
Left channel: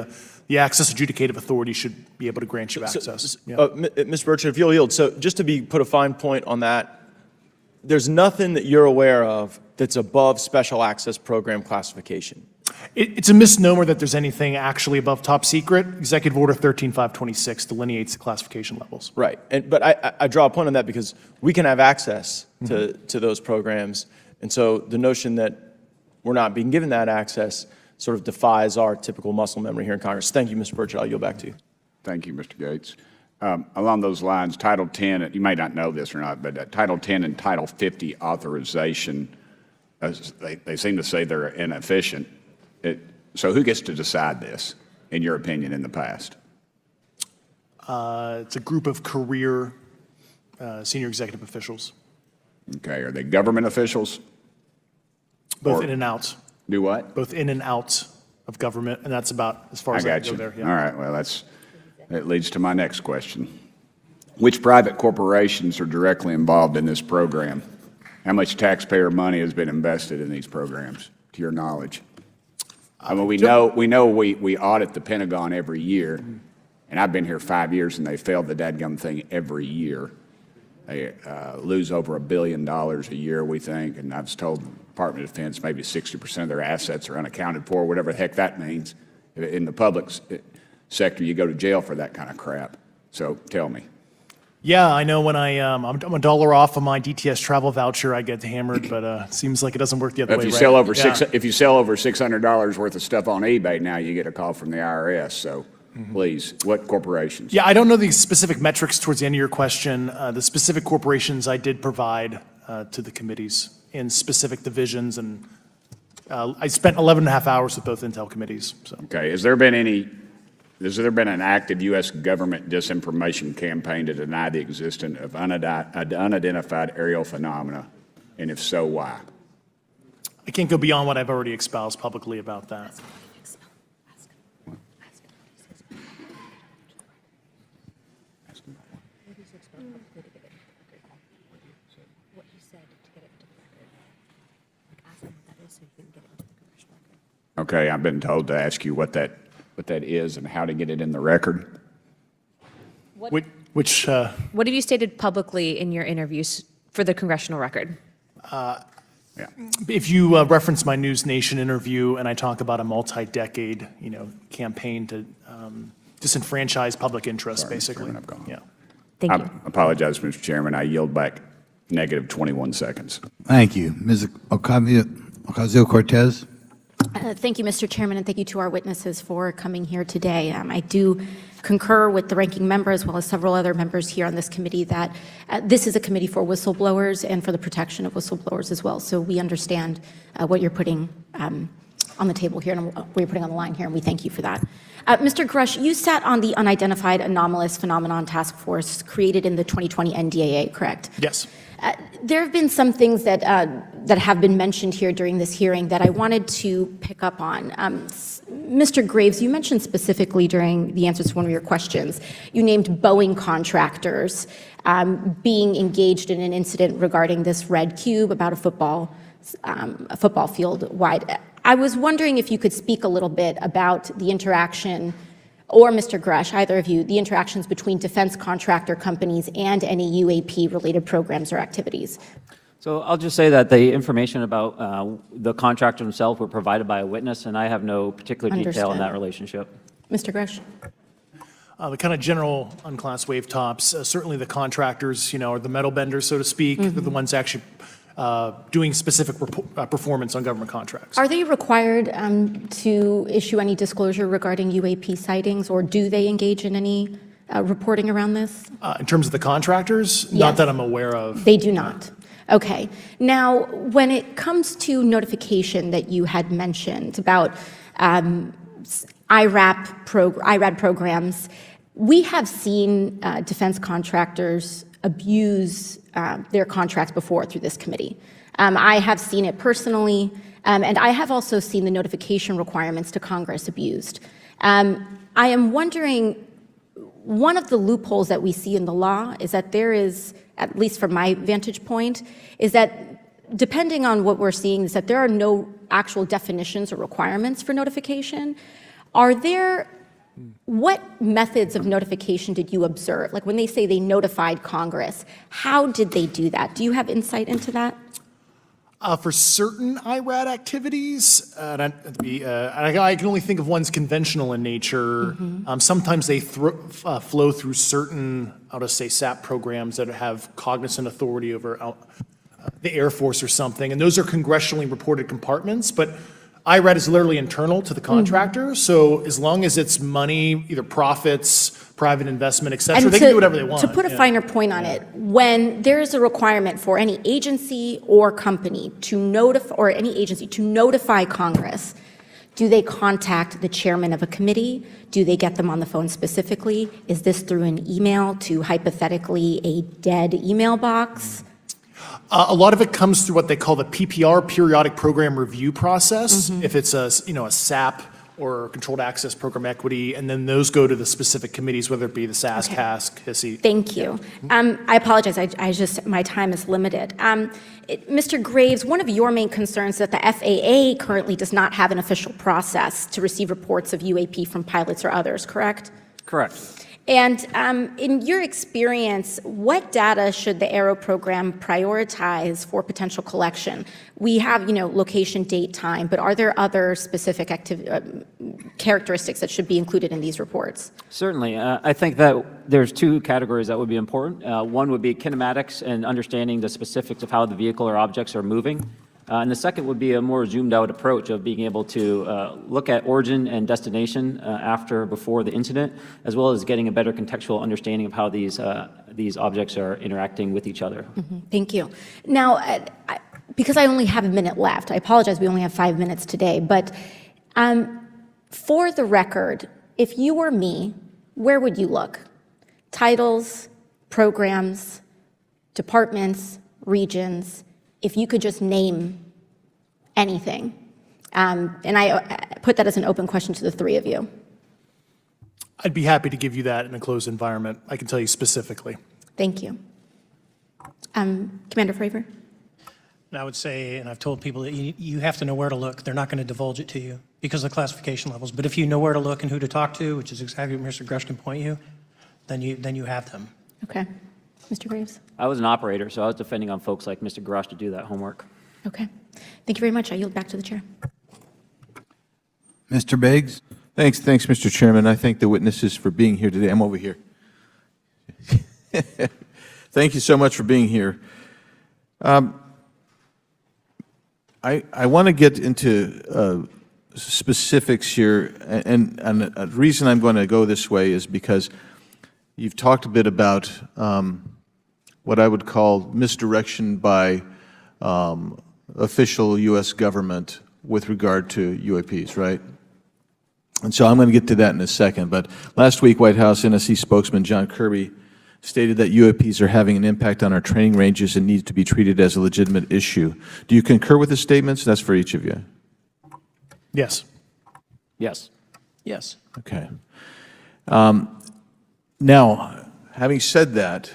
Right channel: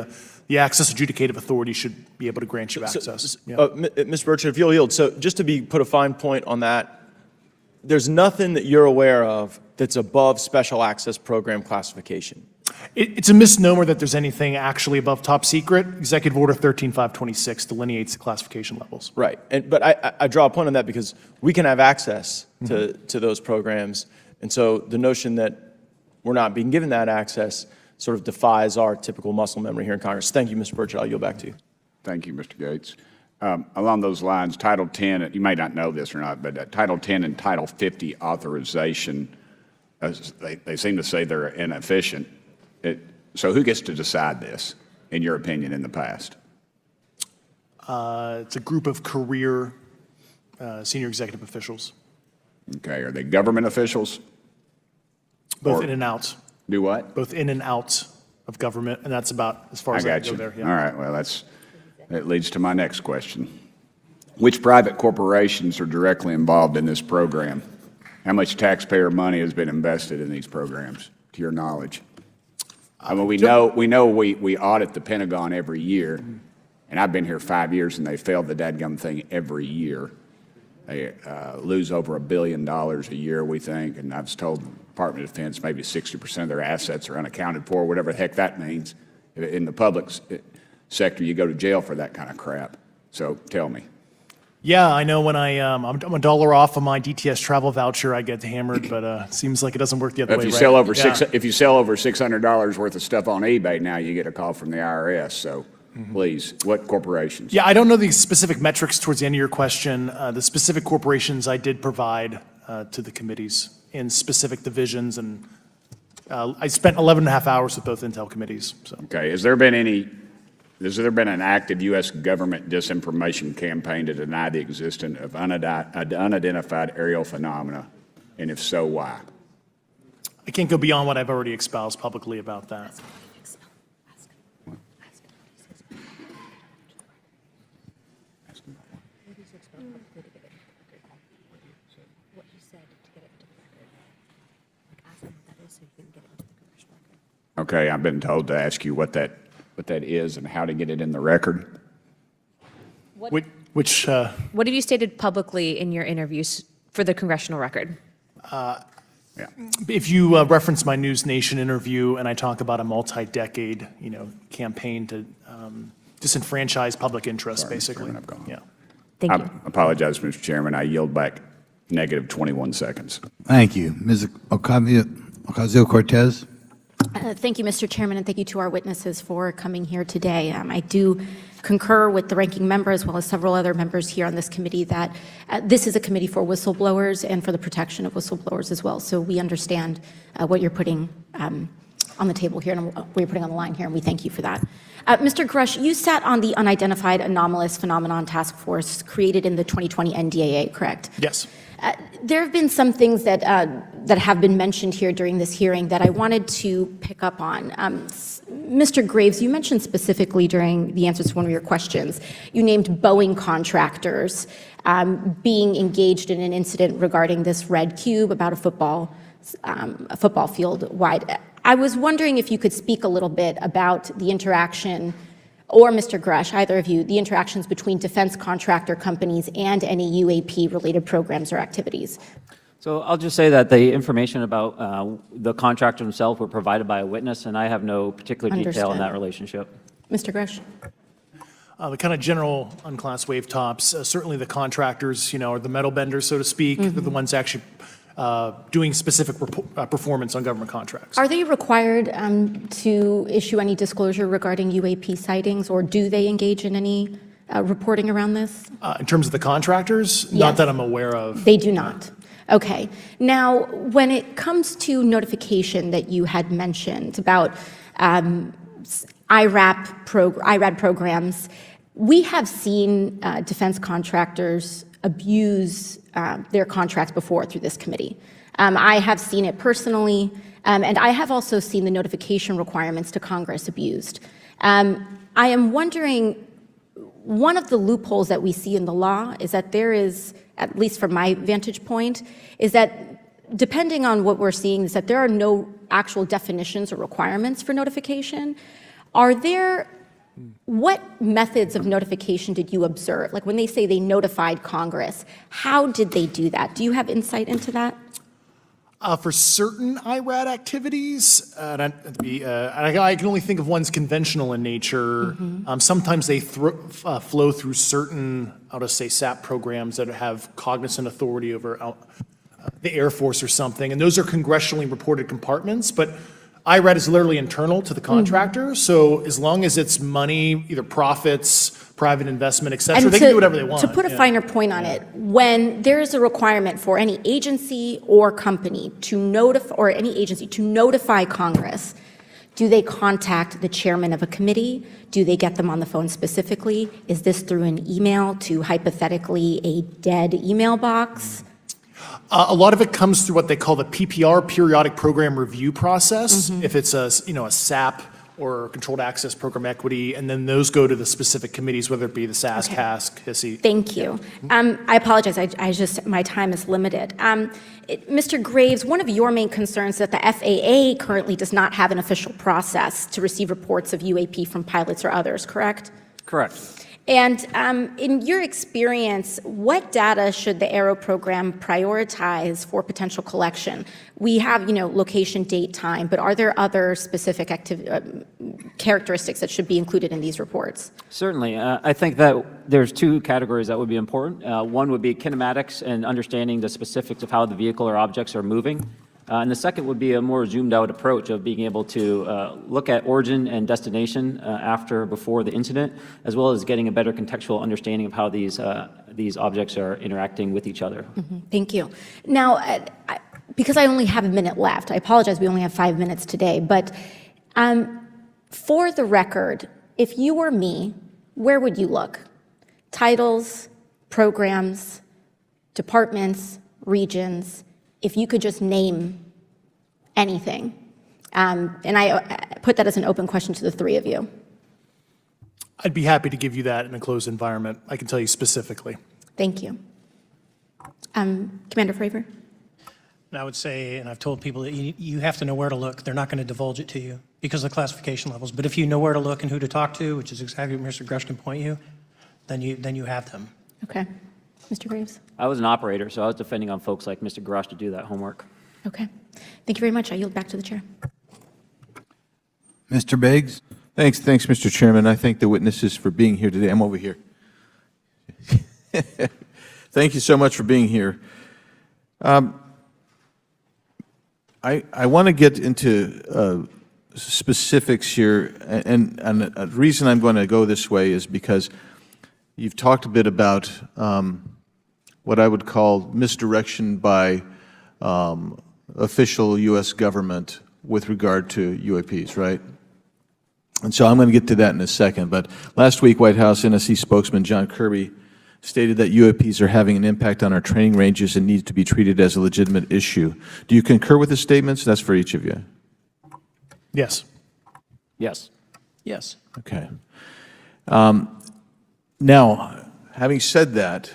the access adjudicative authority should be able to grant you access. Mr. Burchett, if you'll yield, so just to put a fine point on that, there's nothing that you're aware of that's above special access program classification. It's a misnomer that there's anything actually above top secret. Executive Order 13526 delineates the classification levels. Right, but I draw a point on that because we can have access to those programs, and so the notion that we're not being given that access sort of defies our typical muscle memory here in Congress. Thank you, Mr. Burchett. I'll yield back to you. Thank you, Mr. Gates. Along those lines, Title 10, you may not know this or not, but Title 10 and Title 50 authorization, they seem to say they're inefficient. So who gets to decide this, in your opinion, in the past? It's a group of career senior executive officials, Okay, are they government officials? both Or- in and out, Do what? both in and out of government, and that's about as far I as I got can you. go there. All Yeah. right, well, that leads to my next question. Which private corporations are directly involved in this program? How much taxpayer money has been invested in these programs, to your knowledge? I mean, we know we audit the Pentagon every year, and I've been here 5 years, and they failed the dadgum thing every year. They lose over $1 billion a year, we think, and I was told the Department of Defense maybe 60% of their assets are unaccounted for, whatever the heck that means. In the public sector, you go to jail for that kind of crap. So tell me. Yeah, I know when I'm $1 off of my DTS travel voucher, I get hammered, but seems like it doesn't work the other way, If you right? sell over Yeah. if you sell over $600 worth of stuff on eBay now, you get a call from the IRS. So please, what corporations? Yeah, I don't know the specific metrics towards the end of your question. The specific corporations I did provide to the committees in specific divisions, and I spent 11 and a half hours with both Intel committees. So. Okay, has there been an active U.S. government disinformation campaign to deny the existence of unidentified aerial phenomena? And if so, why? I can't go beyond what I've already espoused publicly about that. Okay, I've been told to ask you what that is and how to get it in the record. Which What have you stated publicly in your interviews for the congressional record? if you reference my News Nation interview, and I talk about a multi-decade, campaign to disenfranchise public interest, basically. Yeah. Thank I you. apologize, Mr. Chairman. I yield back negative 21 seconds. Thank you. Ms. Ocasio-Cortez? Thank you, Mr. Chairman, and thank you to our witnesses for coming here today. I do concur with the ranking member as well as several other members here on this committee that this is a committee for whistleblowers and for the protection of whistleblowers as well. So we understand what you're putting on the table here and what you're putting on the line here, and we thank you for that. Mr. Grusch, you sat on the Unidentified Anomalous Phenomenon Task Force created in the 2020 NDAA, correct? Yes. There have been some things that have been mentioned here during this hearing that I wanted to pick up on. Mr. Graves, you mentioned specifically during the answers to one of your questions, you named Boeing contractors being engaged in an incident regarding this red cube about a football field wide. I was wondering if you could speak a little bit about the interaction, or Mr. Grusch, either of you, the interactions between defense contractor companies and any UAP-related programs or activities. So I'll just say that the information about the contractor themselves were provided by a witness, and I have no particular detail in that relationship. Mr. Grusch. The kind of general unclass wave tops, certainly the contractors, are the metal benders, so to speak, are the ones actually doing specific performance on government contracts. Are they required to issue any disclosure regarding UAP sightings, or do they engage in any reporting around this? In terms of the contractors, Yes. not that I'm aware of. They do not. Okay. Now, when it comes to notification that you had mentioned about IRAD programs, we have seen defense contractors abuse their contracts before through this committee. I have seen it personally, and I have also seen the notification requirements to Congress abused. I am wondering, one of the loopholes that we see in the law is that there is, at least from my vantage point, is that depending on what we're seeing, is that there are no actual definitions or requirements for notification. What methods of notification did you observe? Like when they say they notified Congress, how did they do that? Do you have insight into that? For certain IRAD activities, I can only think of ones conventional in nature. Sometimes they flow through certain, I'll just say, SAP programs that have cognizant authority over the Air Force or something, and those are congressionally reported compartments, but IRAD is literally internal to the contractor, so as long as it's money, either profits, private investment, et cetera, And they can do whatever they want. To put a finer point on it, when there is a requirement for any agency or company to notify, or any agency to notify Congress, do they contact the chairman of a committee? Do they get them on the phone specifically? Is this through an email to hypothetically a dead email box? A lot of it comes through what they call the PPR, Periodic Program Review Process, if it's a SAP or Controlled Access Program Equity, and then those go to the specific committees, whether it be the SAS, CASC, SE. Thank you. I apologize, I just, my time is limited. Mr. Graves, one of your main concerns is that the FAA currently does not have an official process to receive reports of UAP from pilots or others, correct? Correct. And in your experience, what data should the Aero program prioritize for potential collection? We have, location, date, time, but are there other specific characteristics that should be included in these reports? Certainly. I think that there's two categories that would be important. One would be kinematics and understanding the specifics of how the vehicle or objects are moving. And the second would be a more zoomed out approach of being able to look at origin and destination before the incident, as well as getting a better contextual understanding of how these objects are interacting with each other. Thank you. Now, because I only have a minute left, I apologize, we only have 5 minutes today, but for the record, if you were me, where would you look? Titles, programs, departments, regions, if you could just name anything. And I put that as an open question to the three of you. I'd be happy to give you that in a closed environment. I can tell you specifically. Thank you. Commander Fravor? And I would say, and I've told people that you have to know where to look. They're not going to divulge it to you because of the classification levels. But if you know where to look and who to talk to, which is exactly what Mr. Grusch can point you, then you have them. Okay. Mr. Graves? I was an operator, so I was depending on folks like Mr. Grusch to do that homework. Okay. Thank you very much. I yield back to the chair. Mr. Biggs? Thanks, Mr. Chairman. I thank the witnesses for being here today. I'm over here. Thank you so much for being here. I want to get into specifics here, and the reason I'm going to go this way is because you've talked a bit about what I would call misdirection by official U.S. government with regard to UAPs, right? And so I'm going to get to that in a second. But last week, White House NSC spokesman John Kirby stated that UAPs are having an impact on our training ranges and need to be treated as a legitimate issue. Do you concur with his statements? That's for each of you. Yes. Yes. Yes. Okay. Now, having said that,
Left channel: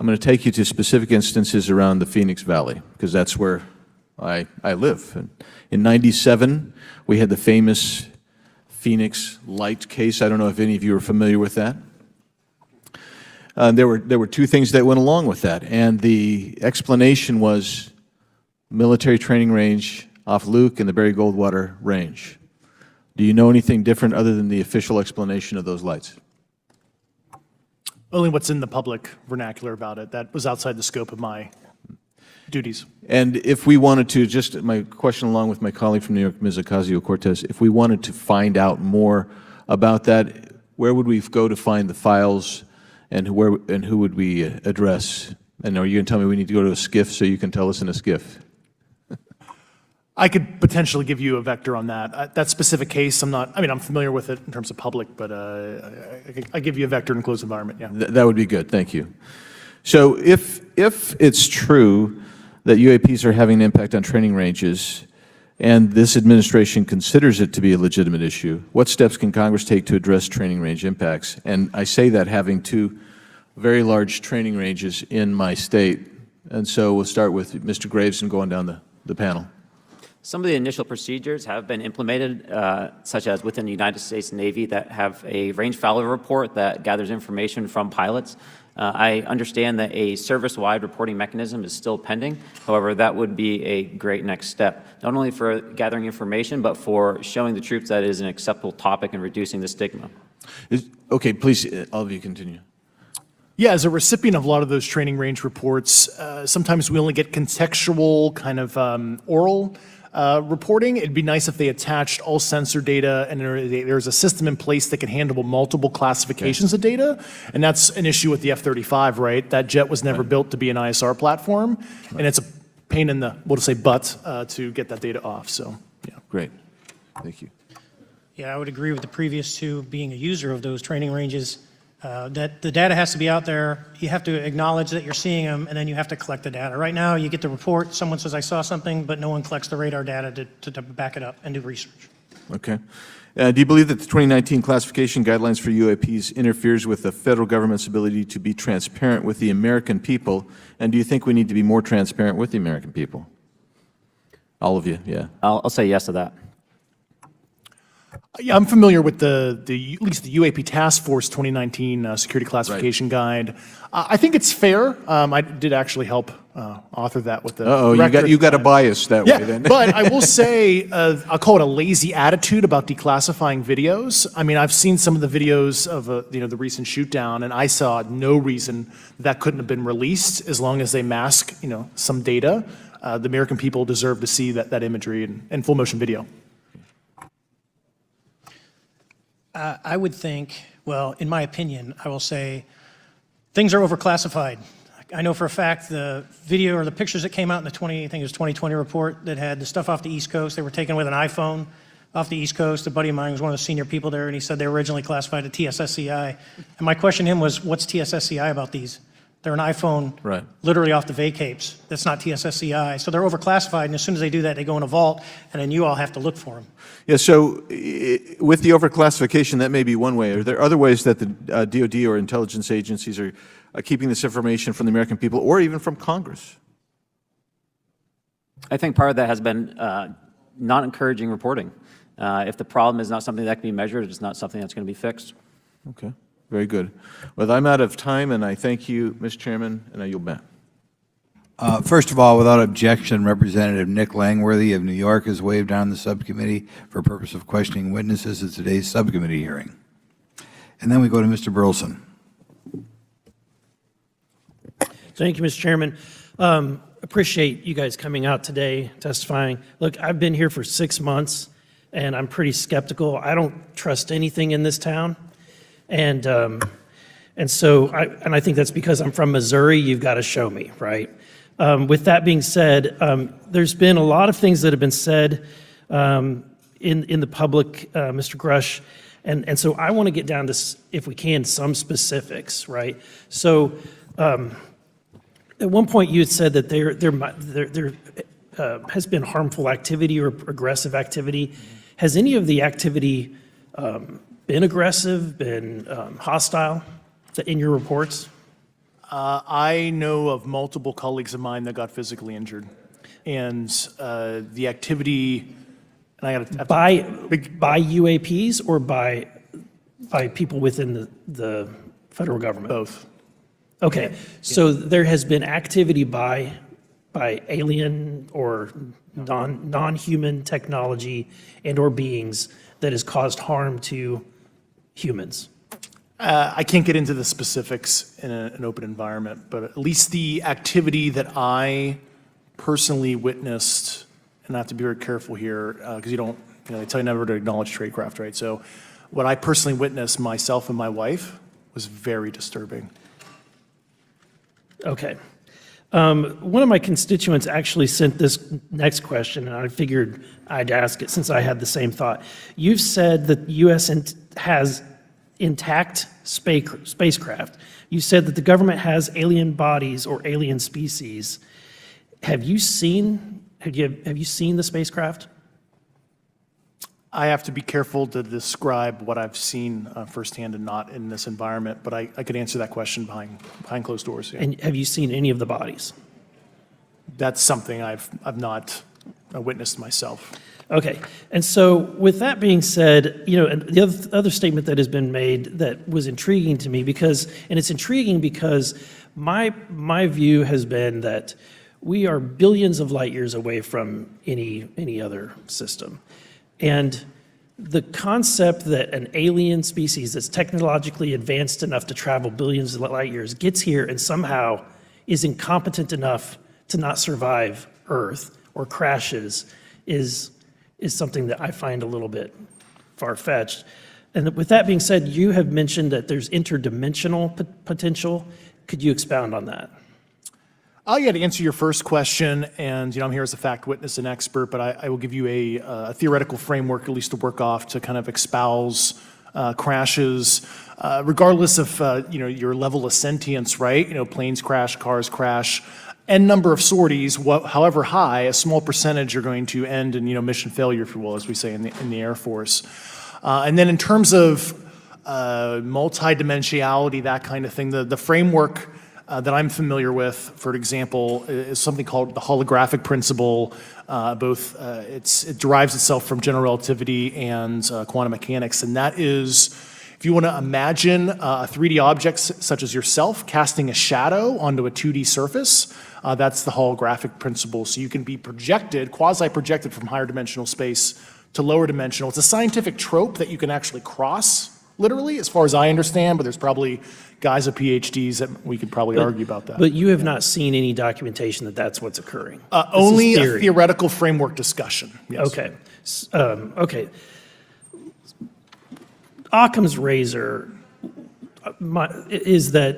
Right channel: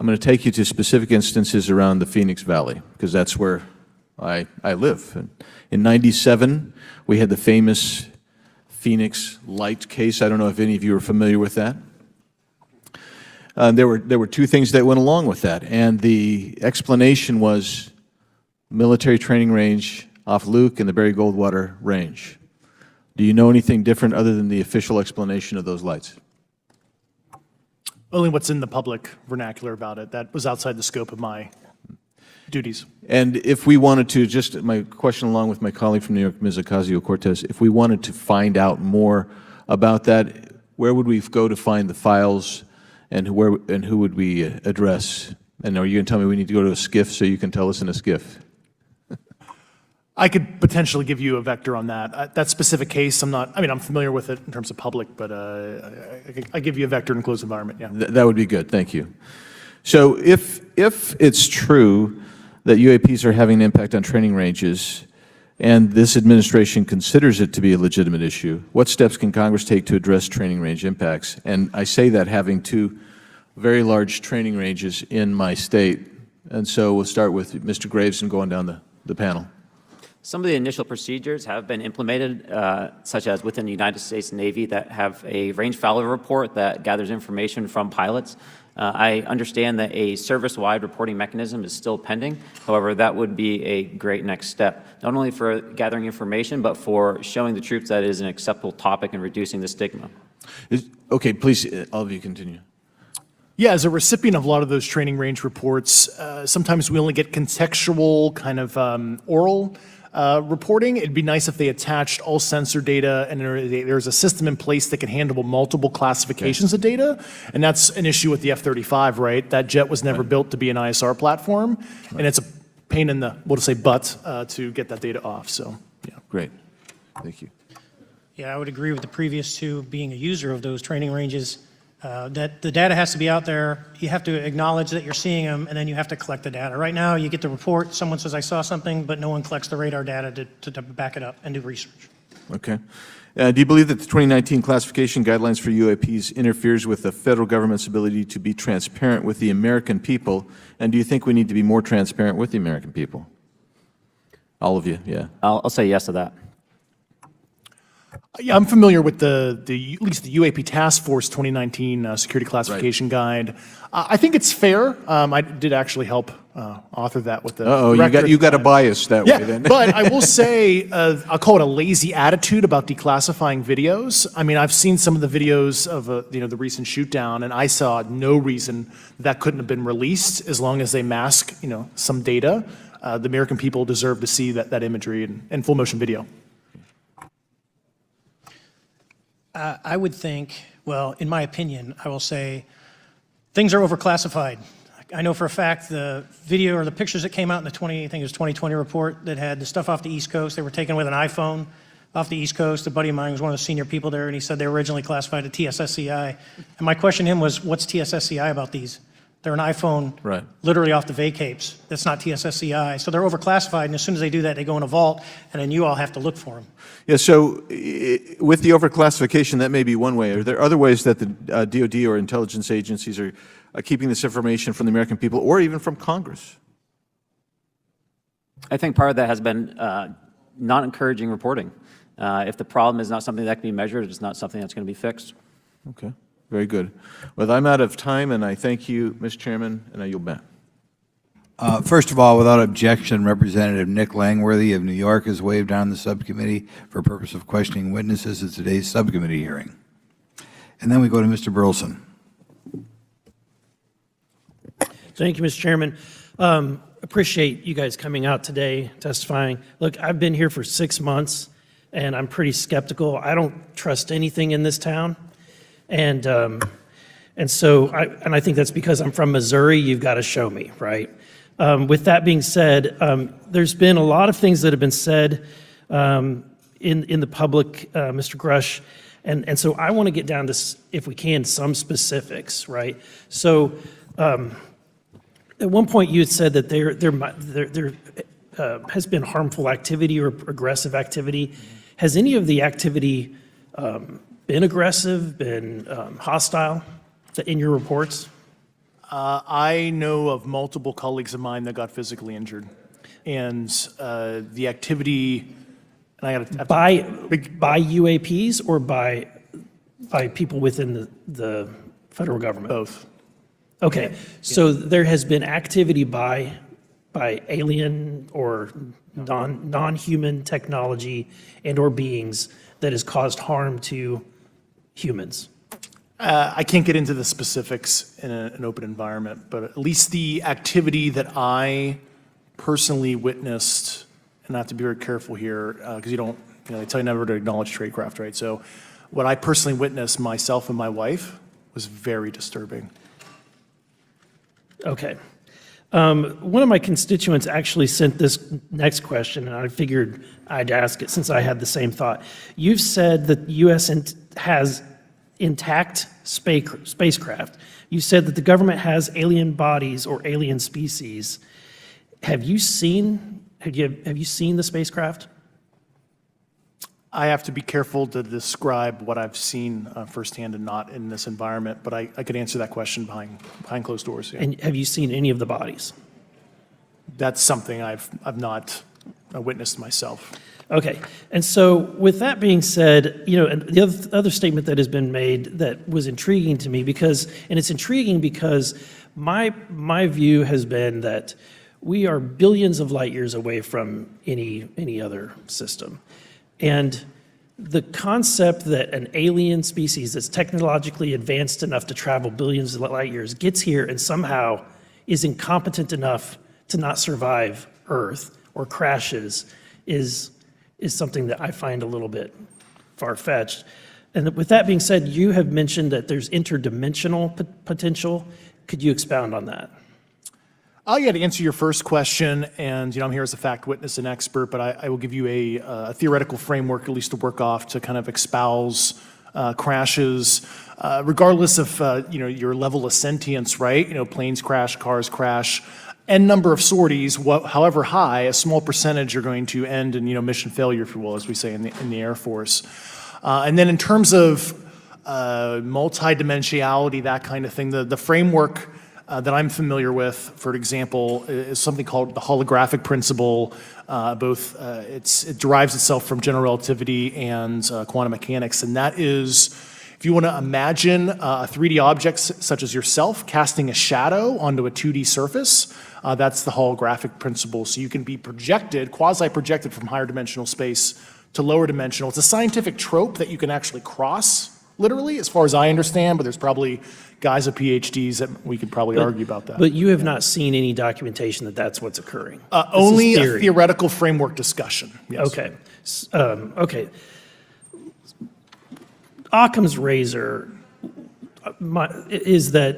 I'm going to take you to specific instances around the Phoenix Valley, because that's where I live. In '97, we had the famous Phoenix Light case. I don't know if any of you are familiar with that. There were two things that went along with that, and the explanation was military training range off Luke and the Barry Goldwater range. Do you know anything different other than the official explanation of those lights? Only what's in the public vernacular about it. That was outside the scope of my duties. And if we wanted to, just my question along with my colleague from New York, Ms. Ocasio-Cortez, if we wanted to find out more about that, where would we go to find the files, and who would we address? And are you going to tell me we need to go to a SCIF so you can tell us in a SCIF? I could potentially give you a vector on that. That specific case, I'm familiar with it in terms of public, but I give you a vector in a closed environment, yeah. That would be good, thank you. So if it's true that UAPs are having an impact on training ranges, and this administration considers it to be a legitimate issue, what steps can Congress take to address training range impacts? And I say that having two very large training ranges in my state. And so we'll start with Mr. Graves and going down the panel. Some of the initial procedures have been implemented, such as within the United States Navy, that have a range failure report that gathers information from pilots I understand that a service-wide reporting mechanism is still pending. However, that would be a great next step, not only for gathering information, but for showing the troops that it is an acceptable topic and reducing the stigma. Okay, please, all of you continue. Yeah, as a recipient of a lot of those training range reports, sometimes we only get contextual kind of oral reporting. It'd be nice if they attached all sensor data and there's a system in place that can handle multiple classifications of data. And that's an issue with the F-35, right? That jet was never built to be an ISR platform. And it's a pain in the, we'll just say butt, to get that data off, so. Yeah. Great, thank you. Yeah, I would agree with the previous two, being a user of those training ranges, that the data has to be out there. You have to acknowledge that you're seeing them, and then you have to collect the data. Right now, you get the report, someone says, I saw something, but no one collects the radar data to back it up and do research. Okay. Do you believe that the 2019 classification guidelines for UAPs interferes with the federal government's ability to be transparent with the American people? And do you think we need to be more transparent with the American people? All of you, yeah. I'll say yes to that. Yeah, I'm familiar with at least the UAP Task Force 2019 Security Classification Guide. I think it's fair. I did actually help author that with the director. You got a bias that way then. But I will say, I'll call it a lazy attitude about declassifying videos. I mean, I've seen some of the videos of the recent shoot down, and I saw no reason that couldn't have been released as long as they mask some data. The American people deserve to see that imagery and full motion video. I would think, well, in my opinion, I will say things are overclassified. I know for a fact the video or the pictures that came out in the 2020 report that had the stuff off the East Coast, they were taken with an iPhone off the East Coast. A buddy of mine was one of the senior people there, and he said they were originally classified at TSSCI. And my question to him was, what's TSSCI about these? They're an iPhone literally off the vacapes. That's not TSSCI. So they're overclassified, and as soon as they do that, they go in a vault, and then you all have to look for them. Yeah, so with the overclassification, that may be one way. Are there other ways that the DoD or intelligence agencies are keeping this information from the American people or even from Congress? I think part of that has been not encouraging reporting. If the problem is not something that can be measured, it's not something that's going to be fixed. Okay, very good. Well, I'm out of time, and I thank you, Mr. Chairman, and I yield back. First of all, without objection, Representative Nick Langworthy of New York has waived on the subcommittee for purpose of questioning witnesses at today's subcommittee hearing. And then we go to Mr. Burleson. Thank you, Mr. Chairman. Appreciate you guys coming out today, testifying. Look, I've been here for 6 months, and I'm pretty skeptical. I don't trust anything in this town. And so I think that's because I'm from Missouri. You've got to show me, right? With that being said, there's been a lot of things that have been said in the public, Mr. Grusch, and so I want to get down to, if we can, some specifics, right? So at one point you had said that there has been harmful activity or aggressive activity. Has any of the activity been aggressive, been hostile in your reports? I know of multiple colleagues of mine that got physically injured, and the activity. And by UAPs or by people within the federal government? Both. Okay, so there has been activity by alien or non-human technology and or beings that has caused harm to humans. I can't get into the specifics in an open environment, but at least the activity that I personally witnessed, and I have to be very careful here because you don't, it's never to acknowledge tradecraft, right? So what I personally witnessed myself and my wife was very disturbing. Okay. One of my constituents actually sent this next question, and I figured I'd ask it since I had the same thought. You've said that the U.S. has intact spacecraft. You said that the government has alien bodies or alien species. Have you seen the spacecraft? I have to be careful to describe what I've seen firsthand and not in this environment, but I could answer that question behind closed doors. Yeah. Have you seen any of the bodies? That's something I've not witnessed myself. Okay, and so with that being said, and the other statement that has been made that was intriguing to me and it's intriguing because my view has been that we are billions of light years away from any other system. And the concept that an alien species that's technologically advanced enough to travel billions of light years gets here and somehow is incompetent enough to not survive Earth or crashes is something that I find a little bit far-fetched. And with that being said, you have mentioned that there's interdimensional potential. Could you expound on that? Yeah, to answer your first question, and I'm here as a fact witness and expert, but I will give you a theoretical framework at least to work off to kind of espouse crashes, regardless of your level of sentience, right? Planes crash, cars crash, n number of sorties, however high, a small percentage are going to end in mission failure, as we say in the Air Force. And then in terms of multidimensionality, that kind of thing, the framework that I'm familiar with, for example, is something called the holographic principle. It derives itself from general relativity and quantum mechanics, and that is if you want to imagine 3D objects such as yourself casting a shadow onto a 2D surface. That's the holographic principle. So you can be projected, quasi-projected from higher dimensional space to lower dimensional. It's a scientific trope that you can actually cross, literally, as far as I understand, but there's probably guys with PhDs that we could probably argue about that. But you have not seen any documentation that that's what's occurring. Only a theoretical framework discussion. Yes. Okay. Okay. Occam's razor is that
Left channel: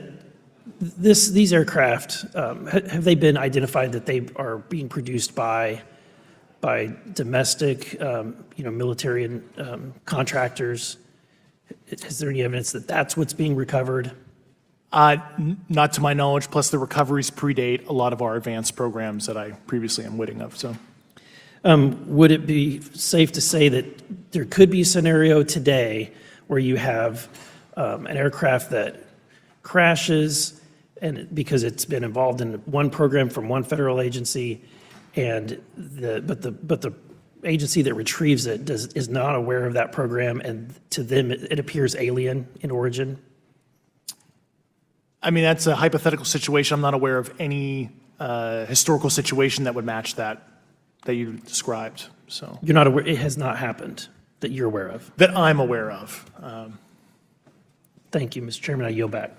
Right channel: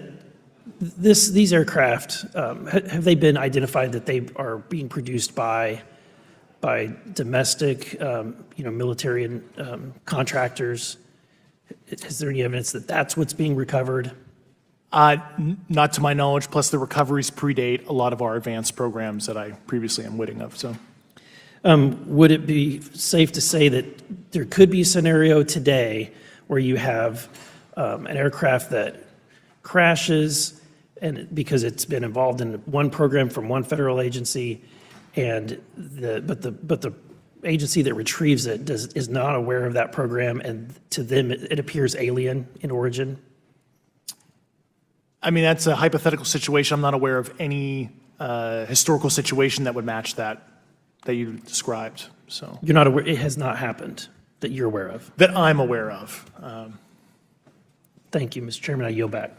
these aircraft, have they been identified that they are being produced by domestic, military and contractors? Is there any evidence that that's what's being recovered? Not to my knowledge, plus the recoveries predate a lot of our advanced programs that I previously am witting of. So, would it be safe to say that there could be a scenario today where you have an aircraft that crashes and because it's been involved in one program from one federal agency, but the agency that retrieves it is not aware of that program, and to them it appears alien in origin? I mean, that's a hypothetical situation. I'm not aware of any historical situation that would match that you described. So You're not aware, it has not happened that you're aware of? that I'm aware of. Thank you, Mr. Chairman. I yield back.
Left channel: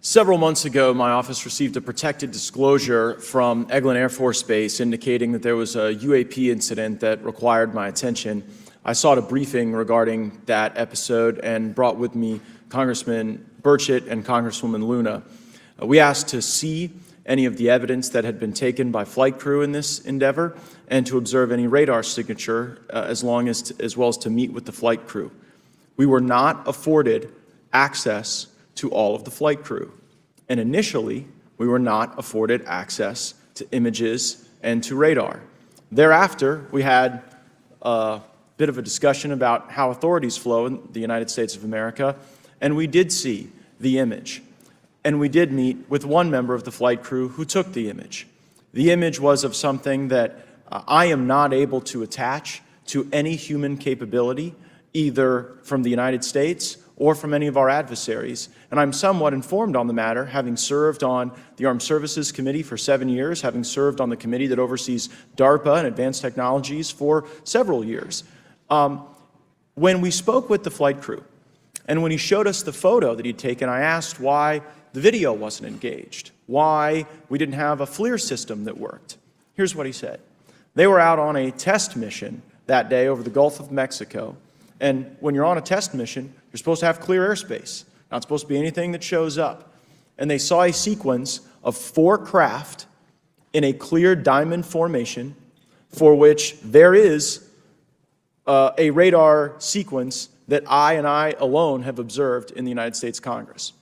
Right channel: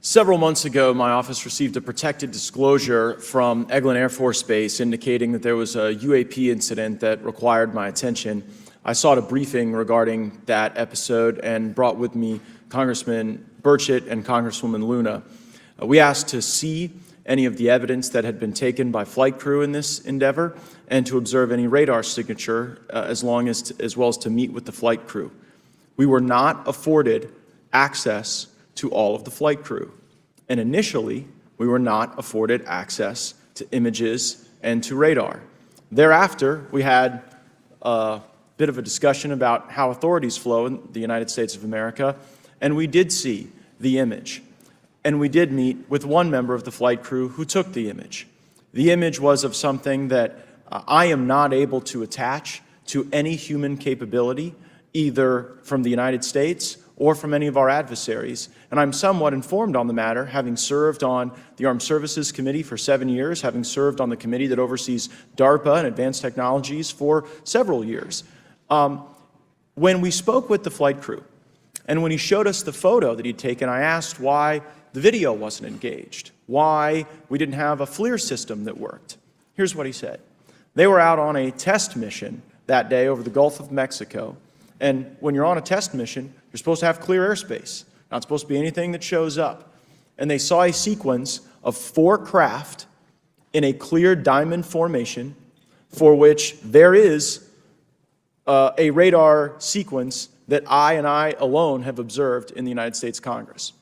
Several months ago, my office received a protected disclosure from Eglin Air Force Base indicating that there was a UAP incident that required my attention. I sought a briefing regarding that episode and brought with me Congressman Burchett and Congresswoman Luna. We asked to see any of the evidence that had been taken by flight crew in this endeavor and to observe any radar signature as well as to meet with the flight crew. We were not afforded access to all of the flight crew. And initially, we were not afforded access to images and to radar. Thereafter, we had a bit of a discussion about how authorities flow in the United States of America, and we did see the image. And we did meet with one member of the flight crew who took the image. The image was of something that I am not able to attach to any human capability, either from the United States or from any of our adversaries. And I'm somewhat informed on the matter, having served on the Armed Services Committee for 7 years, having served on the committee that oversees DARPA and advanced technologies for several years. When we spoke with the flight crew, and when he showed us the photo that he'd taken, I asked why the video wasn't engaged, why we didn't have a FLIR system that worked. Here's what he said. They were out on a test mission that day over the Gulf of Mexico, and when you're on a test mission, you're supposed to have clear airspace. Not supposed to be anything that shows up. And they saw a sequence of 4 craft in a clear diamond formation for which there is a radar sequence that I alone have observed in the United States Congress.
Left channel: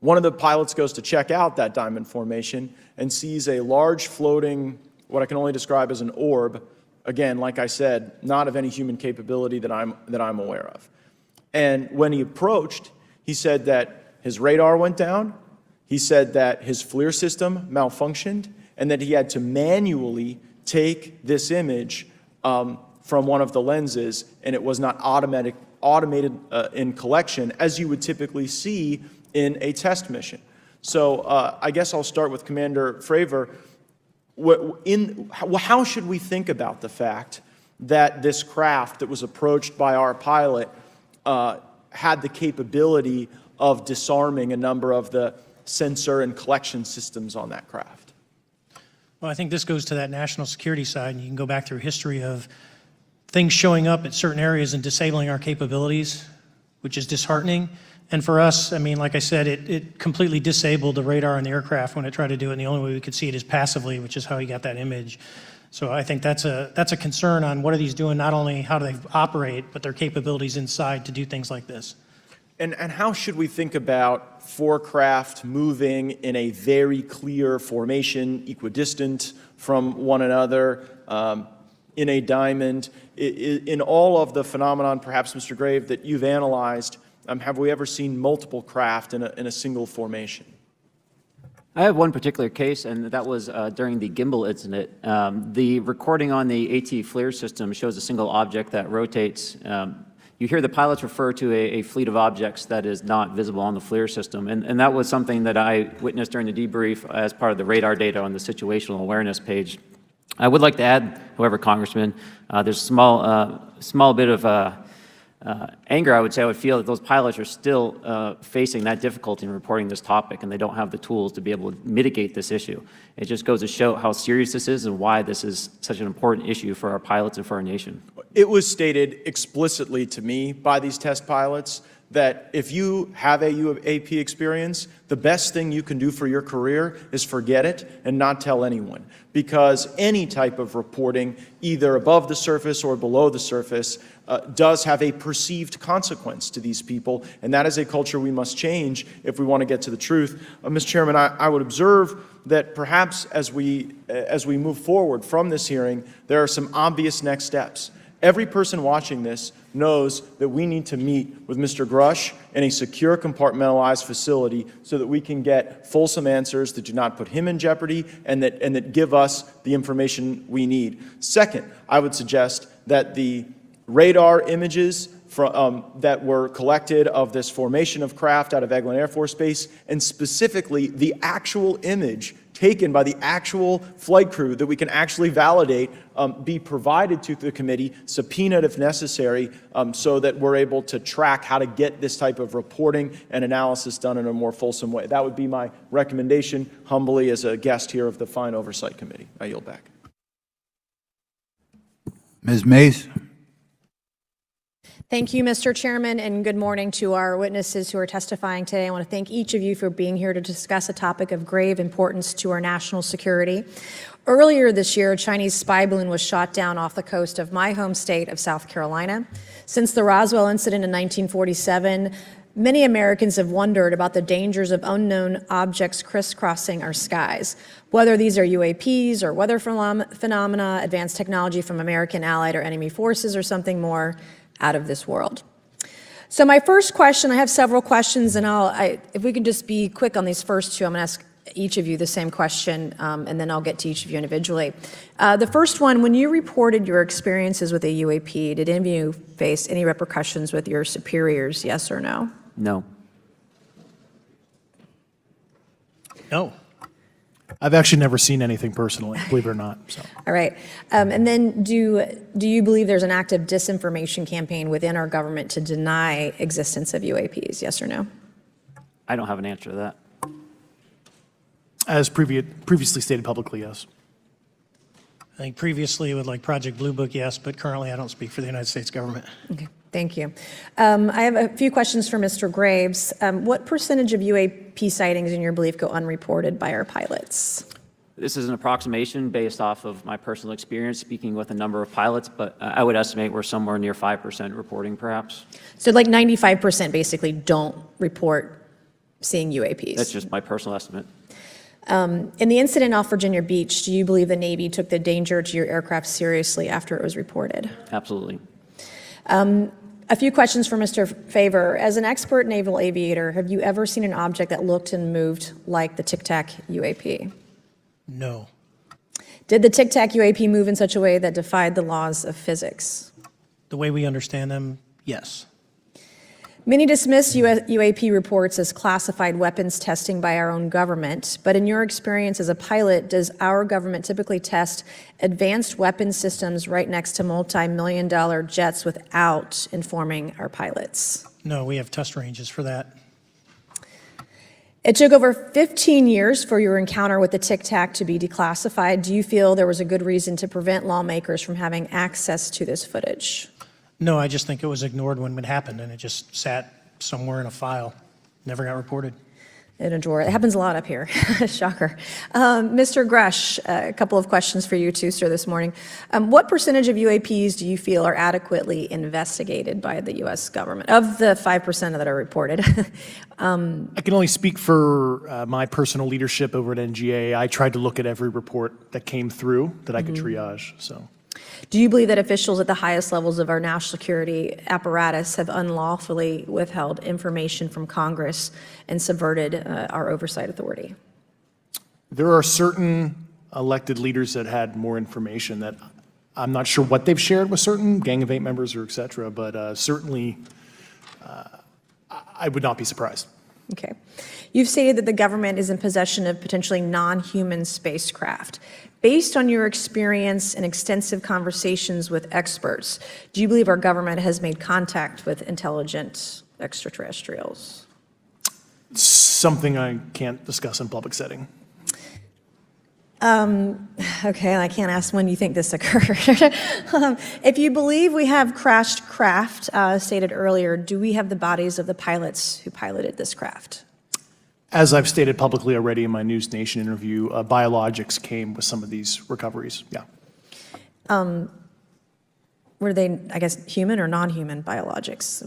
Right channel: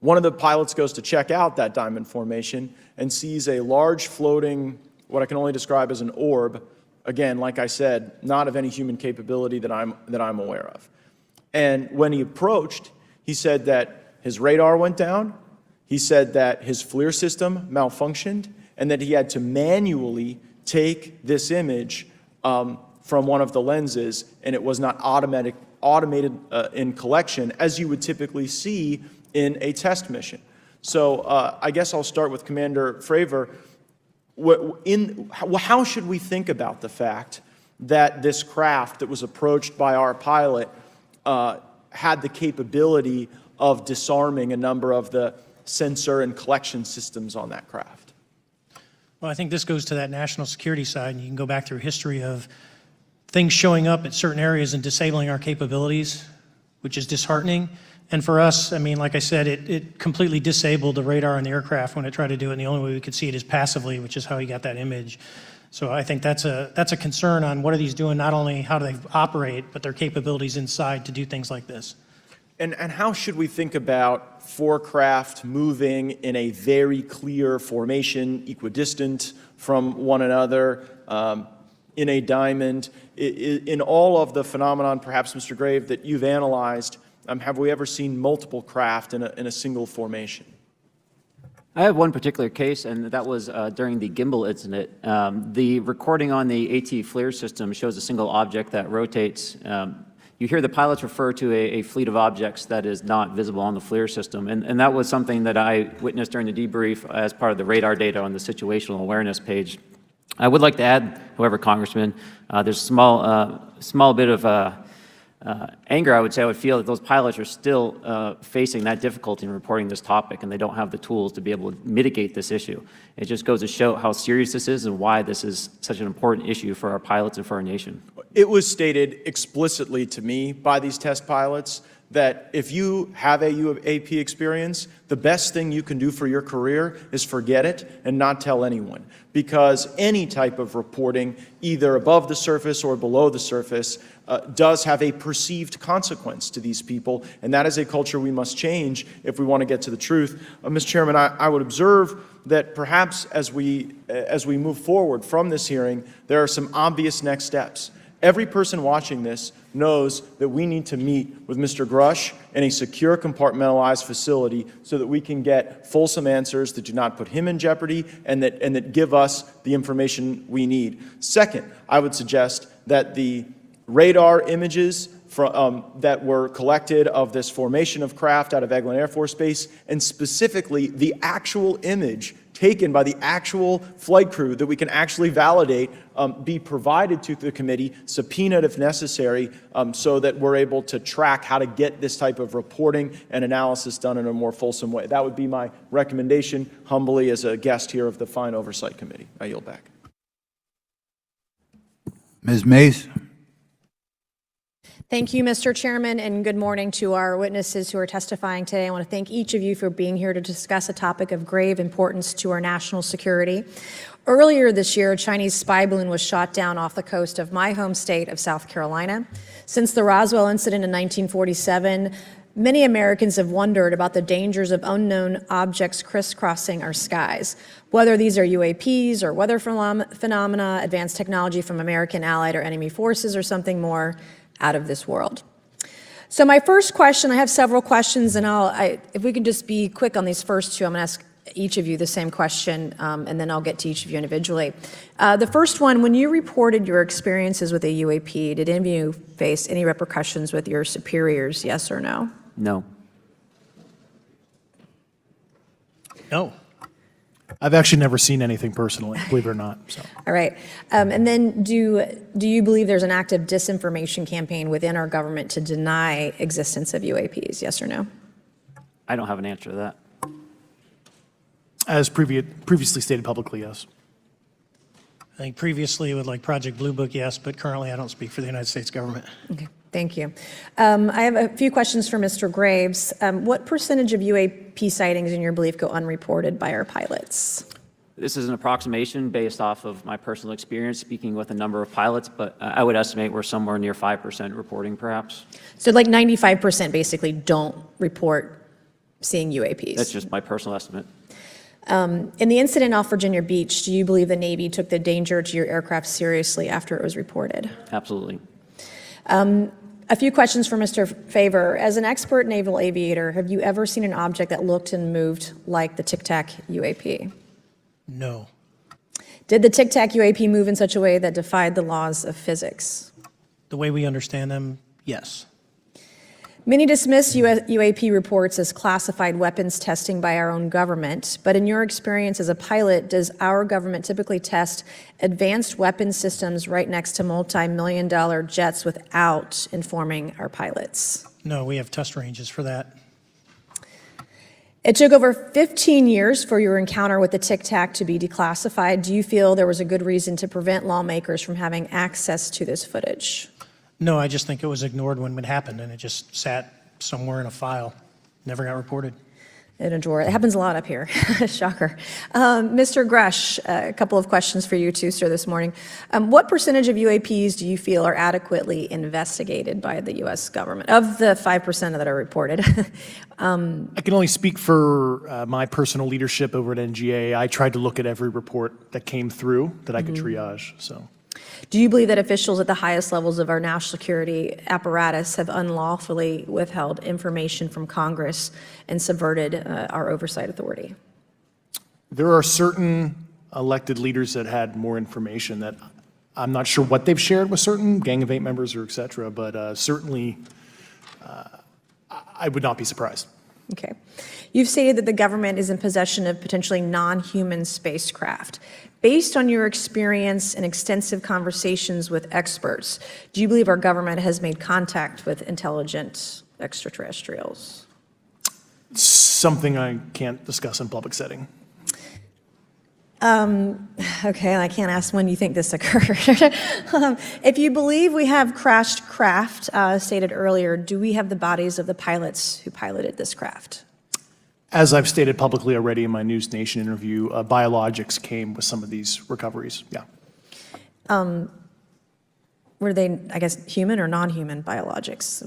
One of the pilots goes to check out that diamond formation and sees a large floating, what I can only describe as an orb. Again, like I said, not of any human capability that I'm aware of. And when he approached, he said that his radar went down, He said that his FLIR system malfunctioned and that he had to manually take this image from one of the lenses, and it was not automated in collection as you would typically see in a test mission. So I guess I'll start with Commander Fravor. How should we think about the fact that this craft that was approached by our pilot had the capability of disarming a number of the sensor and collection systems on that craft? Well, I think this goes to that national security side, and you can go back through history of things showing up at certain areas and disabling our capabilities, which is disheartening. And for us, I mean, like I said, it completely disabled the radar on the aircraft when it tried to do it, and the only way we could see it is passively, which is how he got that image. So I think that's a concern on what are these doing, not only how do they operate, but their capabilities inside to do things like this. And how should we think about four craft moving in a very clear formation, equidistant from one another, in a diamond? In all of the phenomenon, perhaps, Mr. Grave, that you've analyzed, have we ever seen multiple craft in a single formation? I have one particular case, and that was during the gimbal incident. The recording on the AT FLIR system shows a single object that rotates. You hear the pilots refer to a fleet of objects that is not visible on the FLIR system, and that was something that I witnessed during the debrief as part of the radar data on the situational awareness page. I would like to add, however, Congressman, there's a small bit of anger, I would say. I would feel that those pilots are still facing that difficulty in reporting this topic, and they don't have the tools to be able to mitigate this issue. It just goes to show how serious this is and why this is such an important issue for our pilots and for our nation. It was stated explicitly to me by these test pilots that if you have a UAP experience, the best thing you can do for your career is forget it and not tell anyone. Because any type of reporting, either above the surface or below the surface, does have a perceived consequence to these people, and that is a culture we must change if we want to get to the truth. Mr. Chairman, I would observe that perhaps as we move forward from this hearing, there are some obvious next steps. Every person watching this knows that we need to meet with Mr. Grusch in a secure, compartmentalized facility so that we can get fulsome answers that do not put him in jeopardy and that give us the information we need. Second, I would suggest that the radar images that were collected of this formation of craft out of Eglin Air Force Base, and specifically the actual image taken by the actual flight crew that we can actually validate, be provided to the committee, subpoenaed if necessary, so that we're able to track how to get this type of reporting and analysis done in a more fulsome way. That would be my recommendation, humbly, as a guest here of the Fine Oversight Committee. I yield back. Ms. Mays? Thank you, Mr. Chairman, and good morning to our witnesses who are testifying today. I want to thank each of you for being here to discuss a topic of grave importance to our national security. Earlier this year, a Chinese spy balloon was shot down off the coast of my home state of South Carolina. Since the Roswell incident in 1947, many Americans have wondered about the dangers of unknown objects crisscrossing our skies. Whether these are UAPs or weather phenomena, advanced technology from American allied or enemy forces, or something more out of this world. So my first question, I have several questions, and if we can just be quick on these first two, I'm going to ask each of you the same question, and then I'll get to each of you individually. The first one, when you reported your experiences with a UAP, did any of you face any repercussions with your superiors, yes or no? No. No. I've actually never seen anything personally, believe it or not. So. All right. And then do you believe there's an active disinformation campaign within our government to deny existence of UAPs, yes or no? I don't have an answer to that. As previously stated publicly, yes. I think previously with like Project Blue Book, yes, but currently I don't speak for the United States government. Okay, thank you. I have a few questions for Mr. Graves. What percentage of UAP sightings, in your belief, go unreported by our pilots? This is an approximation based off of my personal experience speaking with a number of pilots, but I would estimate we're somewhere near 5% reporting, perhaps. So like 95% basically don't report seeing UAPs. That's just my personal estimate. In the incident off Virginia Beach, do you believe the Navy took the danger to your aircraft seriously after it was reported? Absolutely. A few questions for Mr. Favor. As an expert naval aviator, have you ever seen an object that looked and moved like the Tic Tac UAP? No. Did the Tic Tac UAP move in such a way that defied the laws of physics? The way we understand them, yes. Many dismiss UAP reports as classified weapons testing by our own government, but in your experience as a pilot, does our government typically test advanced weapon systems right next to multi-million-dollar jets without informing our pilots? No, we have test ranges for that. It took over 15 years for your encounter with the Tic Tac to be declassified. Do you feel there was a good reason to prevent lawmakers from having access to this footage? No, I just think it was ignored when it happened, and it just sat somewhere in a file. Never got reported. In a drawer. It happens a lot up here. Shocker. Mr. Grusch, a couple of questions for you too, sir, this morning. What percentage of UAPs do you feel are adequately investigated by the U.S. government, of the 5% that are reported? I can only speak for my personal leadership over at NGA. I tried to look at every report that came through that I could triage, so. Do you believe that officials at the highest levels of our national security apparatus have unlawfully withheld information from Congress and subverted our oversight authority? There are certain elected leaders that had more information that I'm not sure what they've shared with certain Gang of Eight members or et cetera, but certainly I would not be surprised. Okay. You've stated that the government is in possession of potentially non-human spacecraft. Based on your experience and extensive conversations with experts, do you believe our government has made contact with intelligent extraterrestrials? Something I can't discuss in public setting. Okay, I can't ask when you think this occurred. If you believe we have crashed craft, stated earlier, do we have the bodies of the pilots who piloted this craft? As I've stated publicly already in my News Nation interview, biologics came with some of these recoveries, yeah. Were they, I guess, human or non-human biologics?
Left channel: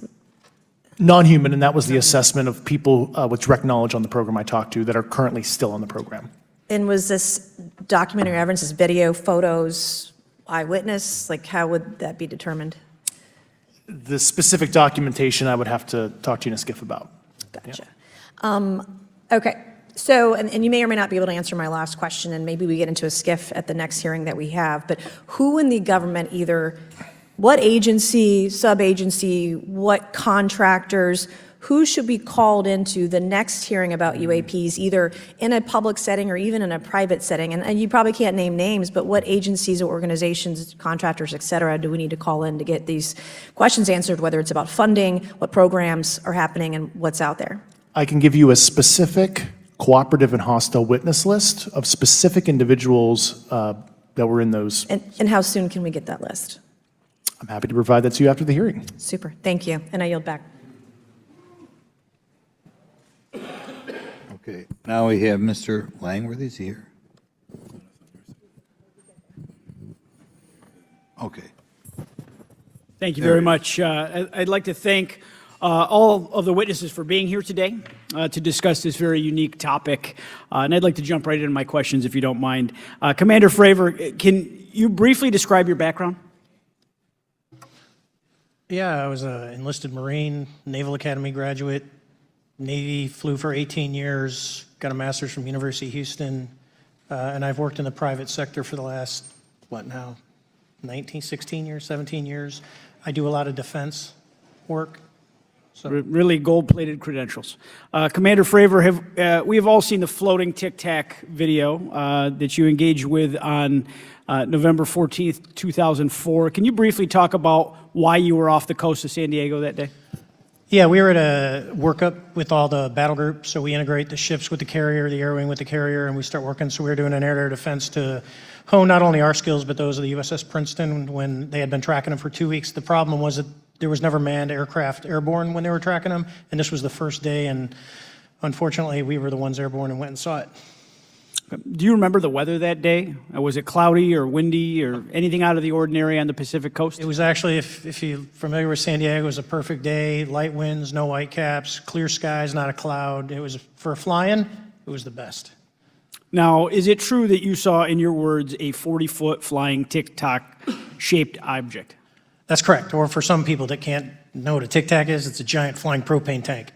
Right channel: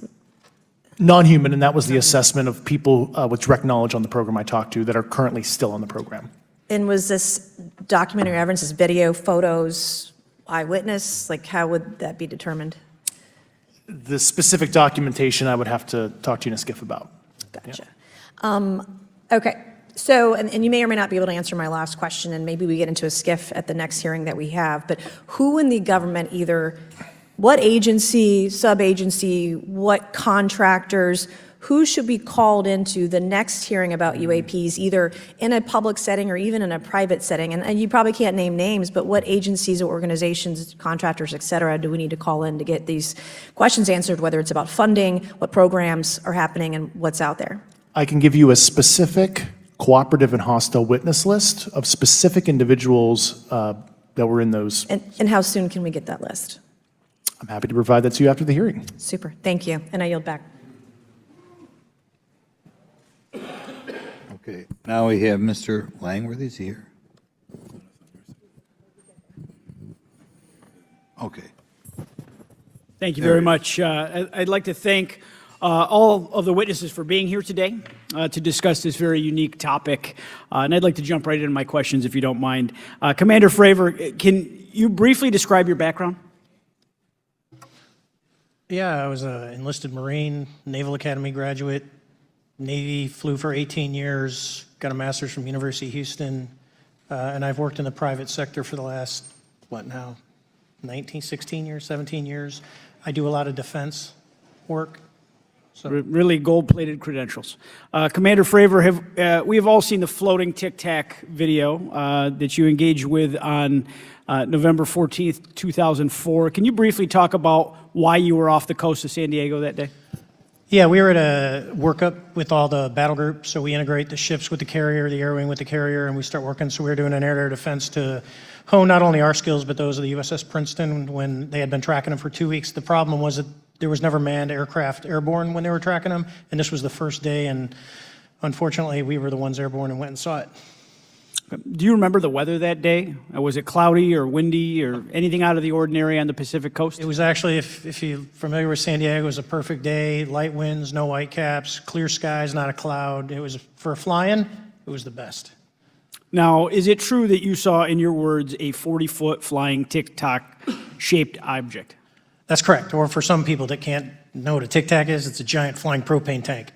Non-human, and that was the assessment of people with direct knowledge on the program I talked to that are currently still on the program. And was this documentary evidence, this video, photos, eyewitness? Like, how would that be determined? The specific documentation I would have to talk to you in a skiff about. Gotcha. Okay, so, and you may or may not be able to answer my last question, and maybe we get into a skiff at the next hearing that we have, but who in the government, either what agency, sub-agency, what contractors, who should be called into the next hearing about UAPs, either in a public setting or even in a private setting? And you probably can't name names, but what agencies or organizations, contractors, et cetera, do we need to call in to get these questions answered, whether it's about funding, what programs are happening, and what's out there? I can give you a specific cooperative and hostile witness list of specific individuals that were in those. And how soon can we get that list? I'm happy to provide that to you after the hearing. Super, thank you, and I yield back. Okay, now we have Mr. Langworthy, is he here? Okay. Thank you very much. I'd like to thank all of the witnesses for being here today to discuss this very unique topic. And I'd like to jump right into my questions, if you don't mind. Commander Fravor, can you briefly describe your background? Yeah, I was an enlisted Marine, Naval Academy graduate, Navy, flew for 18 years, got a master's from University of Houston, and I've worked in the private sector for the last, 16 years, 17 years. I do a lot of defense work. So really gold-plated credentials. Commander Fravor, we have all seen the floating Tic Tac video that you engaged with on November 14th, 2004. Can you briefly talk about why you were off the coast of San Diego that day? Yeah, we were at a workup with all the battle groups, so we integrate the ships with the carrier, the air wing with the carrier, and we start working. So we were doing an air-to-air defense to hone not only our skills, but those of the USS Princeton when they had been tracking them for 2 weeks. The problem was that there was never manned aircraft airborne when they were tracking them, and this was the first day, and unfortunately, we were the ones airborne and went and saw it. Do you remember the weather that day? Was it cloudy or windy or anything out of the ordinary on the Pacific coast? It was actually, if you're familiar with San Diego, it was a perfect day, light winds, no whitecaps, clear skies, not a cloud. It was, for flying, it was the best. Now, is it true that you saw, in your words, a 40-foot flying Tic Tac shaped object? That's correct, or for some people that can't know what a Tic Tac is? It's a giant flying propane tank.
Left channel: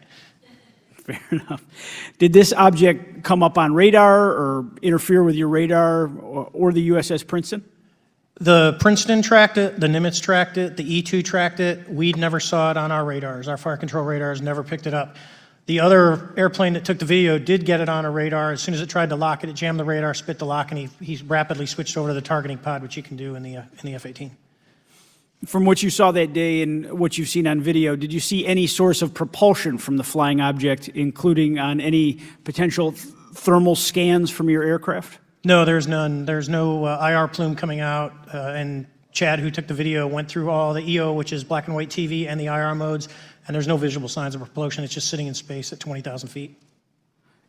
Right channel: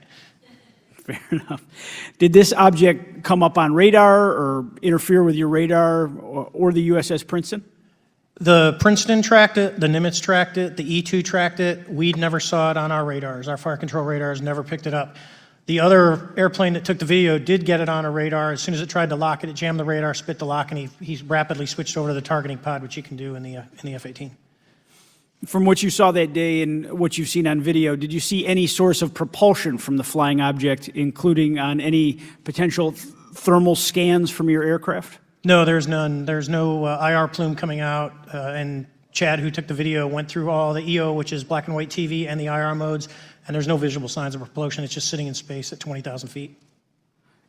Fair enough. Did this object come up on radar or interfere with your radar or the USS Princeton? The Princeton tracked it, the Nimitz tracked it, the E-2 tracked it. We never saw it on our radars. Our fire control radars never picked it up. The other airplane that took the video did get it on a radar. As soon as it tried to lock it, it jammed the radar, spit the lock, and he rapidly switched over to the targeting pod, which you can do in the F-18. From what you saw that day and what you've seen on video, did you see any source of propulsion from the flying object, including on any potential thermal scans from your aircraft? No, there's none. There's no IR plume coming out. And Chad, who took the video, went through all the EO, which is black and white TV, and the IR modes, and there's no visible signs of propulsion. It's just sitting in space at 20,000 feet.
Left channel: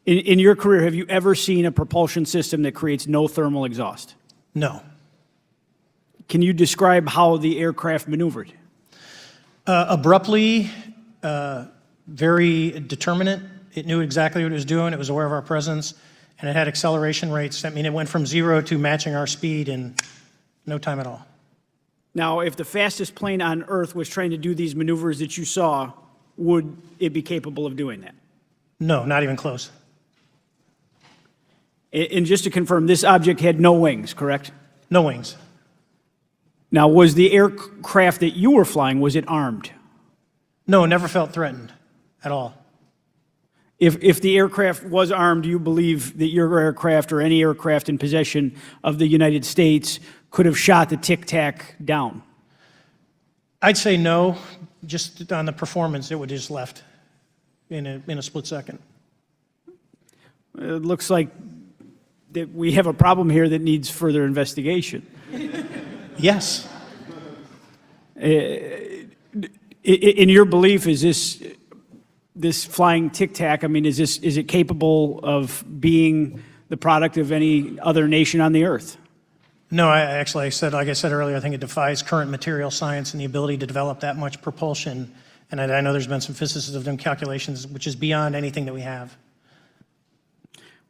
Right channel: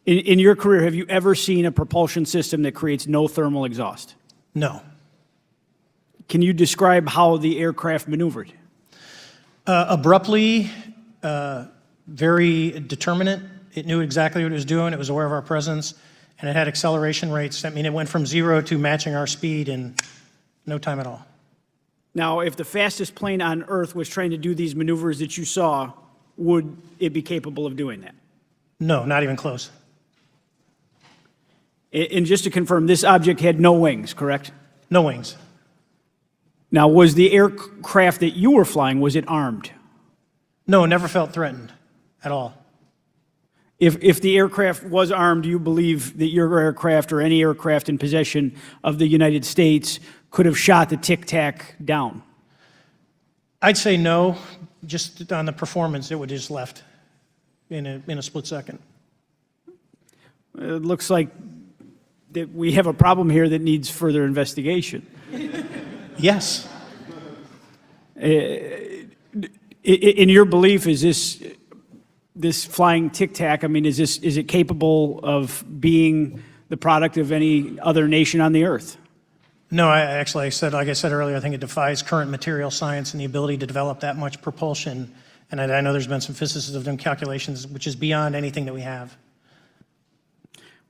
In your career, have you ever seen a propulsion system that creates no thermal exhaust? No. Can you describe how the aircraft maneuvered? Abruptly, very determinate. It knew exactly what it was doing. It was aware of our presence. And it had acceleration rates. I mean, it went from 0 to matching our speed in no time at all. Now, if the fastest plane on Earth was trying to do these maneuvers that you saw, would it be capable of doing that? No, not even close. And just to confirm, this object had no wings, correct? No wings. Now, was the aircraft that you were flying, was it armed? No, never felt threatened at all. If the aircraft was armed, do you believe that your aircraft or any aircraft in possession of the United States could have shot the Tic Tac down? I'd say no. Just on the performance, it would have just left in a split second. It looks like that we have a problem here that needs further investigation. Yes. In your belief, is this flying Tic Tac, I mean, is it capable of being the product of any other nation on the Earth? No, like I said earlier, I think it defies current material science and the ability to develop that much propulsion. And I know there's been some physicists who have done calculations, which is beyond anything that we have.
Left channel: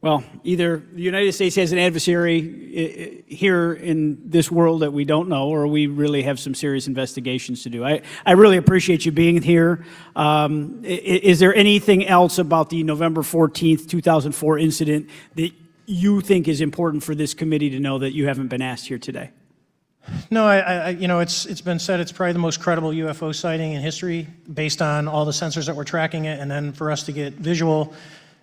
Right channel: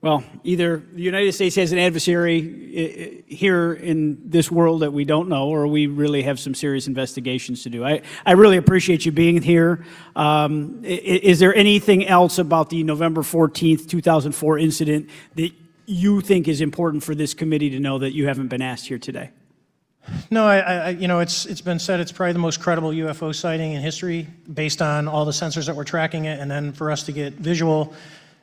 Well, either the United States has an adversary here in this world that we don't know, or we really have some serious investigations to do. I really appreciate you being here. Is there anything else about the November 14th, 2004 incident that you think is important for this committee to know that you haven't been asked here today? No, it's been said it's probably the most credible UFO sighting in history based on all the sensors that were tracking it, and then for us to get visual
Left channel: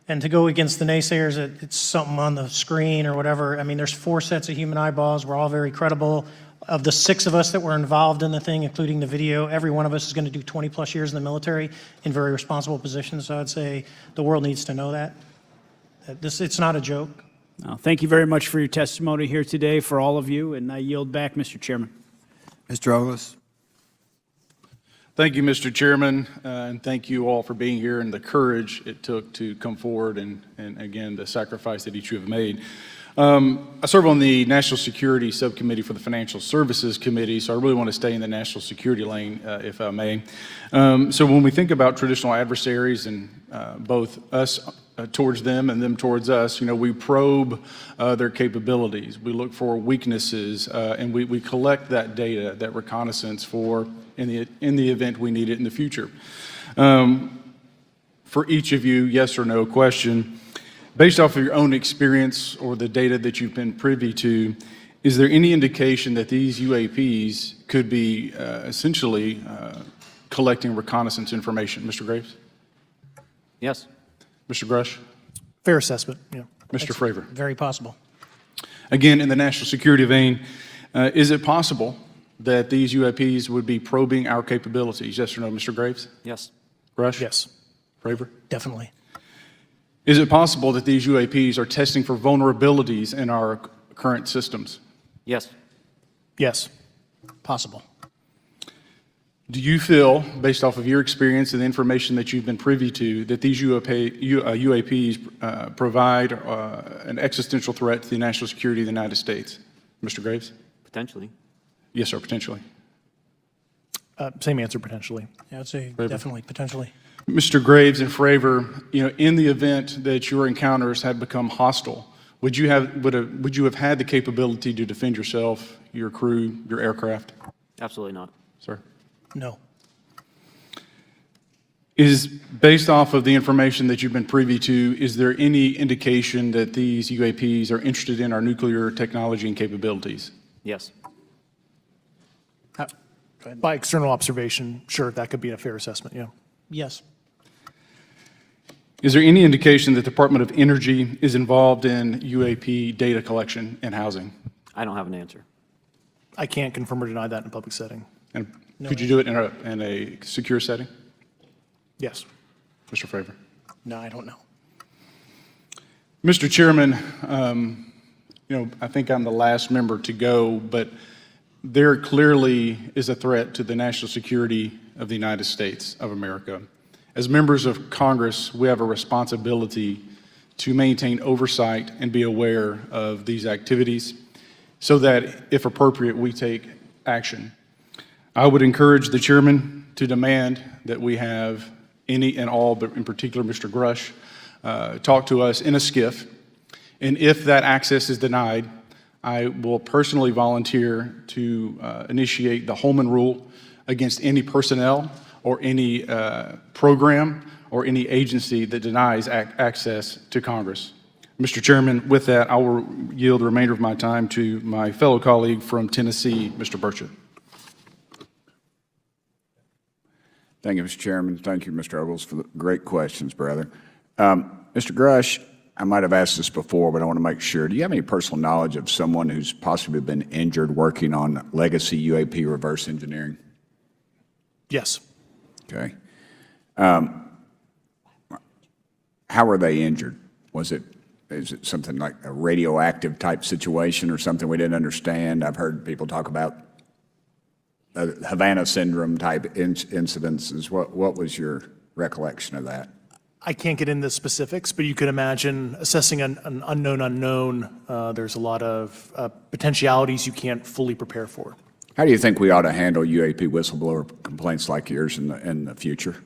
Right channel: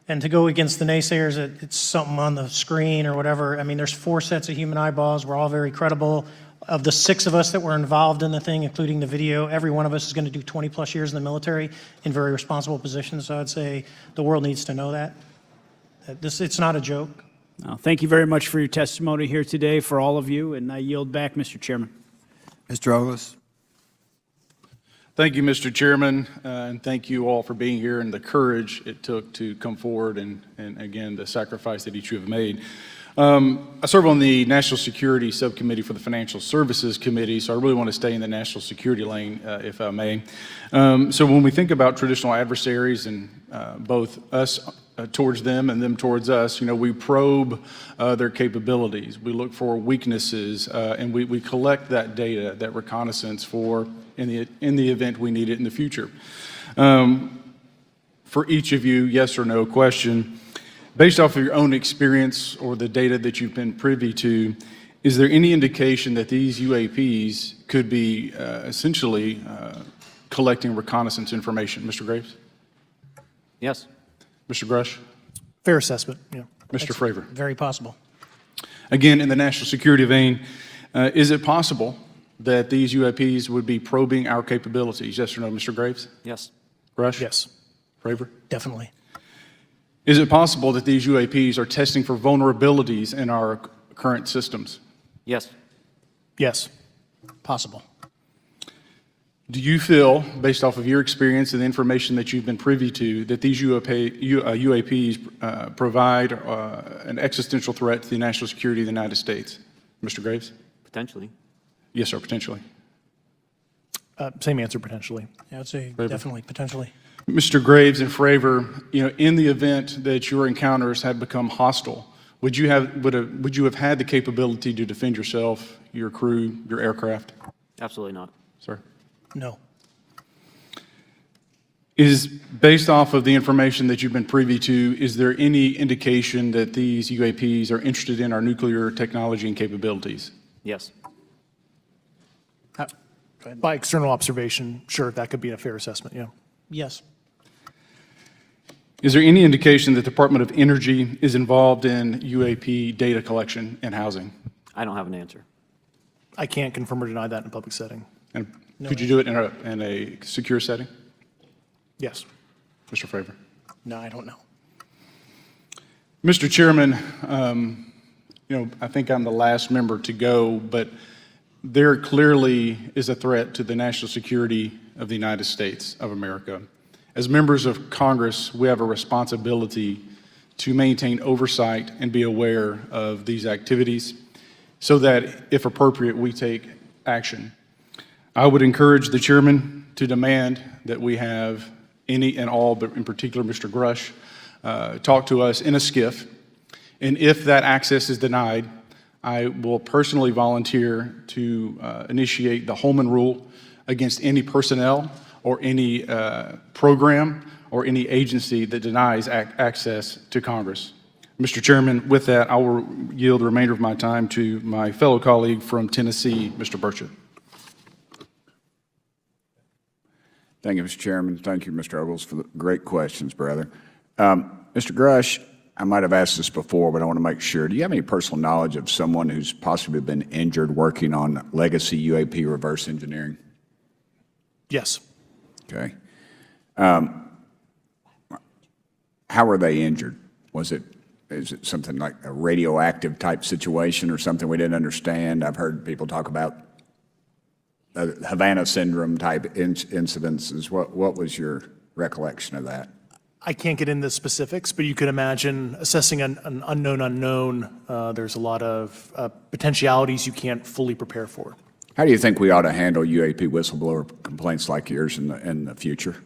and to go against the naysayers that it's something on the screen or whatever. I mean, there's 4 sets of human eyeballs. We're all very credible. Of the 6 of us that were involved in the thing, including the video, every one of us is going to do 20 plus years in the military in very responsible positions. So I'd say the world needs to know that. It's not a joke. Well, thank you very much for your testimony here today for all of you, and I yield back, Mr. Chairman. Mr. Ogles? Thank you, Mr. Chairman, and thank you all for being here and the courage it took to come forward and again, the sacrifice that each of you have made. I serve on the National Security Subcommittee for the Financial Services Committee, so I really want to stay in the national security lane, if I may. So when we think about traditional adversaries and both us towards them and them towards us, we probe their capabilities. We look for weaknesses, and we collect that data, that reconnaissance for in the event we need it in the future. For each of you, yes or no question, based off of your own experience or the data that you've been privy to, is there any indication that these UAPs could be essentially collecting reconnaissance information? Mr. Graves? Yes. Mr. Grusch? Fair assessment, yeah. Mr. Fravor? Very possible. Again, in the national security vein, is it possible that these UAPs would be probing our capabilities? Yes or no, Mr. Graves? Yes. Grusch? Yes. Fravor? Definitely. Is it possible that these UAPs are testing for vulnerabilities in our current systems? Yes. Yes. Possible. Do you feel, based off of your experience and the information that you've been privy to, that these UAPs provide an existential threat to the national security of the United States? Mr. Graves? Potentially. Yes, sir, potentially. Same answer, potentially. Yeah, I'd say Fravor? definitely, potentially. Mr. Graves and Fravor, in the event that your encounters had become hostile, would you have had the capability to defend yourself, your crew, your aircraft? Absolutely not. Sir? No. Is, based off of the information that you've been privy to, is there any indication that these UAPs are interested in our nuclear technology and capabilities? Yes. By external observation, sure, that could be a fair assessment, yeah. Yes. Is there any indication that the Department of Energy is involved in UAP data collection and housing? I don't have an answer. I can't confirm or deny that in a public setting. And could you do it in a secure setting? Yes. Mr. Favor. No, I don't know. Mr. Chairman, I think I'm the last member to go, but there clearly is a threat to the national security of the United States of America. As members of Congress, we have a responsibility to maintain oversight and be aware of these activities so that, if appropriate, we take action. I would encourage the chairman to demand that we have any and all, but in particular Mr. Grusch, talk to us in a skiff. And if that access is denied, I will personally volunteer to initiate the Holman Rule against any personnel or any program or any agency that denies access to Congress. Mr. Chairman, with that, I will yield the remainder of my time to my fellow colleague from Tennessee, Mr. Burchett. Thank you, Mr. Chairman. Thank you, Mr. Ogles, for the great questions, brother. Mr. Grusch, I might have asked this before, but I want to make sure. Do you have any personal knowledge of someone who's possibly been injured working on legacy UAP reverse engineering? Yes. Okay. How were they injured? Is it something like a radioactive type situation or something we didn't understand? I've heard people talk about Havana syndrome type incidences. What was your recollection of that? I can't get into specifics, but you could imagine assessing an unknown unknown. There's a lot of potentialities you can't fully prepare for. How do you think we ought to handle UAP whistleblower complaints like yours in the future?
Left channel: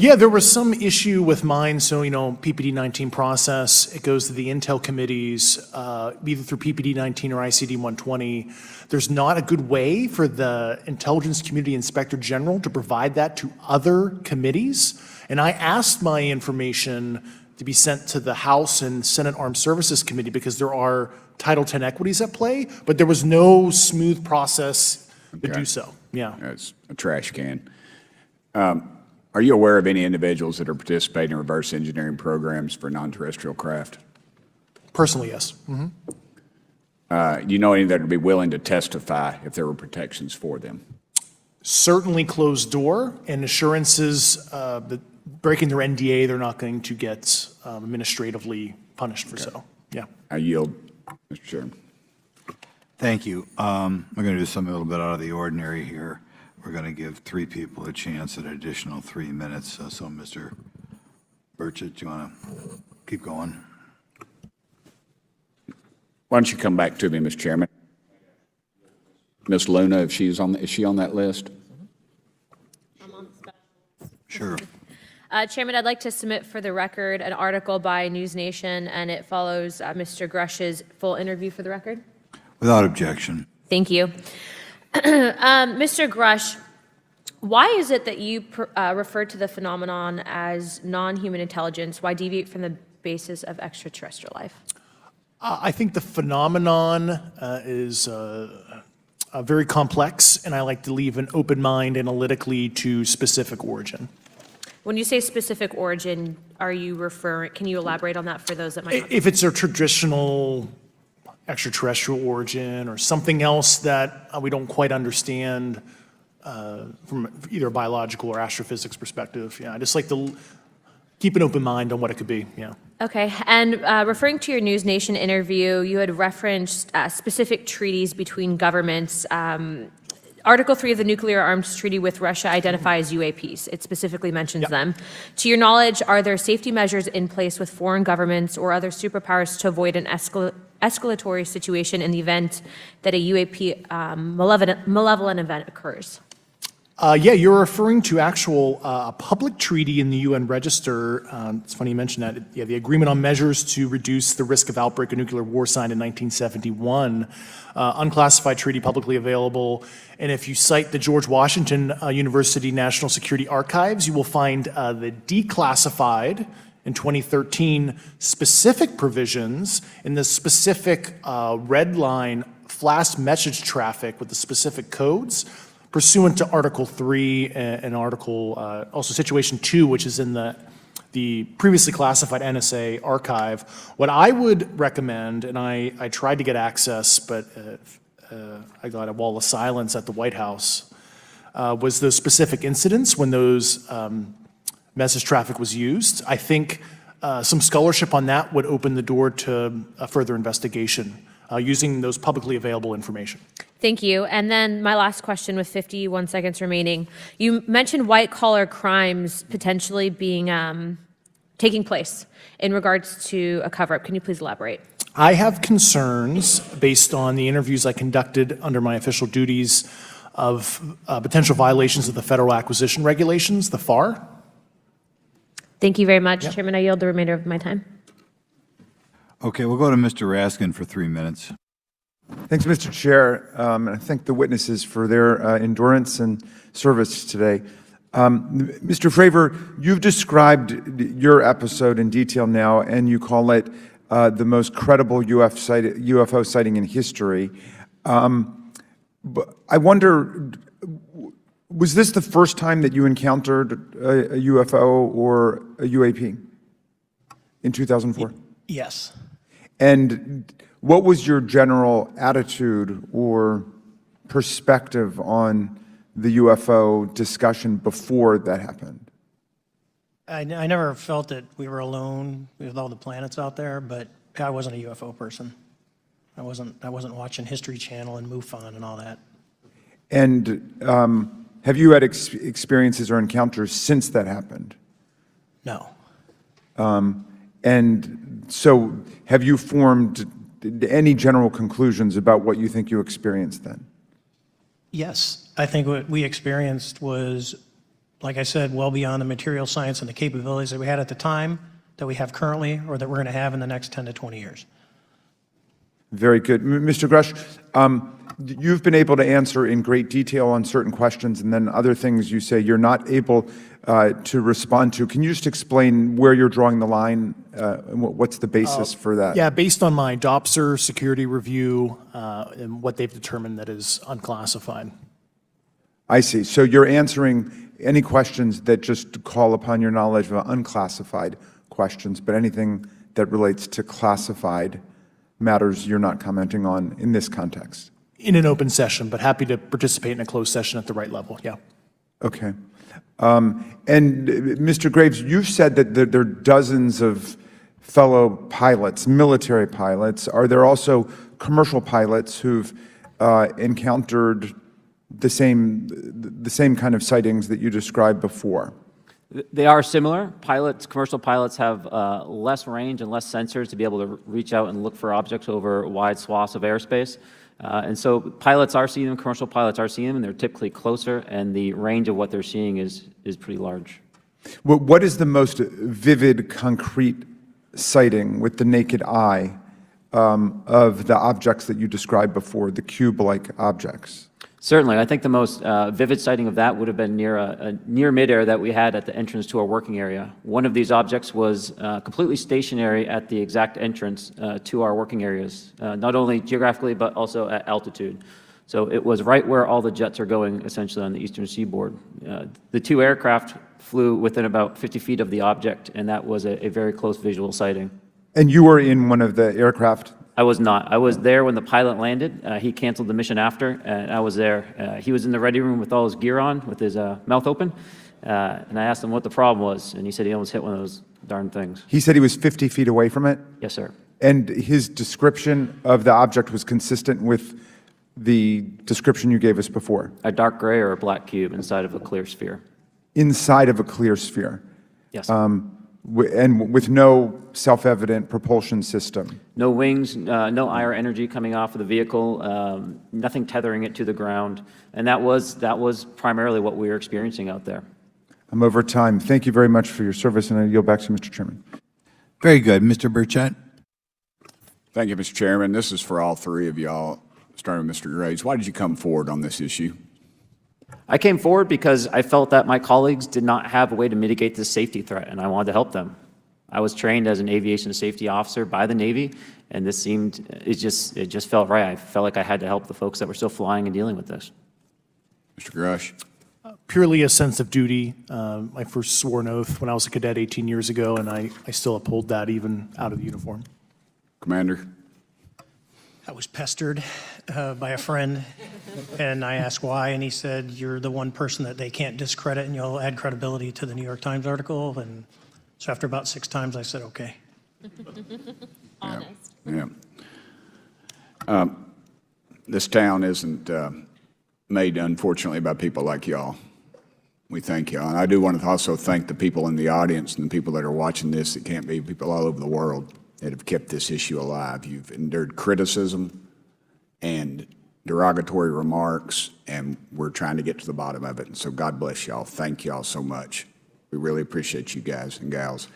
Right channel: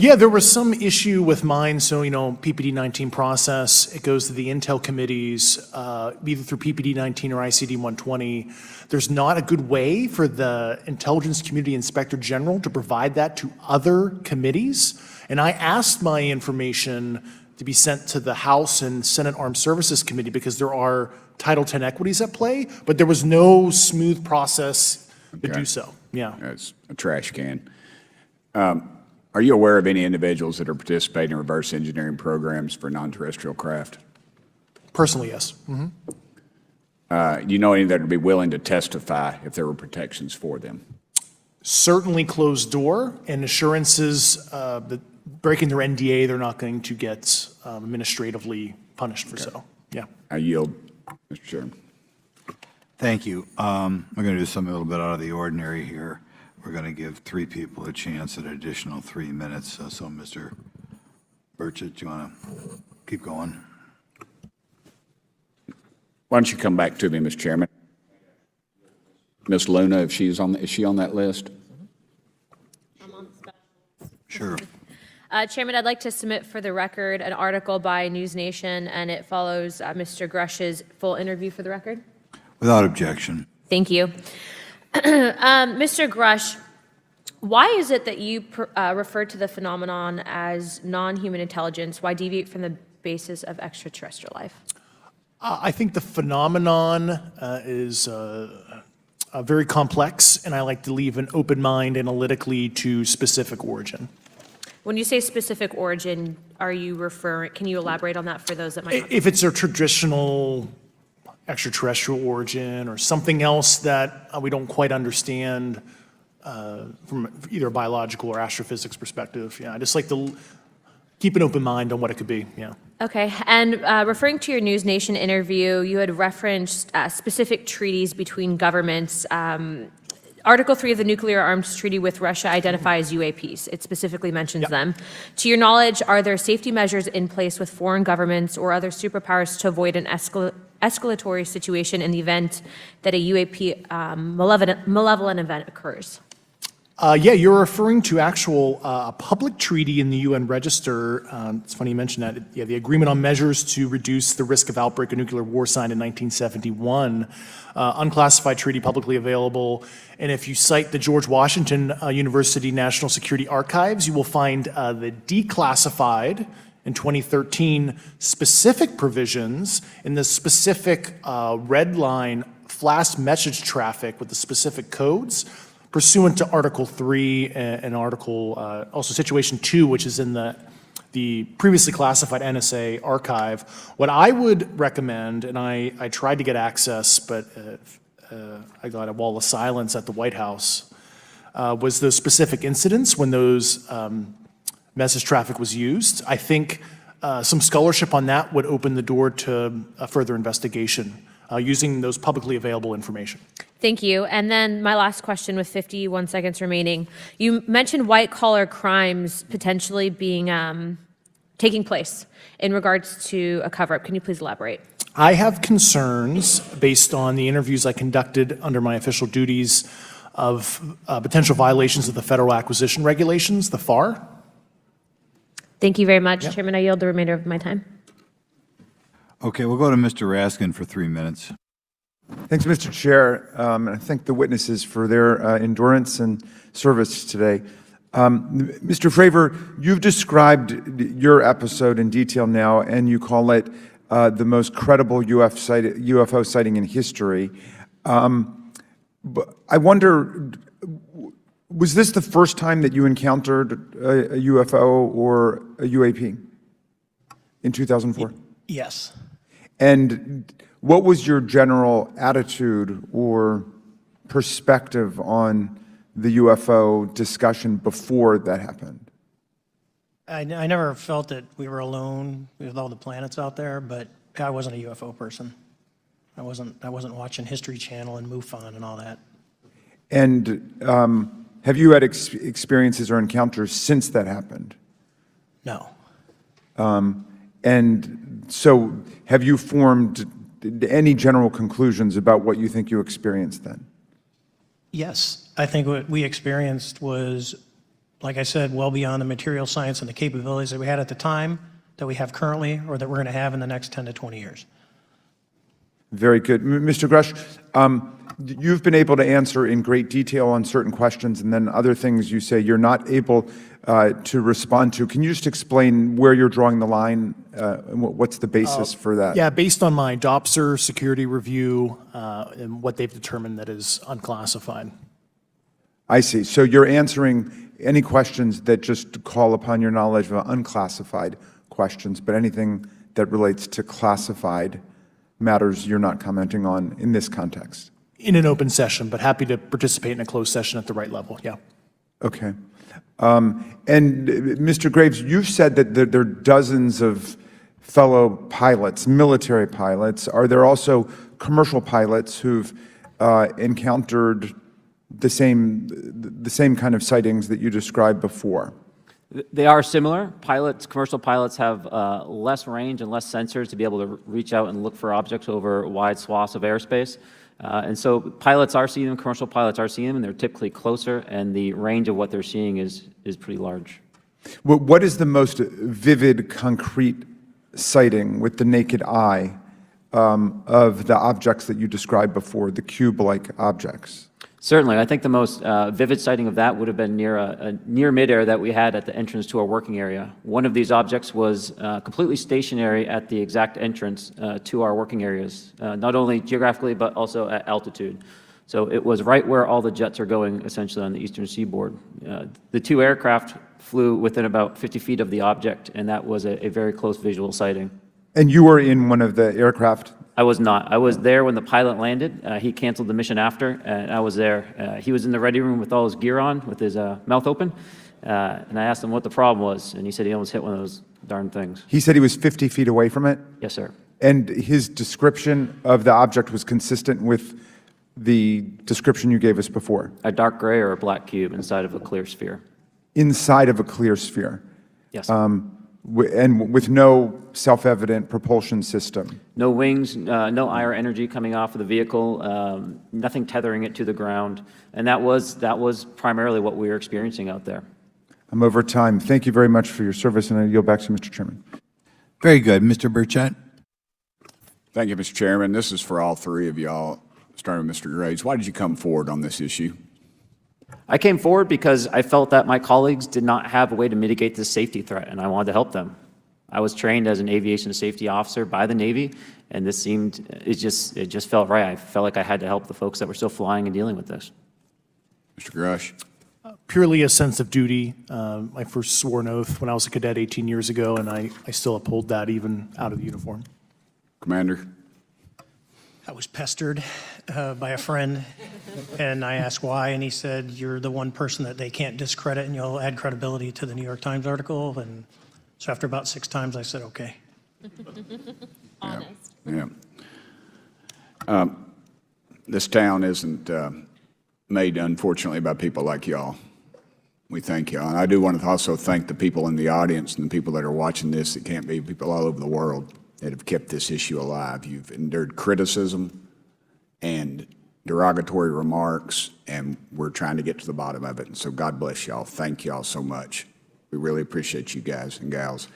Yeah, there was some issue with mine. So, PPD-19 process, it goes to the Intel committees, either through PPD-19 or ICD-120. There's not a good way for the Intelligence Community Inspector General to provide that to other committees. And I asked my information to be sent to the House and Senate Armed Services Committee because there are Title X equities at play, but there was no smooth process to do so. Yeah. It's a trash can. Are you aware of any individuals that are participating in reverse engineering programs for non-terrestrial craft? Personally, yes. Mm-hmm. You know any that would be willing to testify if there were protections for them? Certainly closed door and assurances that breaking their NDA, they're not going to get administratively punished for so. Yeah. I yield, Mr. Chairman. Thank you. We're going to do something a little bit out of the ordinary here. We're going to give 3 people a chance at an additional 3 minutes. So Mr. Burchett, do you want to keep going? Why don't you come back to me, Mr. Chairman? Ms. Luna, is she on that list? Sure. Chairman, I'd like to submit for the record an article by News Nation, and it follows Mr. Grusch's full interview for the record. Without objection. Thank you. Mr. Grusch, why is it that you refer to the phenomenon as non-human intelligence? Why deviate from the basis of extraterrestrial life? I think the phenomenon is very complex, and I like to leave an open mind analytically to specific origin. When you say specific origin, can you elaborate on that for those that might? If it's a traditional extraterrestrial origin or something else that we don't quite understand from either a biological or astrophysics perspective, I just like to keep an open mind on what it could be. Okay, and referring to your News Nation interview, you had referenced specific treaties between governments. Article 3 of the Nuclear Arms Treaty with Russia identifies UAPs. It specifically mentions them. To your knowledge, are there safety measures in place with foreign governments or other superpowers to avoid an escalatory situation in the event that a UAP malevolent event occurs? Yeah, you're referring to actual public treaty in the UN Register. It's funny you mentioned that. Yeah, the Agreement on Measures to Reduce the Risk of Outbreak of Nuclear War signed in 1971. Unclassified treaty, publicly available. And if you cite the George Washington University National Security Archives, you will find the declassified in 2013 specific provisions in the specific red line flash message traffic with the specific codes pursuant to Article 3 and Article, also Situation 2, which is in the previously classified NSA archive. What I would recommend, and I tried to get access, but I got a wall of silence at the White House, was the specific incidents when those message traffic was used. I think some scholarship on that would open the door to a further investigation using those publicly available information. Thank you. And then my last question with 51 seconds remaining. You mentioned white-collar crimes potentially being taking place in regards to a cover-up. Can you please elaborate? I have concerns based on the interviews I conducted under my official duties of potential violations of the Federal Acquisition Regulations, the FAR. Thank you very much, Chairman. I yield the remainder of my time. Okay, we'll go to Mr. Raskin for 3 minutes. Thanks, Mr. Chair. And I thank the witnesses for their endurance and service today. Mr. Fravor, you've described your episode in detail now, and you call it the most credible UFO sighting in history. But I wonder, was this the first time that you encountered a UFO or a UAP in 2004? Yes. And what was your general attitude or perspective on the UFO discussion before that happened? I never felt that we were alone, even though the planet's out there, but I wasn't a UFO person. I wasn't watching History Channel and MUFON and all that. And have you had experiences or encounters since that happened? No. And so have you formed any general conclusions about what you think you experienced then? Yes, I think what we experienced was, like I said, well beyond the material science and the capabilities that we had at the time, that we have currently, or that we're going to have in the next 10 to 20 years. Very good. Mr. Grusch, you've been able to answer in great detail on certain questions, and then other things you say you're not able to respond to. Can you just explain where you're drawing the line and what's the basis for that? Yeah, based on my DOPSR security review and what they've determined that is unclassified. I see. So you're answering any questions that just call upon your knowledge of unclassified questions, but anything that relates to classified matters you're not commenting on in this context. In an open session, but happy to participate in a closed session at the right level, yeah. Okay. And Mr. Graves, you've said that there are dozens of fellow pilots, military pilots. Are there also commercial pilots who've encountered the same kind of sightings that you described before? They are similar. Commercial pilots have less range and less sensors to be able to reach out and look for objects over wide swaths of airspace. And so pilots are seeing them, commercial pilots are seeing them, and they're typically closer, and the range of what they're seeing is pretty large. What is the most vivid, concrete sighting with the naked eye of the objects that you described before, the cube-like objects? Certainly. I think the most vivid sighting of that would have been near midair that we had at the entrance to our working area. One of these objects was completely stationary at the exact entrance to our working areas, not only geographically, but also at altitude. So it was right where all the jets are going, essentially, on the eastern seaboard. The two aircraft flew within about 50 feet of the object, and that was a very close visual sighting. And you were in one of the aircraft? I was not. I was there when the pilot landed. He canceled the mission after, and I was there. He was in the ready room with all his gear on, with his mouth open, and I asked him what the problem was, and he said he almost hit one of those darn things. He said he was 50 feet away from it? Yes, sir. And his description of the object was consistent with the description you gave us before? A dark gray or a black cube inside of a clear sphere. Inside of a clear sphere? Yes. and with no self-evident propulsion system? No wings, no IR energy coming off of the vehicle, nothing tethering it to the ground. And that was primarily what we were experiencing out there. I'm over time. Thank you very much for your service, and I yield back to Mr. Chairman. Very good. Mr. Burchett? Thank you, Mr. Chairman. This is for all three of y'all, starting with Mr. Graves. Why did you come forward on this issue? I came forward because I felt that my colleagues did not have a way to mitigate this safety threat, and I wanted to help them. I was trained as an aviation safety officer by the Navy, and it just felt right. I felt like I had to help the folks that were still flying and dealing with this. Mr. Grusch? Purely a sense of duty. I first swore an oath when I was a cadet 18 years ago, and I still uphold that even out of the uniform. Commander? I was pestered by a friend, and I asked why, and he said, "You're the one person that they can't discredit, and you'll add credibility to the New York Times article." And so after about 6 times, I said, "Okay." Honest. Yeah. This town isn't made, unfortunately, by people like y'all. We thank y'all. And I do want to also thank the people in the audience and the people that are watching this. It can't be people all over the world that have kept this issue alive. You've endured criticism and derogatory remarks, and we're trying to get to the bottom of it. And so God bless y'all. Thank y'all so much. We really appreciate you guys and gals.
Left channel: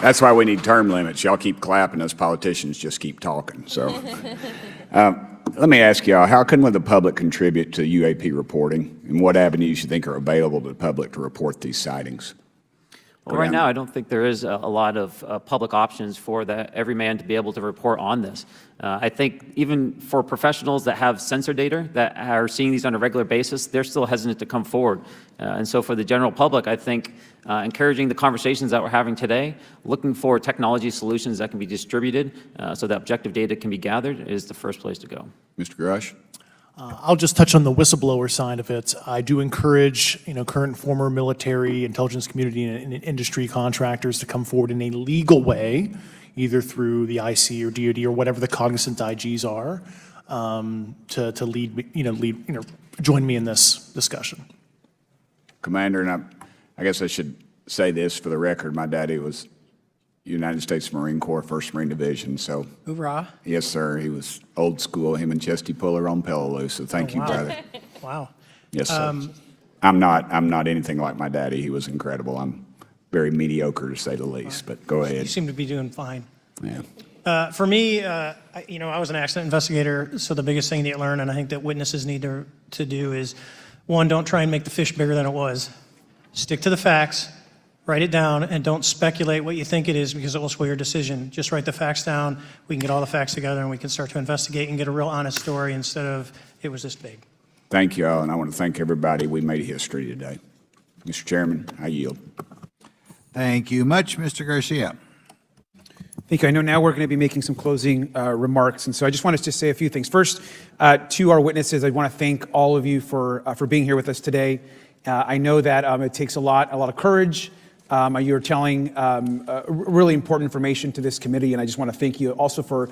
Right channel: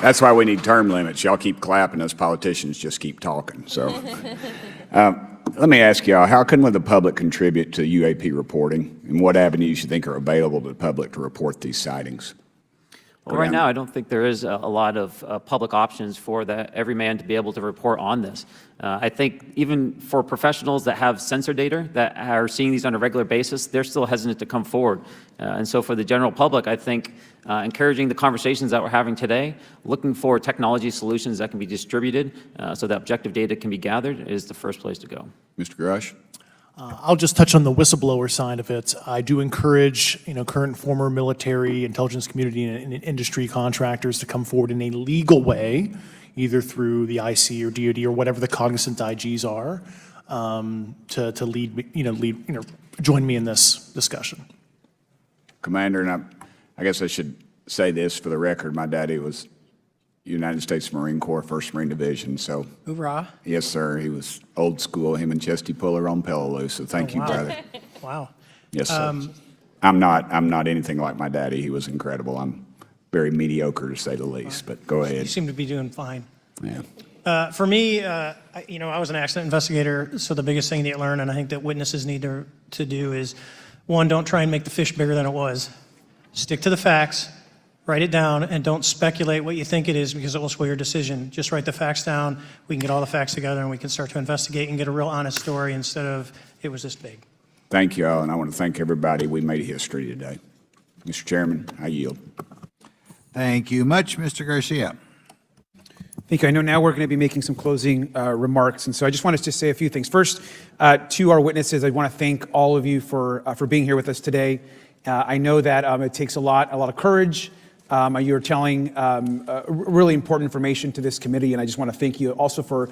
That's why we need term limits. Y'all keep clapping, us politicians just keep talking. So let me ask y'all, how can the public contribute to UAP reporting, and what avenues you think are available to the public to report these sightings? Well, right now, I don't think there is a lot of public options for every man to be able to report on this. I think even for professionals that have sensor data that are seeing these on a regular basis, they're still hesitant to come forward. And so for the general public, I think encouraging the conversations that we're having today, looking for technology solutions that can be distributed so that objective data can be gathered is the first place to go. Mr. Grusch? I'll just touch on the whistleblower side of it. I do encourage, current and former military, intelligence community, and industry contractors to come forward in a legal way, either through the IC or DoD or whatever the cognizant IGs are, to lead, join me in this discussion. Commander, and I guess I should say this for the record. My daddy was United States Marine Corps, 1st Marine Division, so. Hoorah. Yes, sir. He was old school, him and Chesty Puller on Peleliu, so thank you, brother. Wow. Yes, sir. I'm not anything like my daddy. He was incredible. I'm very mediocre, to say the least, but go ahead. You seem to be doing fine. Yeah. For me, I was an accident investigator, so the biggest thing that you learn, and I think that witnesses need to do is, one, don't try and make the fish bigger than it was. Stick to the facts. Write it down, and don't speculate what you think it is, because it will sway your decision. Just write the facts down. We can get all the facts together, and we can start to investigate and get a real honest story instead of, it was this big. Thank you all, and I want to thank everybody. We made history today. Mr. Chairman, I yield. Thank you much, Mr. Garcia. Thank you. I know now we're going to be making some closing remarks, and so I just wanted to say a few things. First, to our witnesses, I want to thank all of you for being here with us today. I know that it takes a lot of courage. You're telling really important information to this committee, and I just want to thank you also for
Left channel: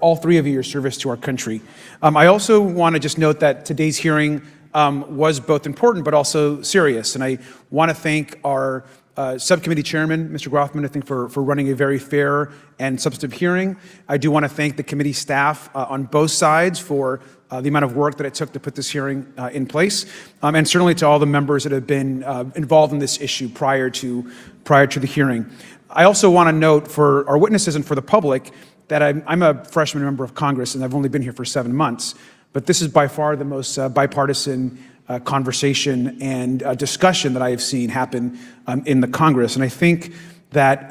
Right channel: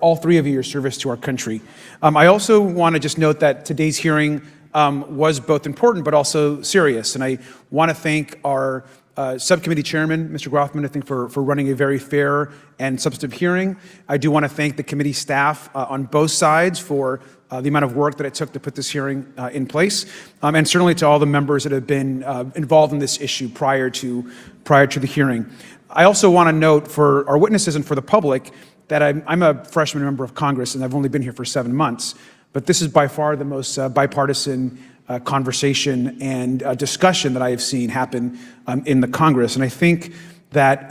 all three of you, your service to our country. I also want to just note that today's hearing was both important but also serious, and I want to thank our subcommittee chairman, Mr. Grothman, I think for running a very fair and substantive hearing. I do want to thank the committee staff on both sides for the amount of work that it took to put this hearing in place, and certainly to all the members that have been involved in this issue prior to the hearing. I also want to note for our witnesses and for the public that I'm a freshman member of Congress, and I've only been here for 7 months, but this is by far the most bipartisan conversation and discussion that I have seen happen in the Congress. And I think that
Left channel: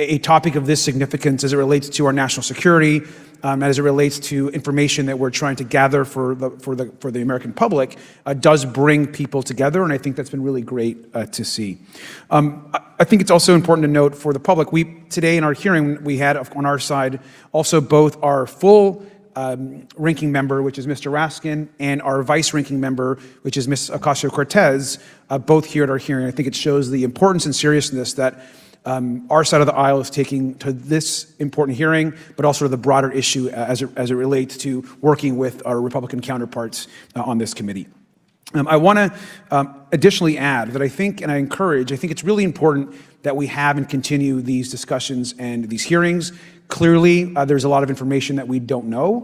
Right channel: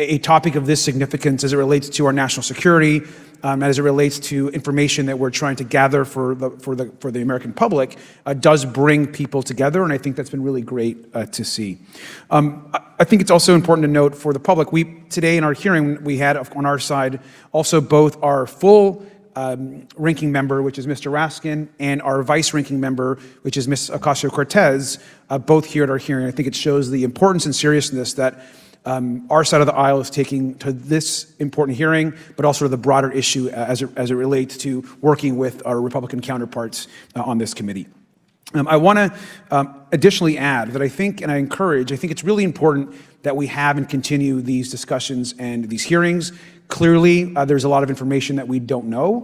a topic of this significance as it relates to our national security, as it relates to information that we're trying to gather for the American public, does bring people together, and I think that's been really great to see. I think it's also important to note for the public, today in our hearing, we had on our side also both our full ranking member, which is Mr. Raskin, and our vice ranking member, which is Ms. Ocasio-Cortez, both here at our hearing. I think it shows the importance and seriousness that our side of the aisle is taking to this important hearing, but also the broader issue as it relates to working with our Republican counterparts on this committee. I want to additionally add that I think, and I think it's really important that we have and continue these discussions and these hearings. Clearly, there's a lot of information that we don't know,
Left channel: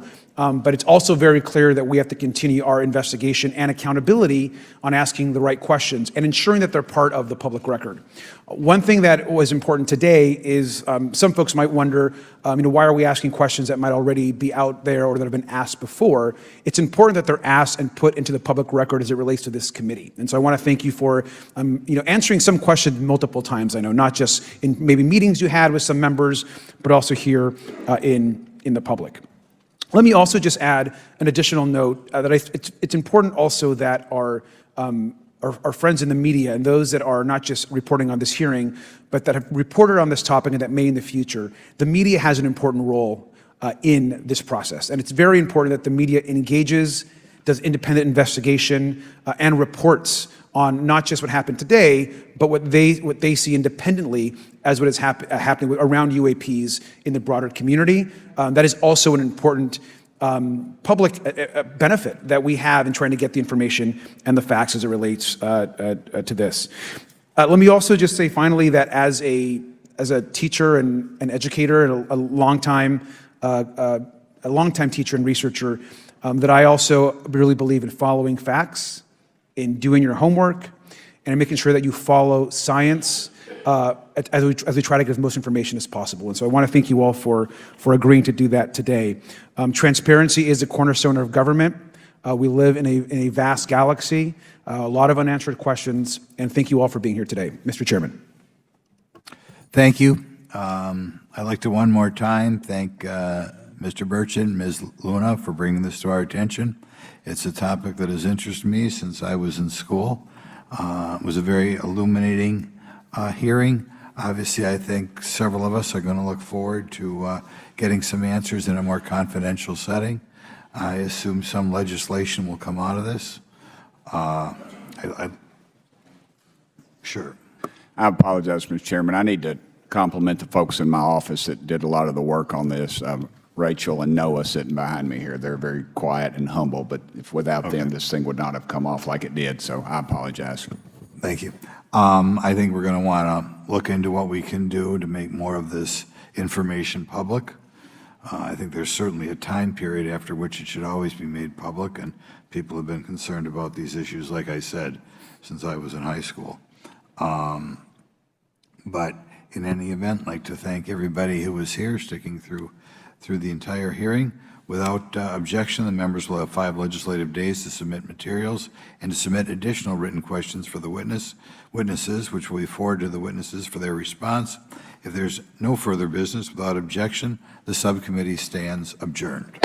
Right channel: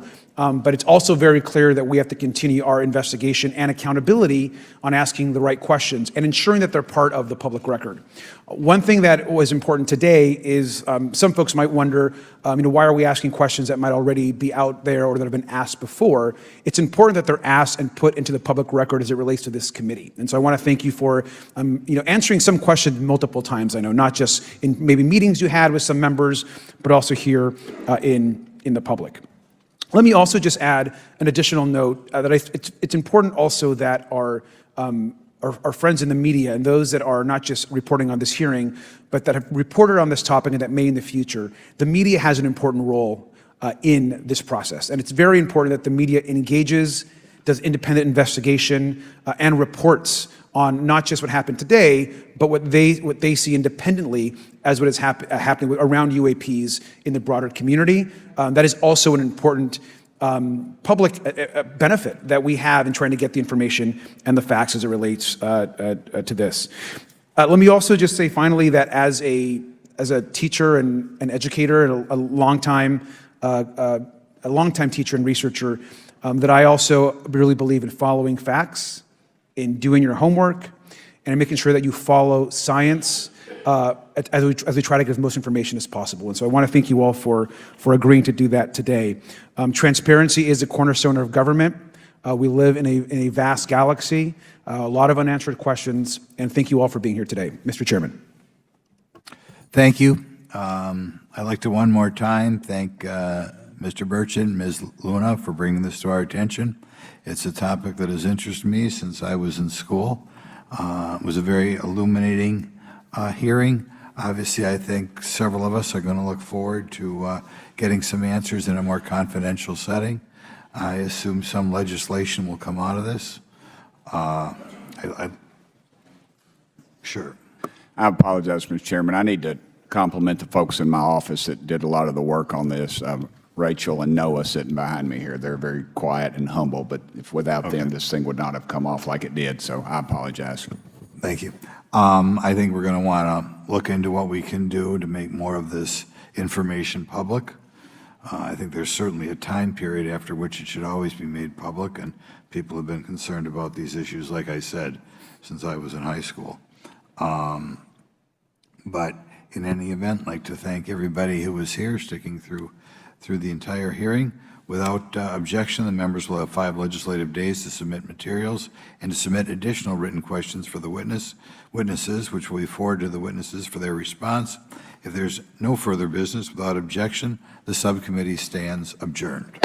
but it's also very clear that we have to continue our investigation and accountability on asking the right questions and ensuring that they're part of the public record. One thing that was important today is some folks might wonder, why are we asking questions that might already be out there or that have been asked before? It's important that they're asked and put into the public record as it relates to this committee. And so I want to thank you for, answering some questions multiple times. I know, not just in maybe meetings you had with some members, but also here in the public. Let me also just add an additional note that it's important also that our friends in the media and those that are not just reporting on this hearing, but that have reported on this topic and that may in the future, the media has an important role in this process. And it's very important that the media engages, does independent investigation, and reports on not just what happened today, but what they see independently as what is happening around UAPs in the broader community. That is also an important public benefit that we have in trying to get the information and the facts as it relates to this. Let me also just say finally that as a teacher and an educator and a longtime teacher and researcher, that I also really believe in following facts, in doing your homework, and in making sure that you follow science as we try to get as most information as possible. And so I want to thank you all for agreeing to do that today. Transparency is a cornerstone of government. We live in a vast galaxy, a lot of unanswered questions, and thank you all for being here today. Mr. Chairman. Thank you. I'd like to one more time thank Mr. Burchett and Ms. Luna for bringing this to our attention. It's a topic that has interested me since I was in school. It was a very illuminating hearing. Obviously, I think several of us are going to look forward to getting some answers in a more confidential setting. I assume some legislation will come out of this. Sure. I apologize, Mr. Chairman. I need to compliment the folks in my office that did a lot of the work on this. Rachel and Noah sitting behind me here. They're very quiet and humble, but if without them, this thing would not have come off like it did. So I apologize. Thank you. I think we're going to want to look into what we can do to make more of this information public. I think there's certainly a time period after which it should always be made public, and people have been concerned about these issues, like I said, since I was in high school. But in any event, I'd like to thank everybody who was here, sticking through the entire hearing. Without objection, the members will have 5 legislative days to submit materials and to submit additional written questions for the witnesses, which will be forwarded to the witnesses for their response. If there's no further business, without objection, the subcommittee stands adjourned.